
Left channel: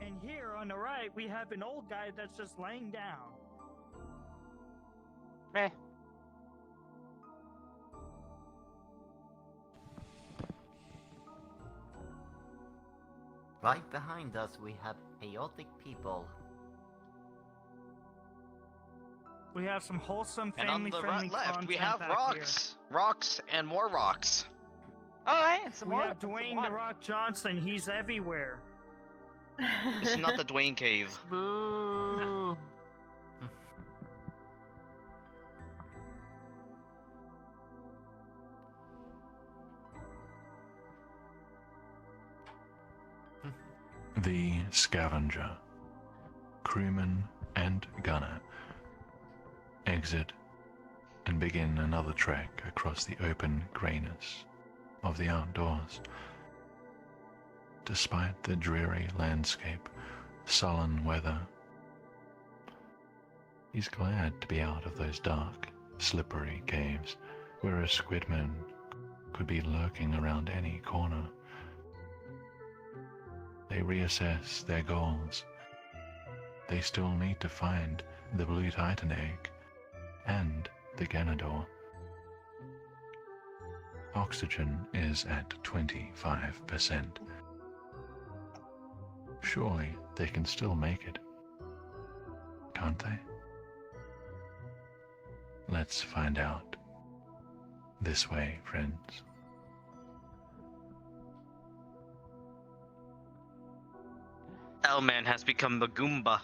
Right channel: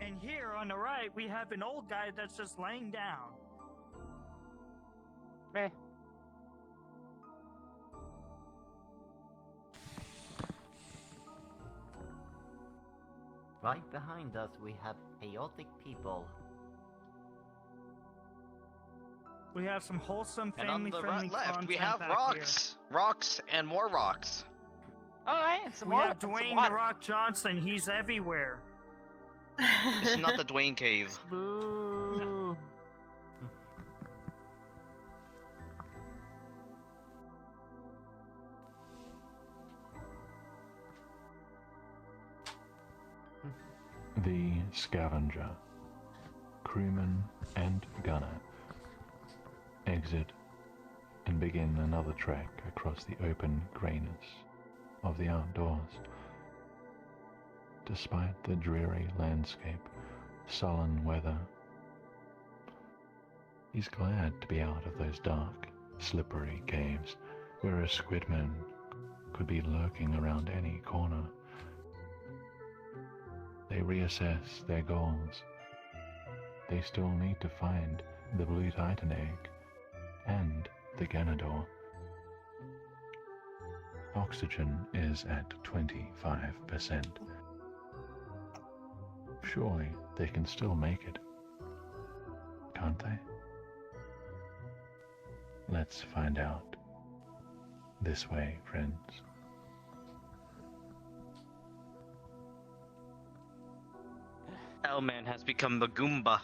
And here on the right, we have an old guy that's just laying down. Right behind us we have chaotic people. We have some wholesome, And on the family-friendly left, content we have back rocks. Rocks and more rocks. Oh, and some here. more. We have Dwayne "The Rock" Johnson. He's everywhere. This is not the Dwayne cave. Boo. The Scavenger, crewman and gunner, exit and begin another trek across the open greyness of the outdoors. Despite the dreary landscape, sullen weather, he's glad to be out of those dark, slippery caves where a squidman could be lurking around any corner. They reassess their goals. They still need to find the Blue Titan egg and the Ganador. Oxygen is at 25%. Surely they can still make it, can't they? Let's find out. This way, friends. L-Man has become the Goomba.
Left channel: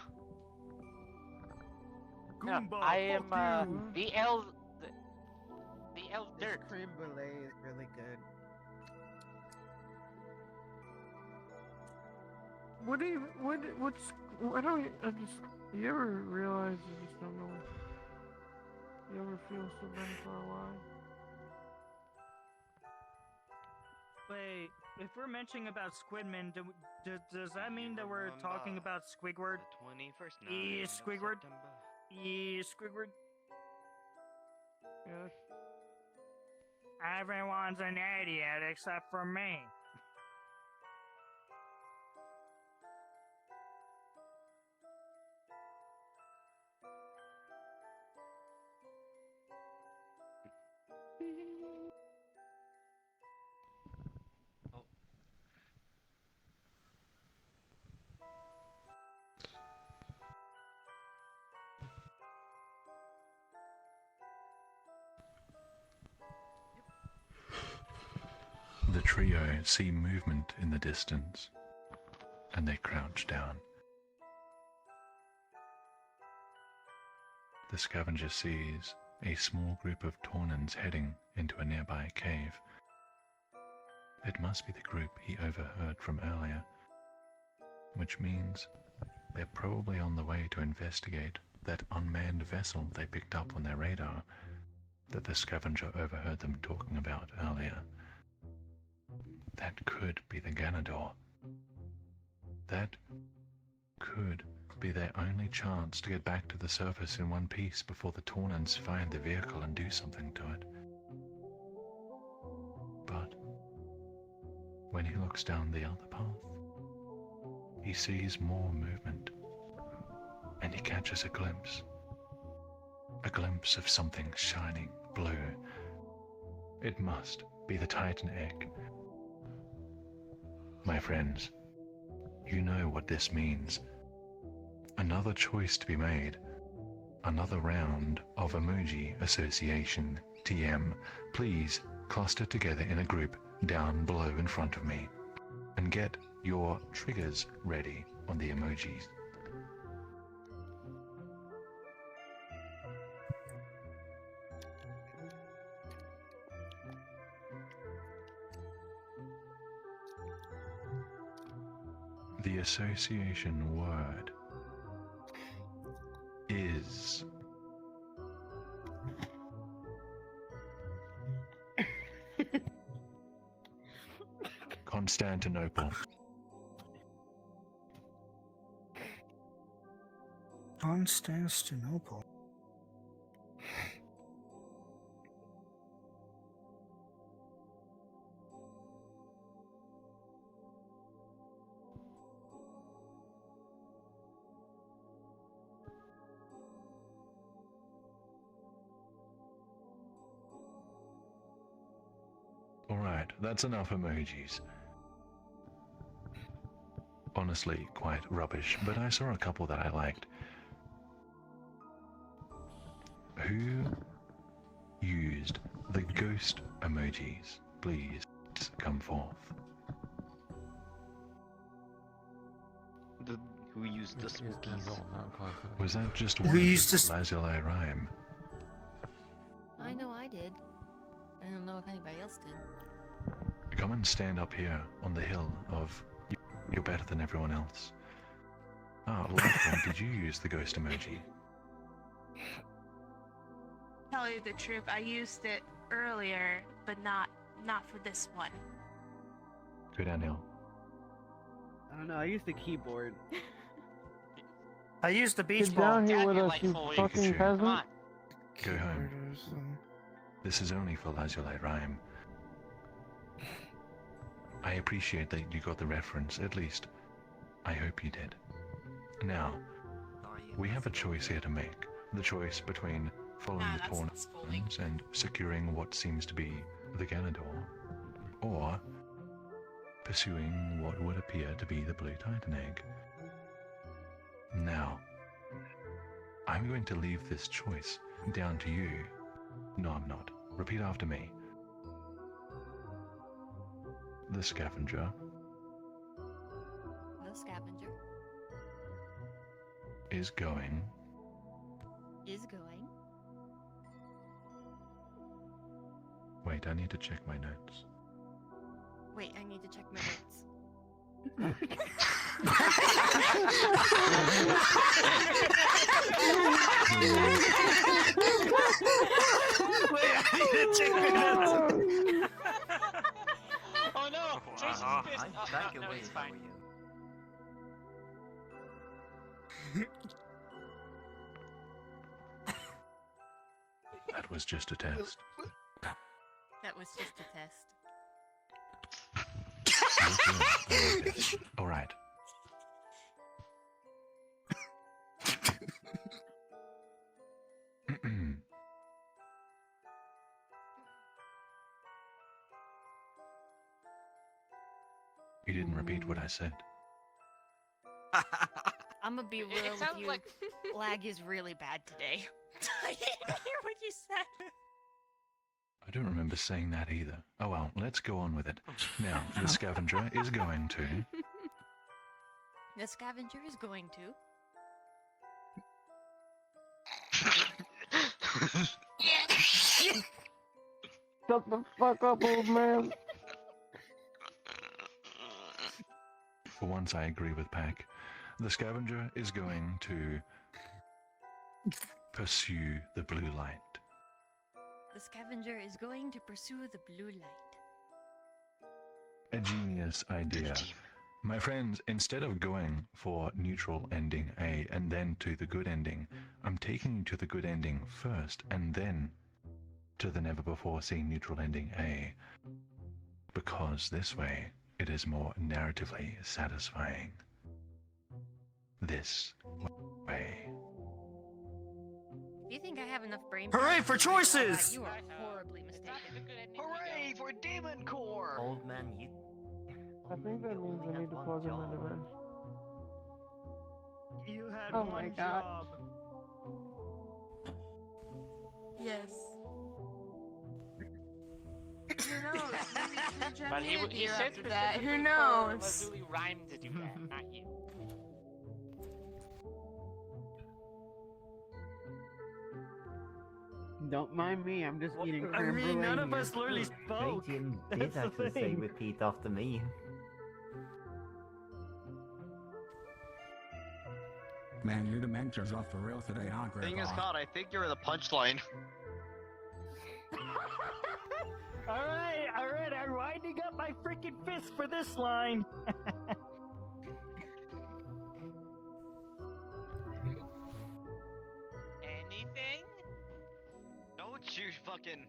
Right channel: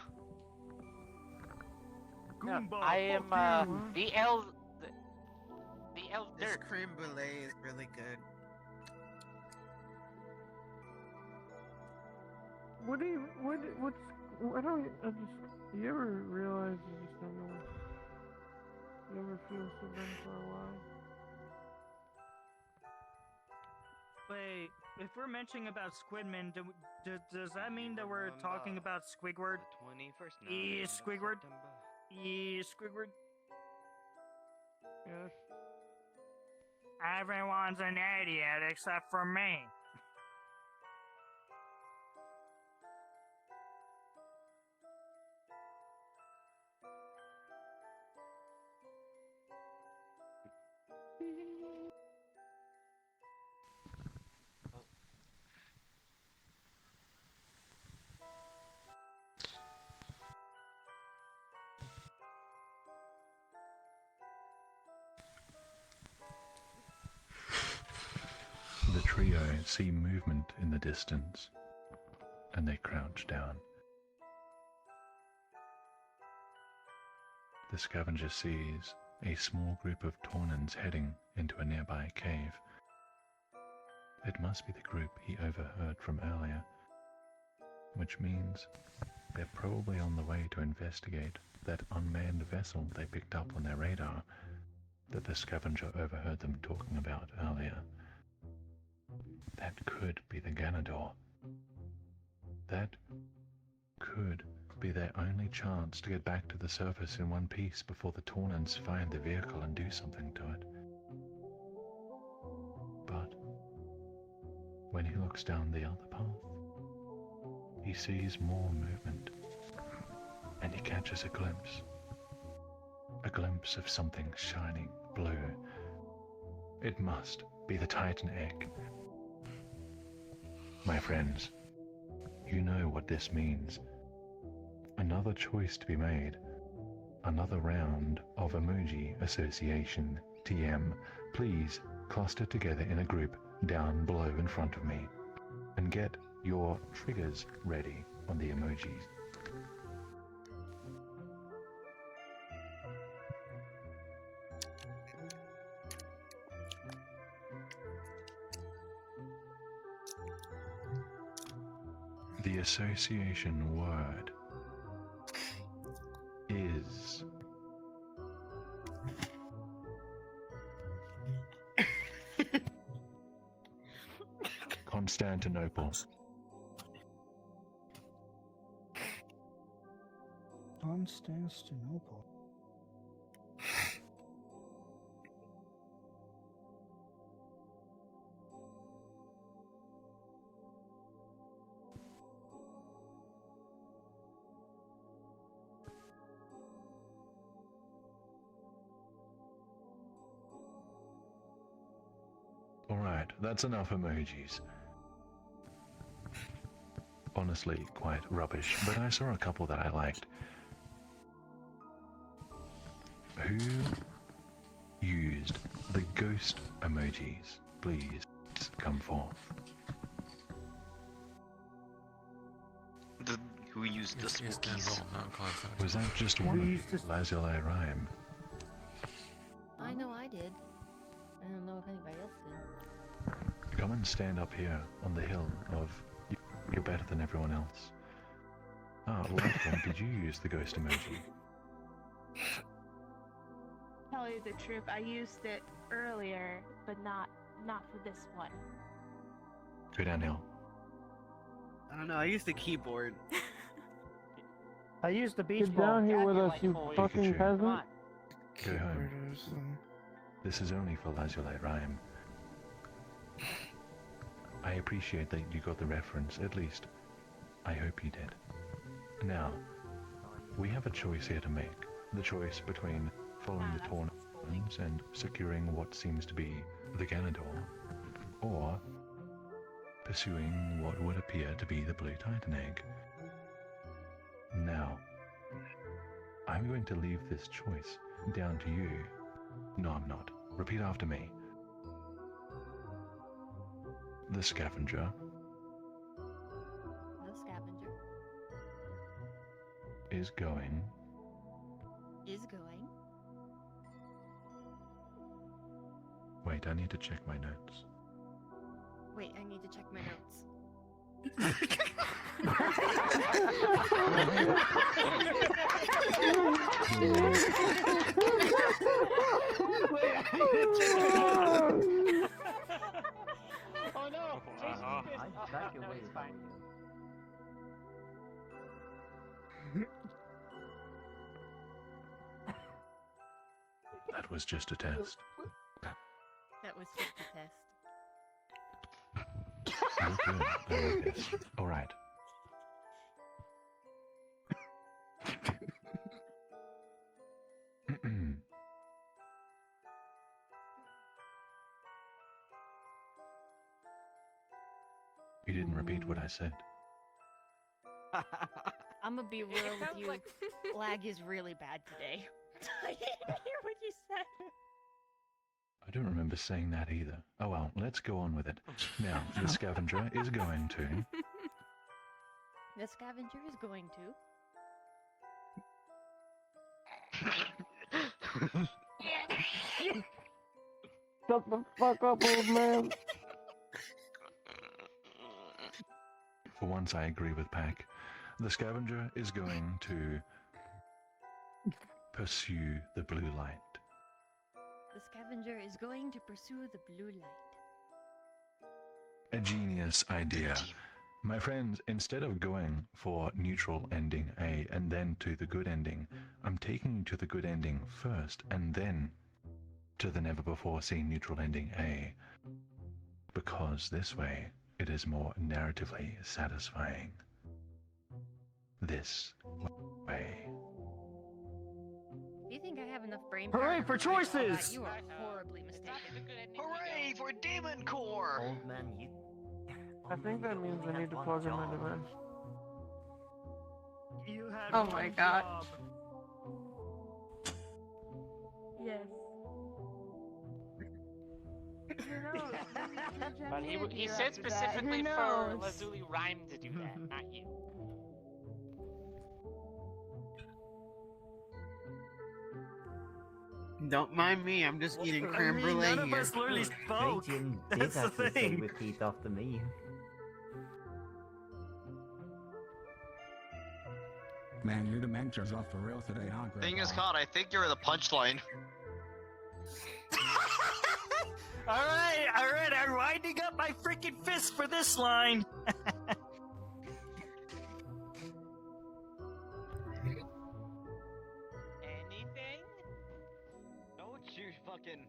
No, I am the L. The L This dirt. creme brulee is really good. I don't, I just, you ever realize you just don't know, you ever feel so dumb for a while? Wait, if we're mentioning about Squidman, does that mean that we're talking about Squidward? 21st Squidward? Squidward? Yes. Everyone's an idiot except for me. The trio see movement in the distance, and they crouch down. The scavenger sees a small group of Taunans heading into a nearby cave. It must be the group he overheard from earlier, which means they're probably on the way to investigate that unmanned vessel they picked up on their radar that the scavenger overheard them talking about earlier. That could be the Ganador. That could be their only chance to get back to the surface in one piece before the Taunans find the vehicle and do something to it. But when he looks down the other path, he sees more movement, and he catches a glimpse of something shining blue. It must be the Titan egg. My friends, you know what this means. Another choice to be made. Another round of emoji association. TM, please cluster together in a group down below in front of me and get your triggers ready on the emojis. The association word is Constantinople. Constantinople. Alright, that's enough emojis. Honestly, quite rubbish, but I saw a couple that I liked. Who used the ghost emojis? Please come forth. Who used the spookies? Was that just one lazuli rhyme? I know I did. I don't know if anybody else did. Come and stand up here on the hill of you're better than everyone else. Ah, Lightning, did you use the ghost emoji? Tell you the truth, I used it earlier, but not for this one. Go downhill. I don't know, I used the keyboard. I used the beach Get ball. down here with us, you fucking peasant. Go home. This is only for lazuli rhyme. I appreciate that you got the reference, at least I hope you did. Now, we have a choice here to make. The choice between following the Taunans and securing what seems to be the Ganador, or pursuing what would appear to be the Blue Titan egg. Now, I'm going to leave this choice down to you. No, I'm not. Repeat after me. The scavenger is going Wait, I need to check my notes. Wait, I need to check my notes. Oh no! Jason's pissed. Oh, no, it's fine. That was just a test. That was just a test. You're good. I like this. All right. You didn't repeat what I said. I'm gonna be real It with sounds you. like Lag is really bad today. I didn't hear what you said. I don't remember saying that either. Oh well, let's go on with it. Now, the scavenger is going to... The scavenger is going to. Shut the fuck up, old man. For once I agree with Pack. The scavenger is going to pursue the blue light. The scavenger is going to pursue the blue light. A genius idea. My friends, instead of going for neutral ending A and then to the good ending, I'm taking you to the good ending first and then to the never-before-seen neutral ending A. Because this way, it is more narratively satisfying. This way. Do you think I have enough brain Hooray power for to write all that? choices! You are horribly mistaken. Hooray for Demon Core! Old man, you. I think that means I need to plug in my device. You had Oh one my God. job. Yes. But he said specifically Who for knows? Lazuli Rhyme to do that, not you. Don't mind me, I'm just eating I creme brulee mean, none of here. us literally spoke. Jim did That's the actually say thing. repeat after me. Man, your dementia's off for real today, huh, Grandpa? Thing is, God, I think you're the punchline. Alright, I'm winding up my freaking fist for this line. Anything? Don't you fucking...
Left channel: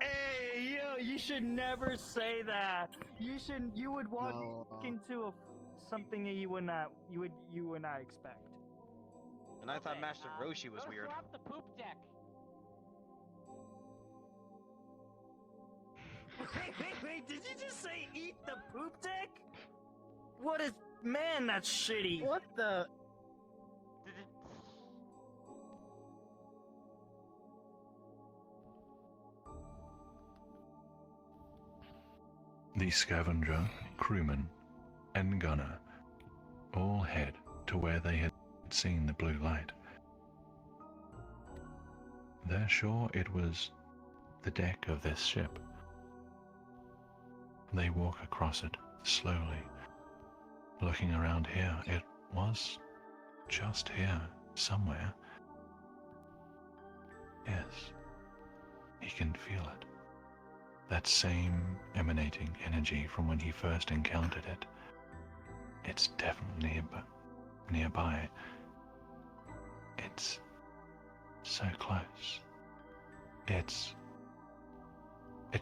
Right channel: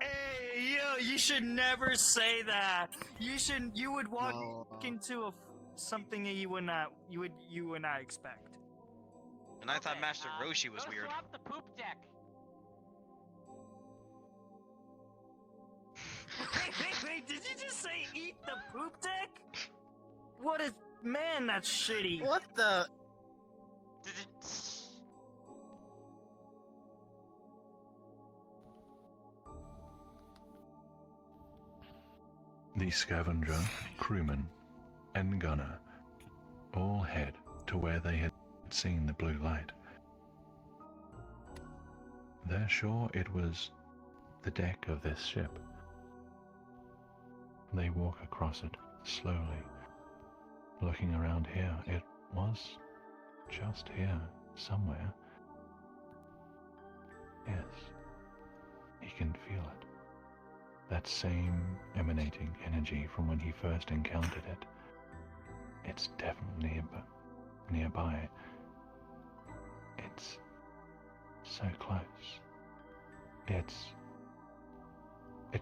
Hey, you should never say that. You would walk into something that you would not expect. And I thought Master Roshi was weird. Off the poop deck. Wait, did you just say eat the poop deck? What is... Man, that's shitty. What the? The scavenger, crewman, and gunner all head to where they had seen the blue light. They're sure it was the deck of this ship. They walk across it slowly, looking around here. It was just here, somewhere. Yes, he can feel it. That same emanating energy from when he first encountered it. It's definitely nearby. It's so close. It's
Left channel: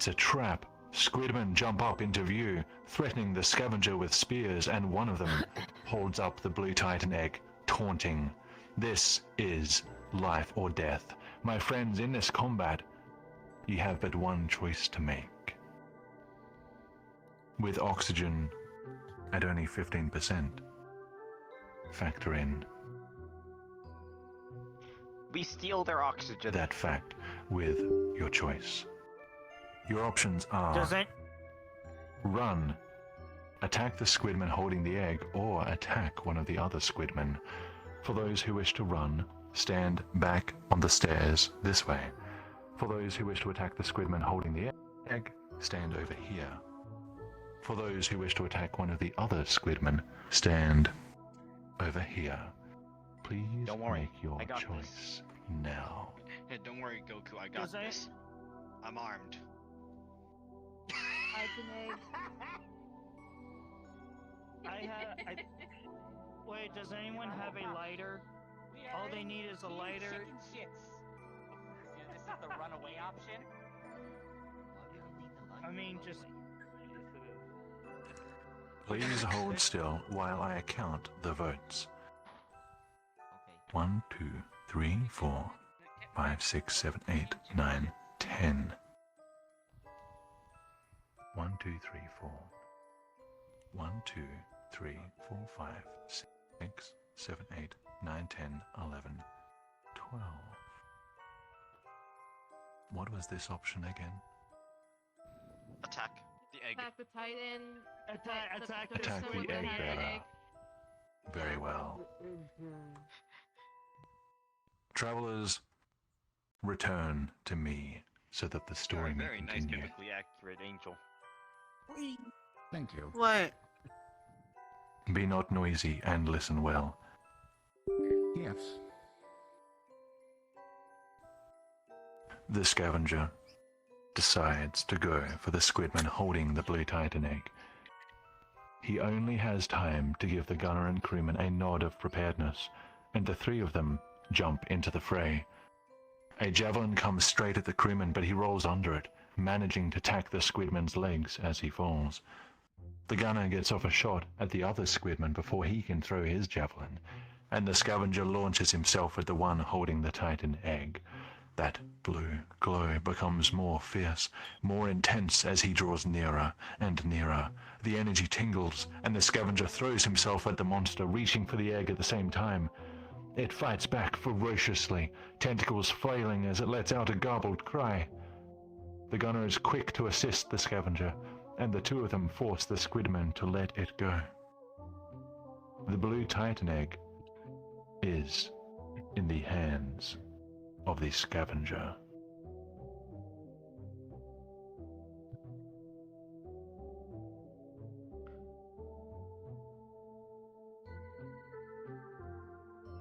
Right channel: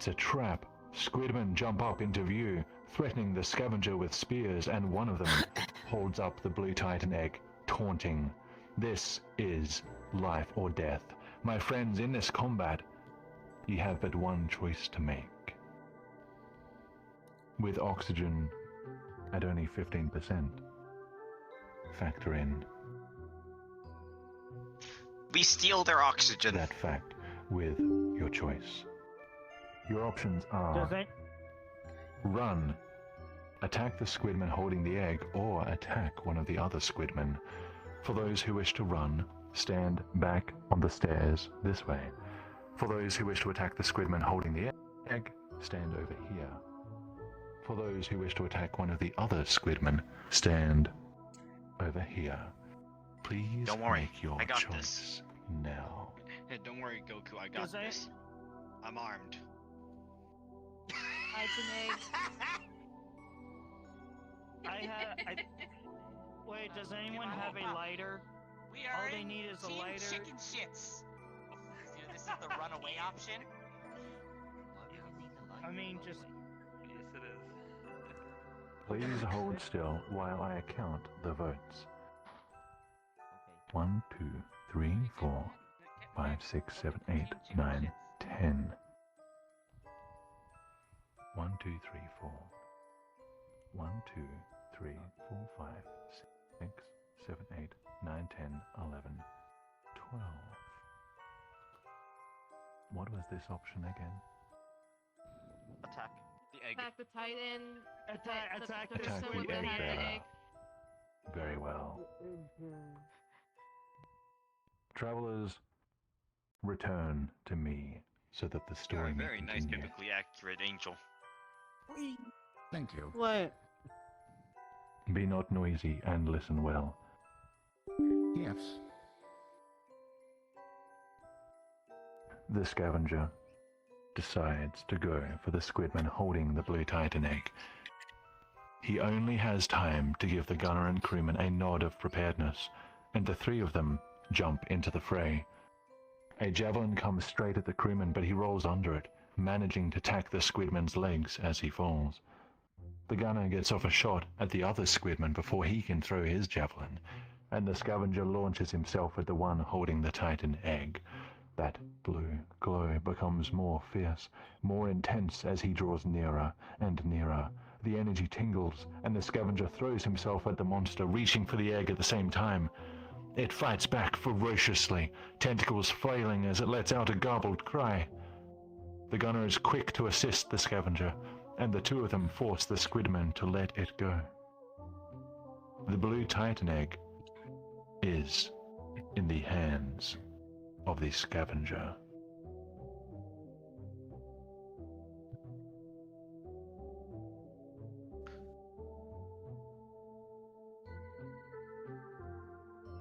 a trap. Squidmen jump up into view, threatening the scavenger with spears, and one of them holds up the blue titan egg, taunting. This is life or death. My friends, in this combat, you have but one choice to make. With oxygen at only 15%, factor in We steal their oxygen. that fact with your choice. Your options are Does it? run, attack the squidman holding the egg, or attack one of the other squidmen. For those who wish to run, stand back on the stairs this way. For those who wish to attack the squidman holding the egg, stand over here. For those who wish to attack one of the other squidmen, stand over here. Please Don't worry, make your I got choice this. now. Hey, don't worry, Goku, I got Does I- this. I'm armed. I can Wait, does anyone have a lighter? All they need is a Team lighter. Chicken shits. This is the runaway option. I mean, just. Please hold still while I count the votes. 1, 2, 3, 4, 5, 6, 7, 8, 9, 10. 1, 2, 3, 4. 1, 2, 3, 4, 5, 6, 7, 8, 9, 10, 11, 12. What was this option again? Attack the egg. attack the Titan. Attack the Attack person the with the egg higher bearer. egg. Very well. Travelers, return to me so that the You're story a may very nice, continue. biblically accurate angel. Thank you. What? Be not noisy and listen well. Yes. The scavenger decides to go for the squidman holding the blue titan egg. He only has time to give the gunner and crewman a nod of preparedness, and the three of them jump into the fray. A javelin comes straight at the crewman, but he rolls under it, managing to tack the squidman's legs as he falls. The gunner gets off a shot at the other squidman before he can throw his javelin, and the scavenger launches himself at the one holding the titan egg. That blue glow becomes more fierce, more intense as he draws nearer and nearer. The energy tingles, and the scavenger throws himself at the monster, reaching for the egg at the same time. It fights back ferociously, tentacles flailing as it lets out a garbled cry. The gunner is quick to assist the scavenger, and the two of them force the squidman to let it go. The blue titan egg is in the hands of the scavenger.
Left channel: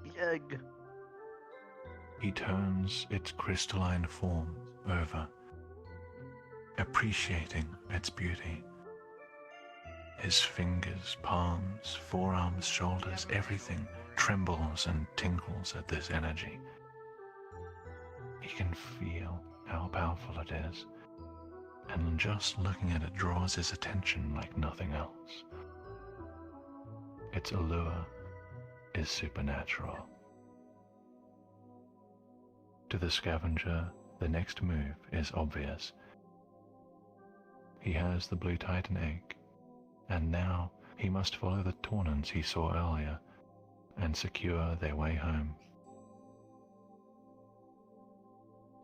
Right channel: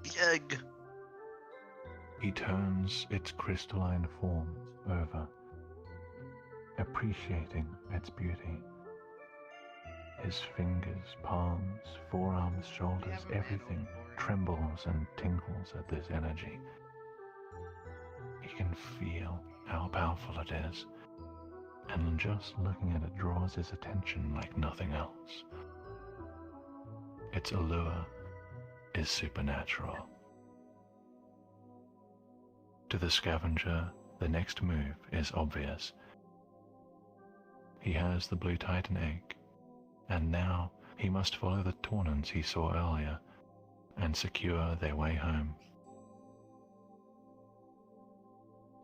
The egg. He turns its crystalline form over, appreciating its beauty. His fingers, palms, forearms, shoulders, everything trembles and tingles at this energy. He can feel how powerful it is, and just looking at it draws his attention like nothing else. Its allure is supernatural. To the scavenger, the next move is obvious. He has the blue titan egg, and now he must follow the Taunans he saw earlier and secure their way home.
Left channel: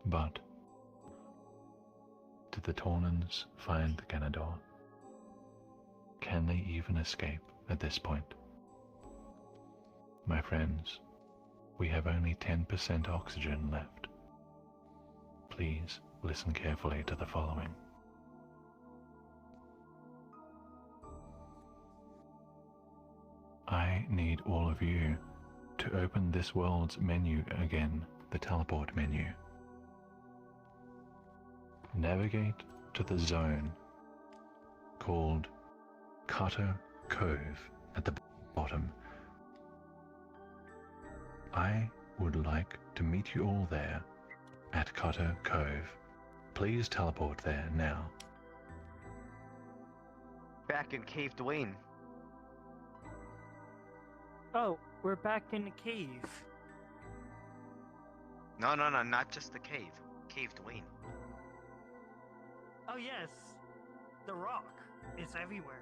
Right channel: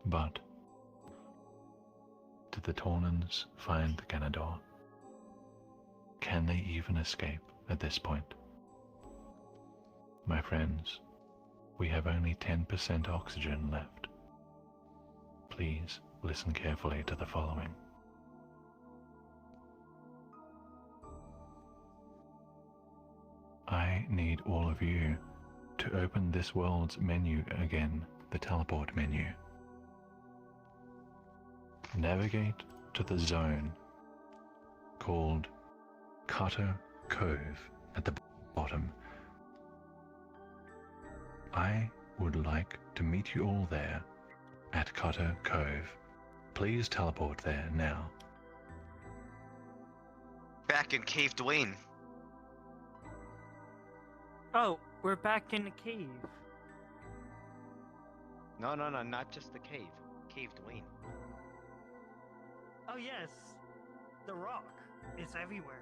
But did the Taunans find the Ganador? Can they even escape at this point? My friends, we have only 10% oxygen left. Please listen carefully to the following. I need all of you to open this world's menu again, the teleport menu. Navigate to the zone called Cutter Cove at the bottom. I would like to meet you all there at Cutter Cove. Please teleport there now. Back in Cave Dwayne. Oh, we're back in the cave. No, not just the cave. Cave Dwayne. Oh yes, the rock. It's everywhere.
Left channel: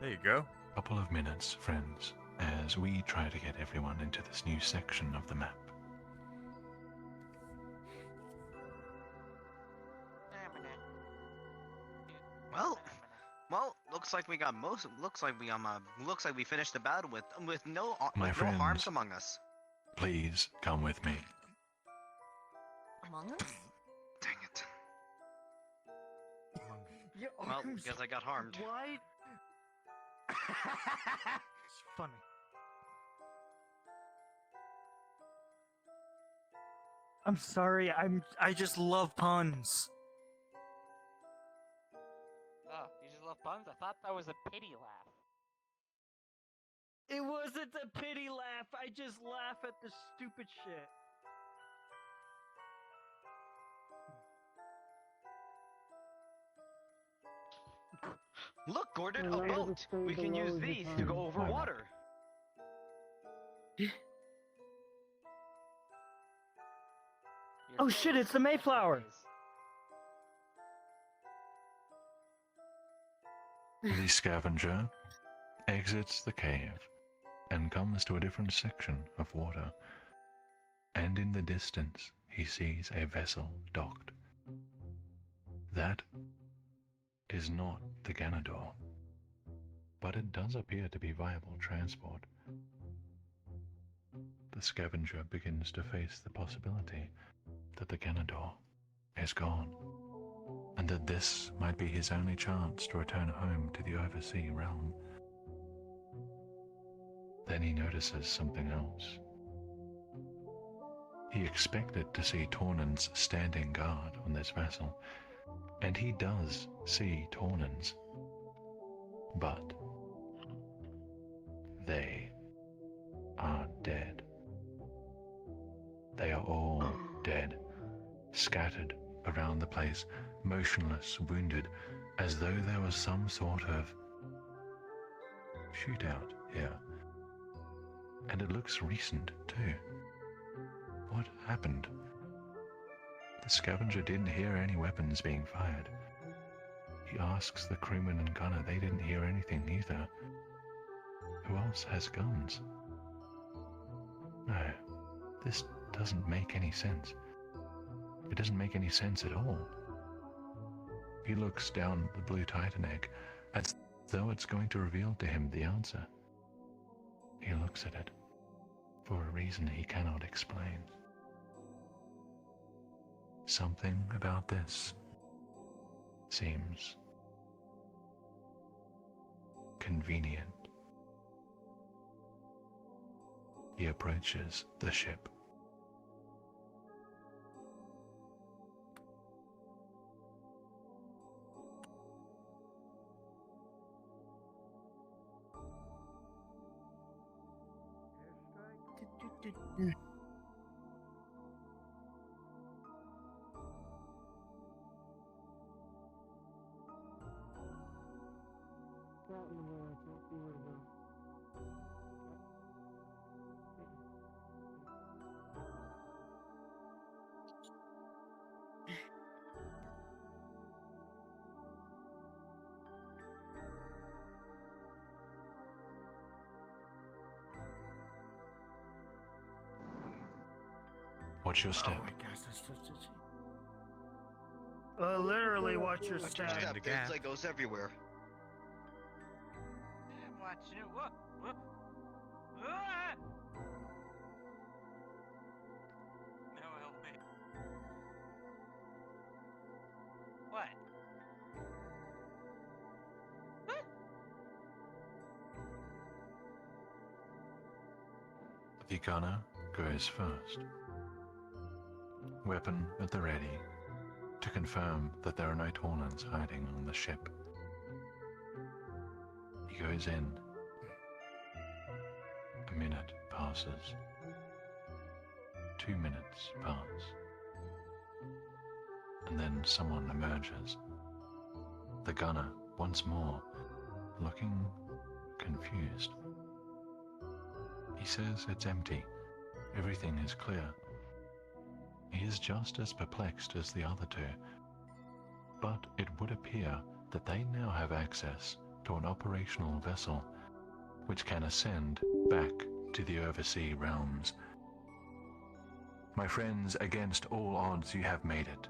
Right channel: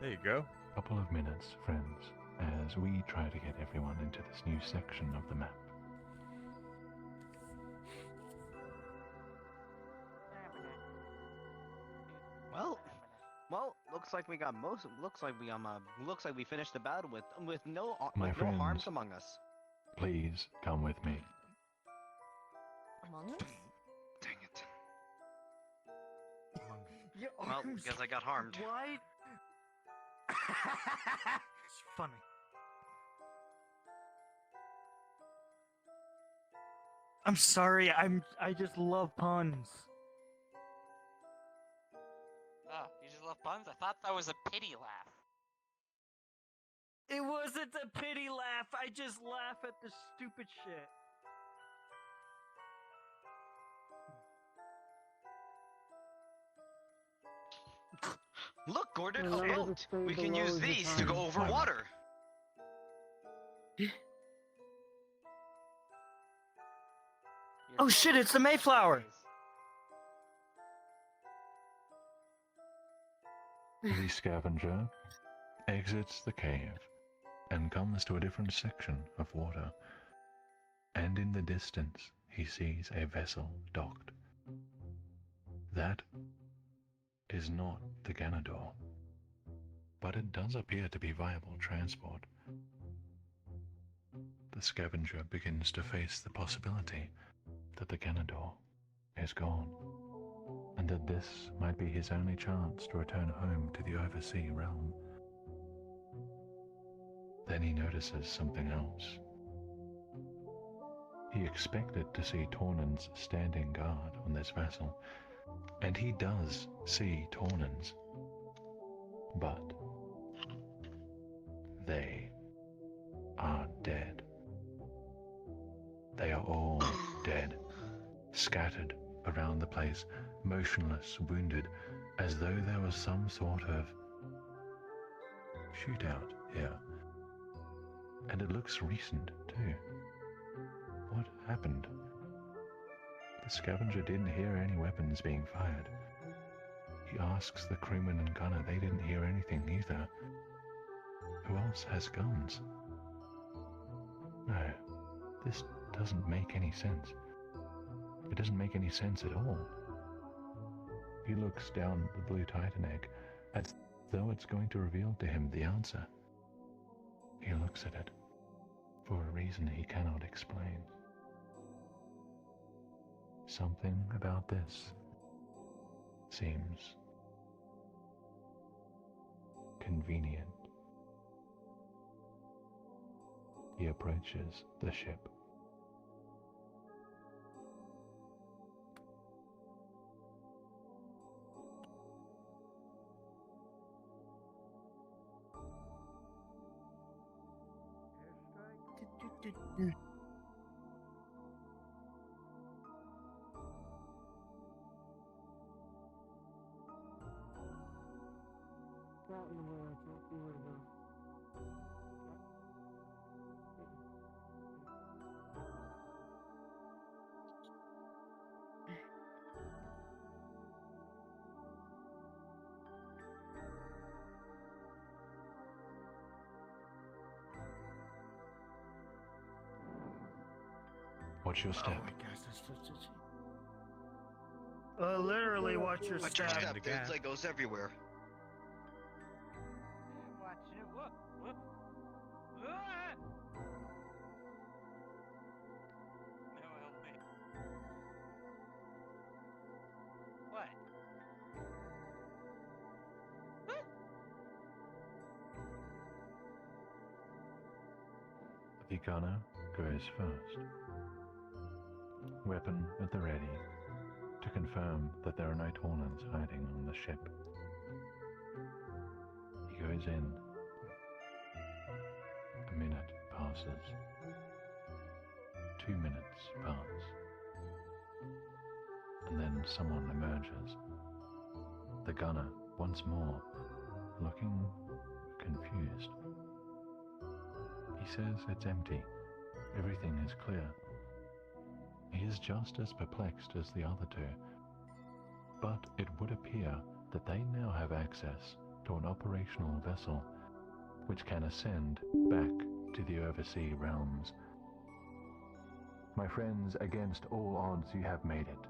There you go. Couple of minutes, friends, as we try to get everyone into this new section of the map. Well, looks like we got most. Looks like we finished the battle with no My with no harms friends, among us. please come with me. Among us? Dang it. Your Well, arms guess I got harmed. wide. It's funny. I'm sorry. I just love puns. Oh, you just love puns? I thought that was a pity laugh. It wasn't a pity laugh. I just laugh at the stupid shit. Look, Gordon, a boat. We can use these to go over water. Oh shit! It's the Mayflower. The scavenger exits the cave and comes to a different section of water, and in the distance he sees a vessel docked. That is not the Ganador, but it does appear to be viable transport. The scavenger begins to face the possibility that the Ganador is gone, and that this might be his only chance to return home to the oversea realm. Then he notices something else. He expected to see Tornans standing guard on this vessel, and he does see Tornans, but they are dead. They are all dead, scattered around the place, motionless, wounded, as though there was some sort of shootout here. And it looks recent, too. What happened? The scavenger didn't hear any weapons being fired. He asks the crewman and gunner, they didn't hear anything either. Who else has guns? No, this doesn't make any sense. It doesn't make any sense at all. He looks down at the blue Titan egg as though it's going to reveal to him the answer. He looks at it for a reason he cannot explain. Something about this seems convenient. He approaches the ship. Watch your step. Literally, watch your Watch your step. step. There's Legos everywhere. Watch it. Whoop. Ah! What? The gunner goes first. Weapon at the ready to confirm that there are no Tornans hiding on the ship. is in. A minute passes. 2 minutes pass. And then someone emerges. The gunner, once more, looking confused. He says it's empty. Everything is clear. He is just as perplexed as the other two. But it would appear that they now have access to an operational vessel which can ascend back to the overseas realms. My friends, against all odds you have made it.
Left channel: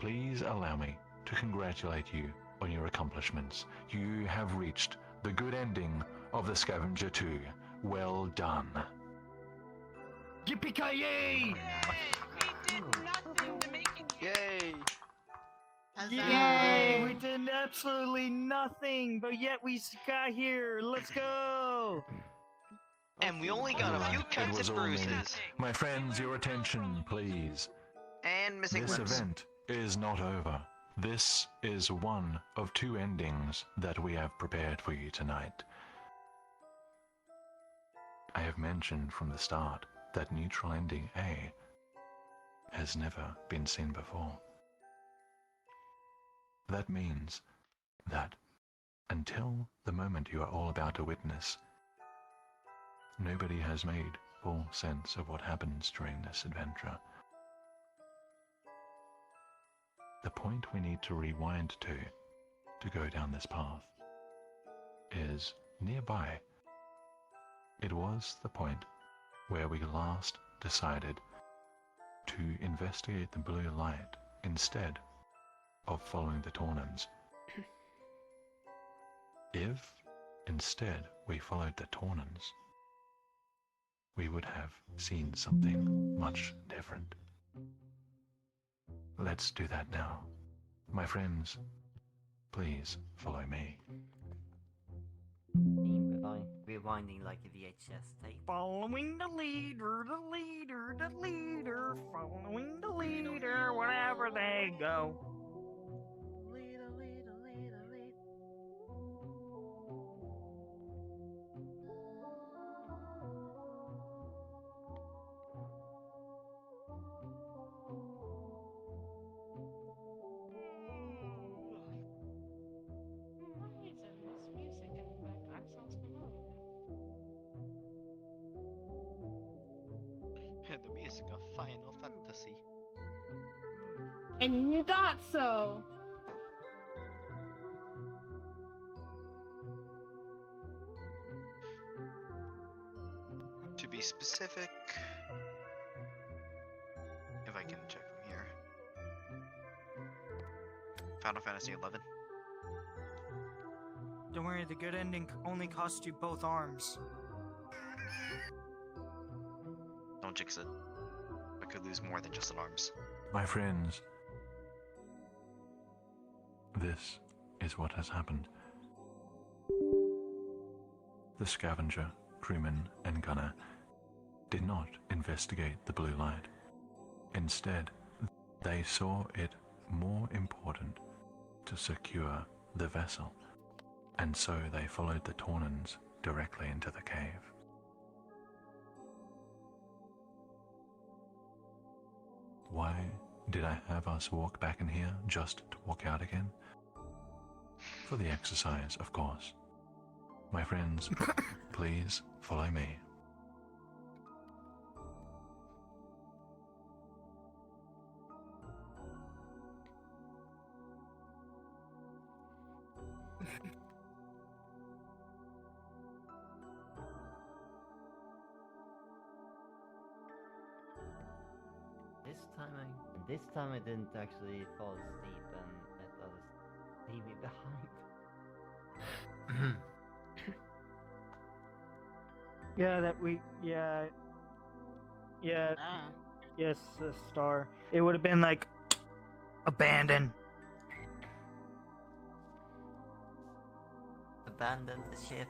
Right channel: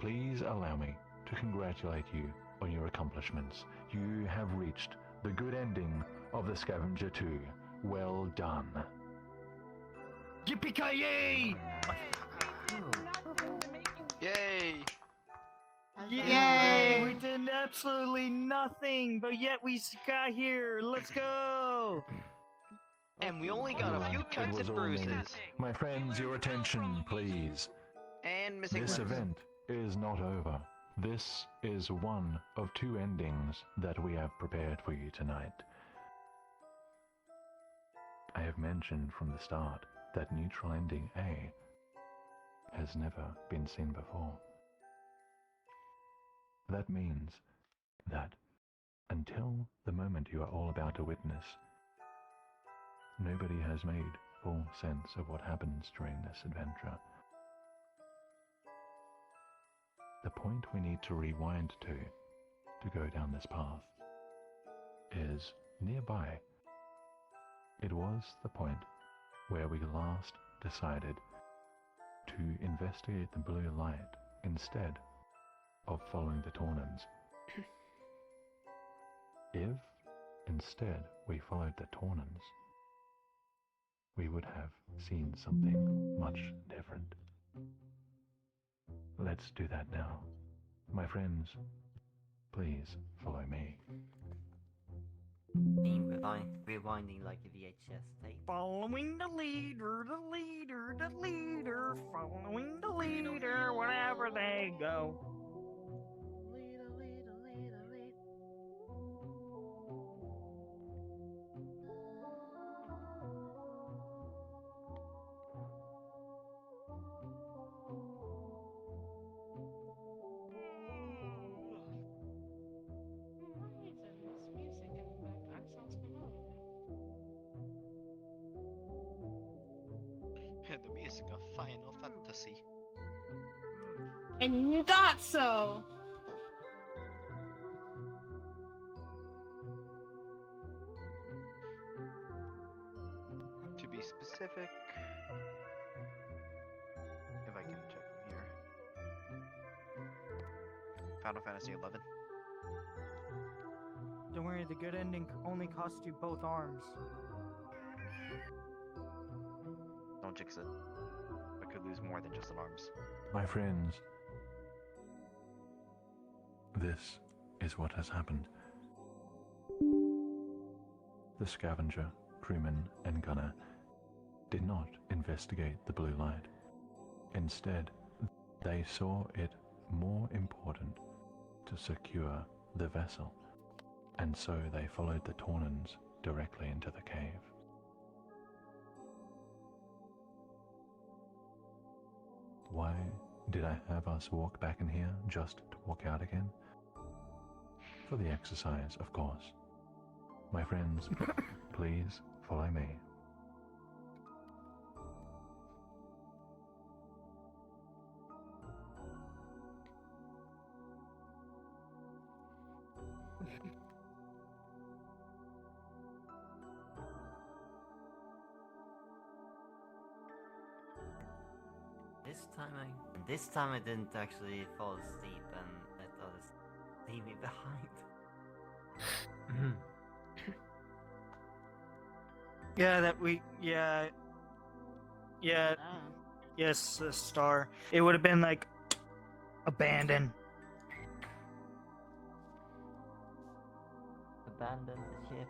Please allow me to congratulate you on your accomplishments. You have reached the good ending of the Scavenger 2. Well done. Yippee-ki-yay! Yay! Yay! We did absolutely nothing, but yet we got here. Let's go! And we only got a few It cuts was and all me. bruises. My friends, your attention, please. And missing This limbs. event is not over. This is one of 2 endings that we have prepared for you tonight. I have mentioned from the start that neutral ending A has never been seen before. That means that until the moment you are all about to witness, nobody has made full sense of what happens during this adventure. The point we need to rewind to go down this path is nearby. It was the point where we last decided to investigate the blue light instead of following the Tornans. If instead we followed the Tornans, we would have seen something much different. Let's do that now. My friends, please follow me. Rewinding like a VHS tape. Following the leader, following the leader, wherever they go. The music of Final Fantasy. And not so. To be specific, if I can check from here, Final Fantasy 11. Don't worry, the good ending only cost you both arms. Don't jinx it. I could lose more than just an arms. My friends, this is what has happened. The Scavenger, crewman, and gunner did not investigate the blue light. Instead, they saw it more important to secure the vessel, and so they followed the Tornans directly into the cave. Why did I have us walk back in here just to walk out again? For the exercise, of course. My friends, please follow me. This time I didn't actually fall asleep and let others leave me behind. Yes, Star. It would have been like abandoned. Abandon the ship.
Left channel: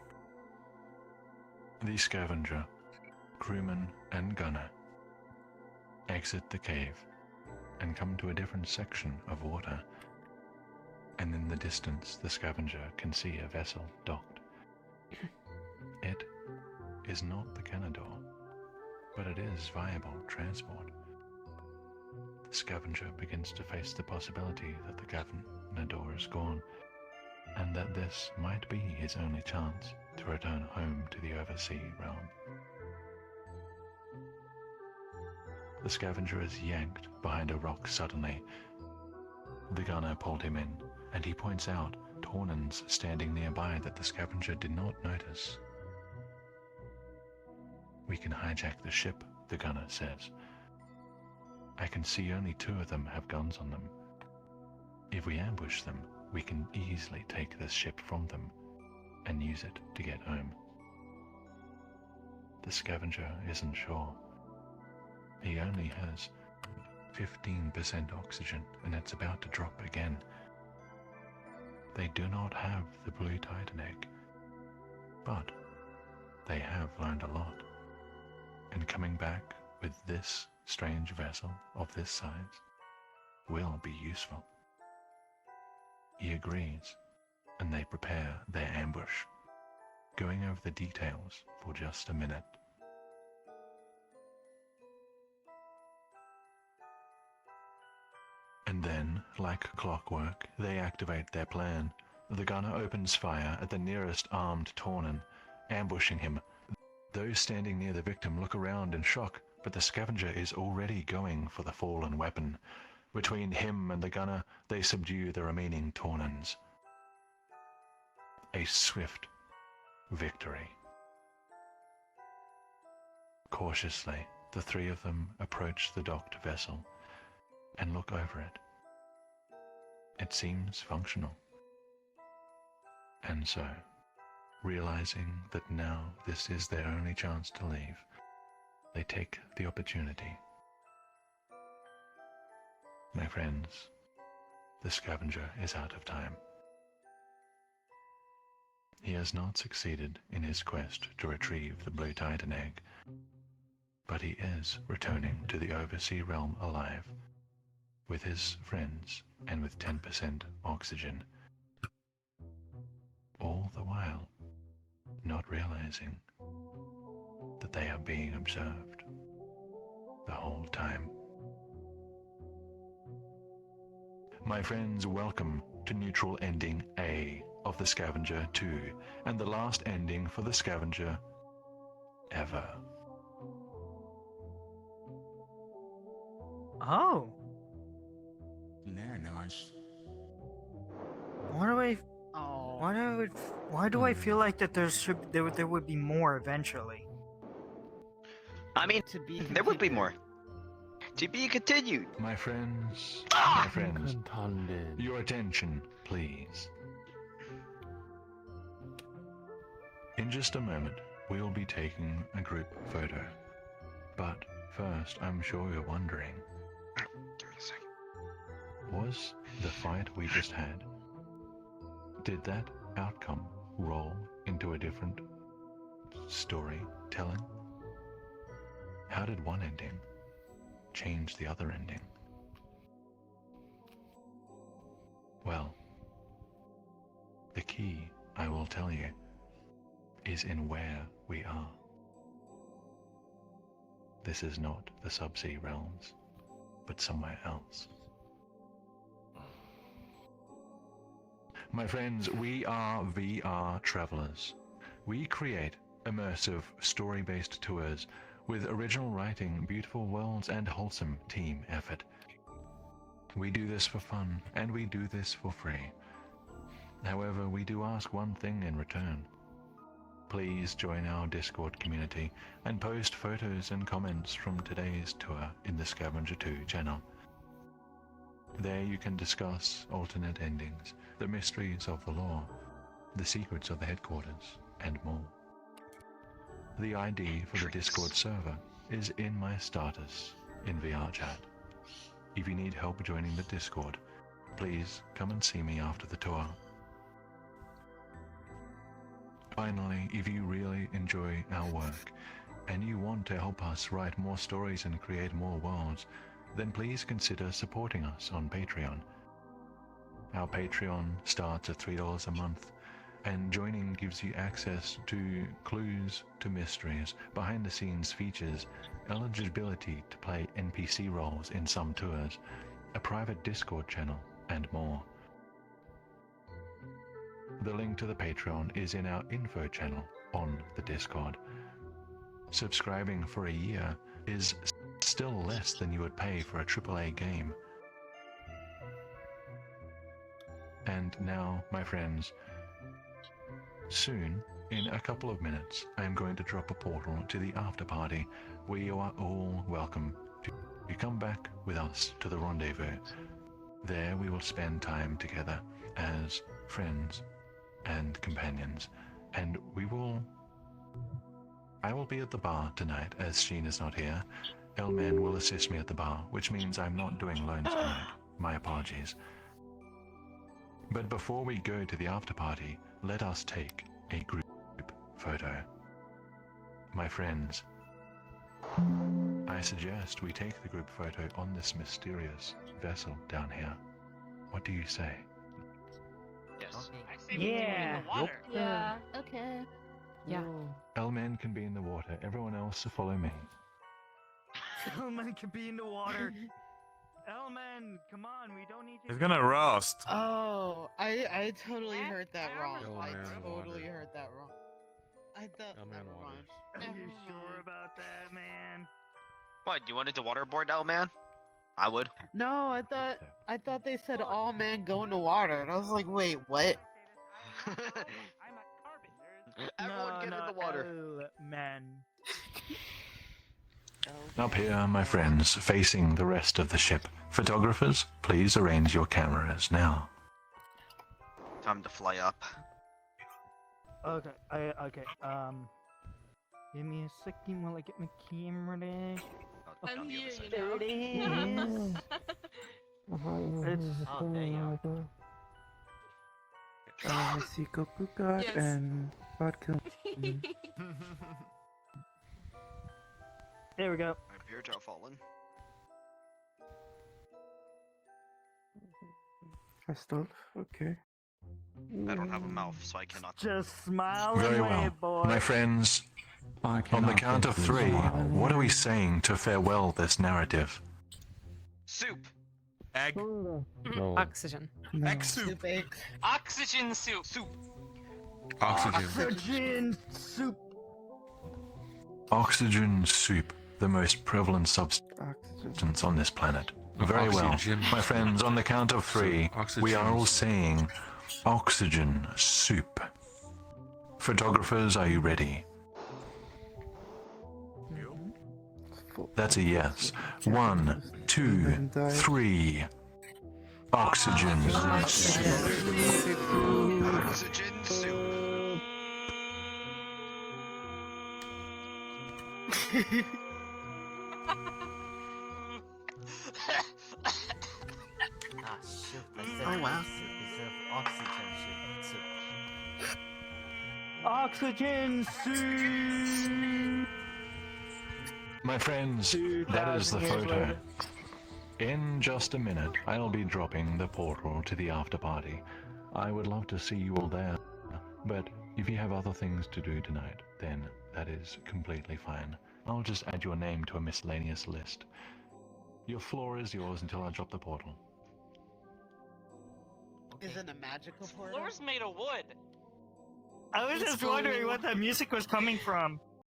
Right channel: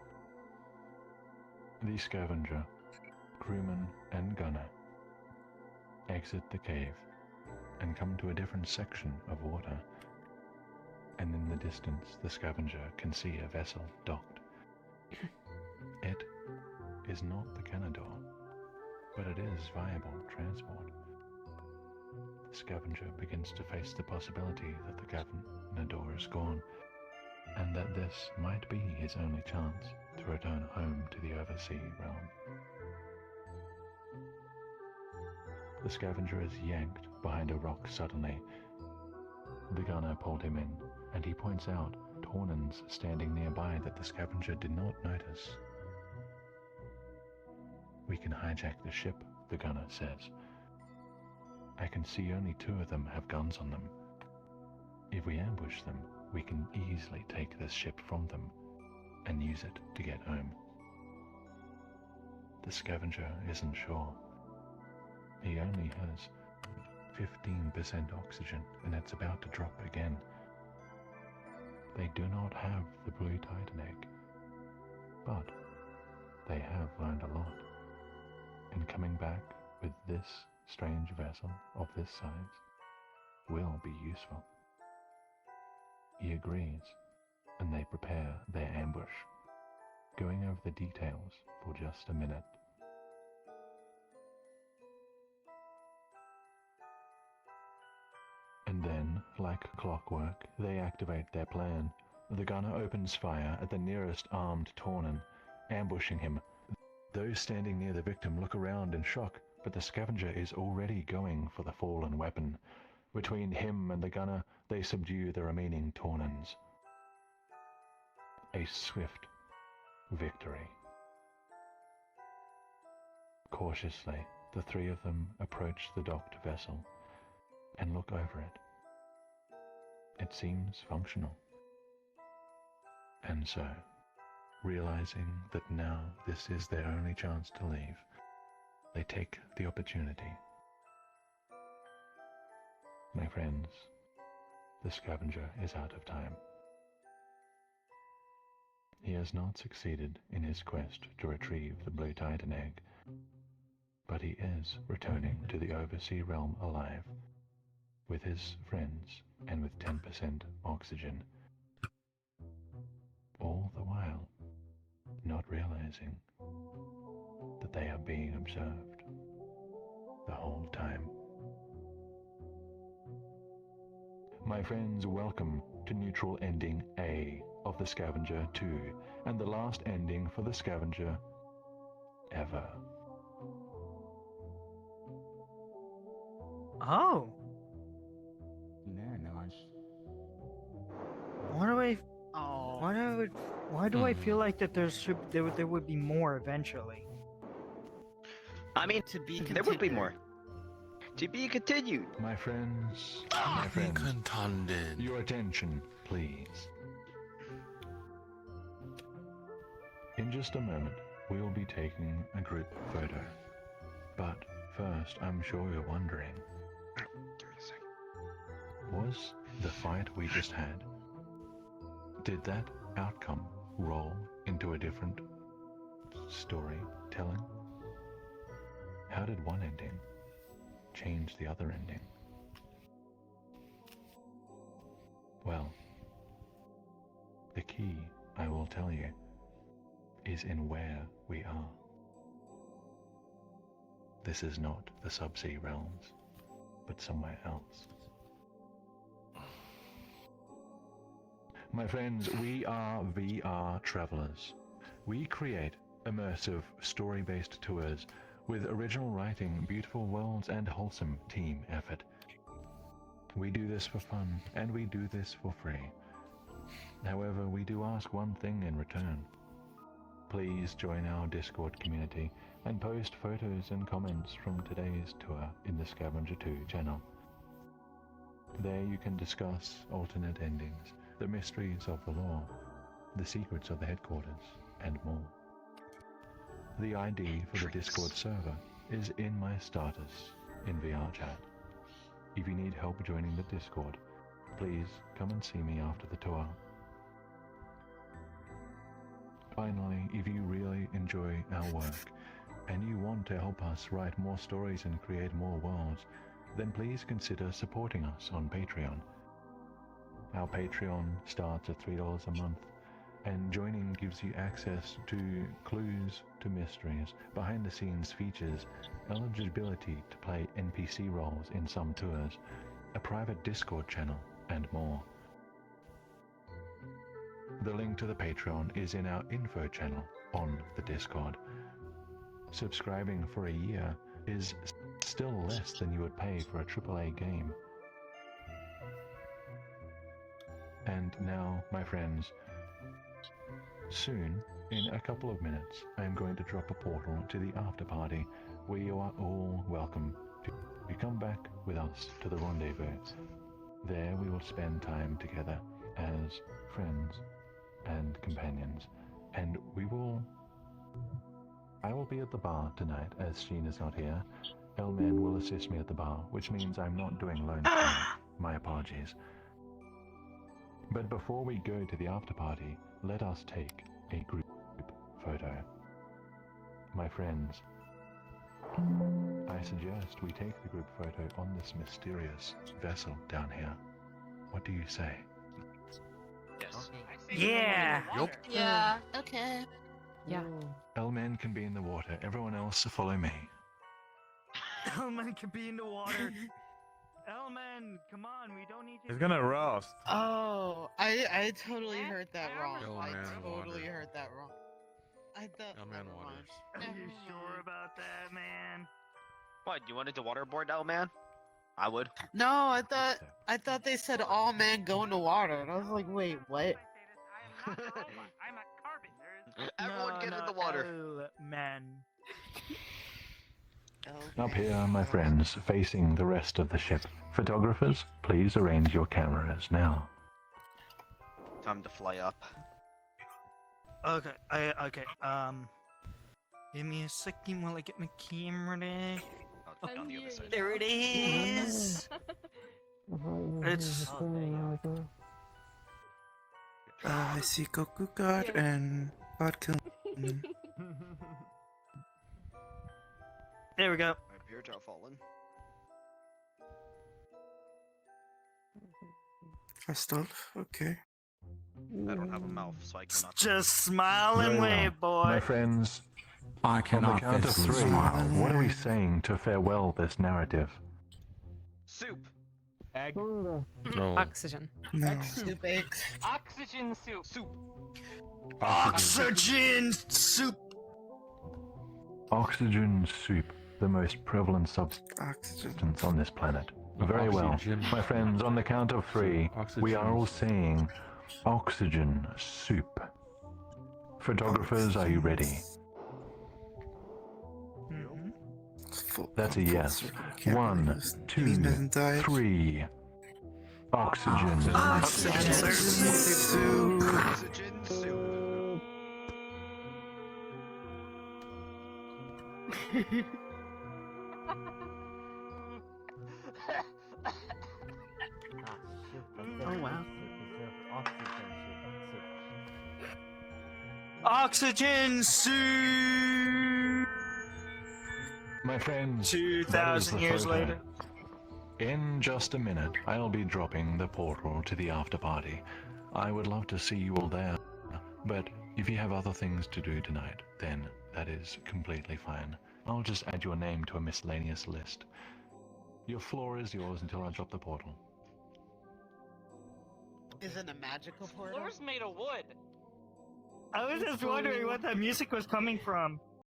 The Scavenger, crewman, and gunner exit the cave and come to a different section of water. And in the distance, the Scavenger can see a vessel docked. It is not the Canador, but it is viable transport. The Scavenger begins to face the possibility that the Canador is gone, and that this might be his only chance to return home to the oversea realm. The Scavenger is yanked behind a rock suddenly. The gunner pulled him in, and he points out Tornans standing nearby that the Scavenger did not notice. We can hijack the ship, the gunner says. I can see only 2 of them have guns on them. If we ambush them, we can easily take this ship from them and use it to get home. The Scavenger isn't sure. He only has 15% oxygen, and it's about to drop again. They do not have the blue Titan egg, but they have learned a lot. And coming back with this strange vessel of this size will be useful. He agrees, and they prepare their ambush, going over the details for just a minute. And then, like clockwork, they activate their plan. The gunner opens fire at the nearest armed Tornan, ambushing him. Those standing near the victim look around in shock, but the Scavenger is already going for the fallen weapon. Between him and the gunner, they subdue the remaining Tornans. A swift victory. Cautiously, the 3 of them approach the docked vessel and look over it. It seems functional. And so, realizing that now this is their only chance to leave, they take the opportunity. My friends, the Scavenger is out of time. He has not succeeded in his quest to retrieve the blue Titan egg, but he is returning to the oversea realm alive, with his friends and with 10% oxygen. All the while, not realizing that they are being observed the whole time. My friends, welcome to neutral ending A of the Scavenger 2, and the last ending for the Scavenger ever. Oh. Very nice. Why do I feel like that there would be more eventually? I mean, there would be more. To be continued. My friends, your attention, please. In just a moment, we'll be taking a group photo. But first, I'm sure you're wondering, was the fight we just had, did that outcome roll into a different storytelling? How did one ending change the other ending? Well, the key, I will tell you, is in where we are. This is not the subsea realms, but somewhere else. My friends, we are VRTravellers. We create immersive, story-based tours with original writing, beautiful worlds, and wholesome team effort. We do this for fun, and we do this for free. However, we do ask one thing in return. Please join our Discord community and post photos and comments from today's tour in the Scavenger 2 channel. There you can discuss alternate endings, the mysteries of the lore, the secrets of the headquarters, and more. The ID for the Discord server is in my status in VRChat. If you need help joining the Discord, please come and see me after the tour. Finally, if you really enjoy our work and you want to help us write more stories and create more worlds, then please consider supporting us on Patreon. Our Patreon starts at $3 a month, and joining gives you access to clues to mysteries, behind-the-scenes features, eligibility to play NPC roles in some tours, a private Discord channel, and more. The link to the Patreon is in our info channel on the Discord. Subscribing for a year is still less than you would pay for a AAA game. And now, my friends, soon, in a couple of minutes, I am going to drop a portal to the after party where you are all welcome to come back with us to the rendezvous. There we will spend time together as friends and companions, and I will be at the bar tonight as Sheen is not here. Elman will assist me at the bar, which means I'm not doing lone squad. My apologies. But before we go to the after party, let us take a group photo. My friends, I suggest we take the group photo on this mysterious vessel down here. What do you say? Yes. Yeah. Yeah, okay. Yeah. Elman can be in the water. Everyone else follow me. Elman can be in the water. Elman, come on, we don't need you. It's gonna rust. Oh, I totally heard that wrong. Oh, I man, totally water. heard that wrong. I thought. Oh, man, Never mind. Are Never you mind. sure about that, man? What, you wanted to waterboard now, man? I would. No, I thought they said all men go in the water, and I was like, wait, what? Everyone get in the water. Man. Up here, my friends, facing the rest of the ship. Photographers, please arrange your cameras now. Time to fly up. Okay, give me a second while I get my camera ready. On the other side. There it is. It's I see Goku God and God kill. there we go. My beards are falling. First off, okay. I don't have a mouth, so I cannot. Just smile Very and well. wave, boy. My friends, I on the cannot count of guess three, this. what are we saying to farewell this narrative? Soup. Egg. No. Oxygen. No. Soup eggs. Oxygen soup. Soup. Oxygen soup. Oxygen soup, the most prevalent substance on this planet. Very Oxygen. well. My friends, on the count of three, we are all saying oxygen soup. Photographers, are you ready? That's a yes. 1, 2, 3. Oxygen. Oxygen soup. Oxygen soup. Oh wow. Oxygen soup. My friends, that is the 2,000 years photo. later. In just a minute, I'll be dropping the portal to the after party. I would love to see you all there, but if you have other things to do tonight, then that is completely fine. I'll just add your name to a miscellaneous list. Your floor is yours until I drop the portal. Is it a magical portal? Floor's made of wood. I was just wondering what that music was coming from.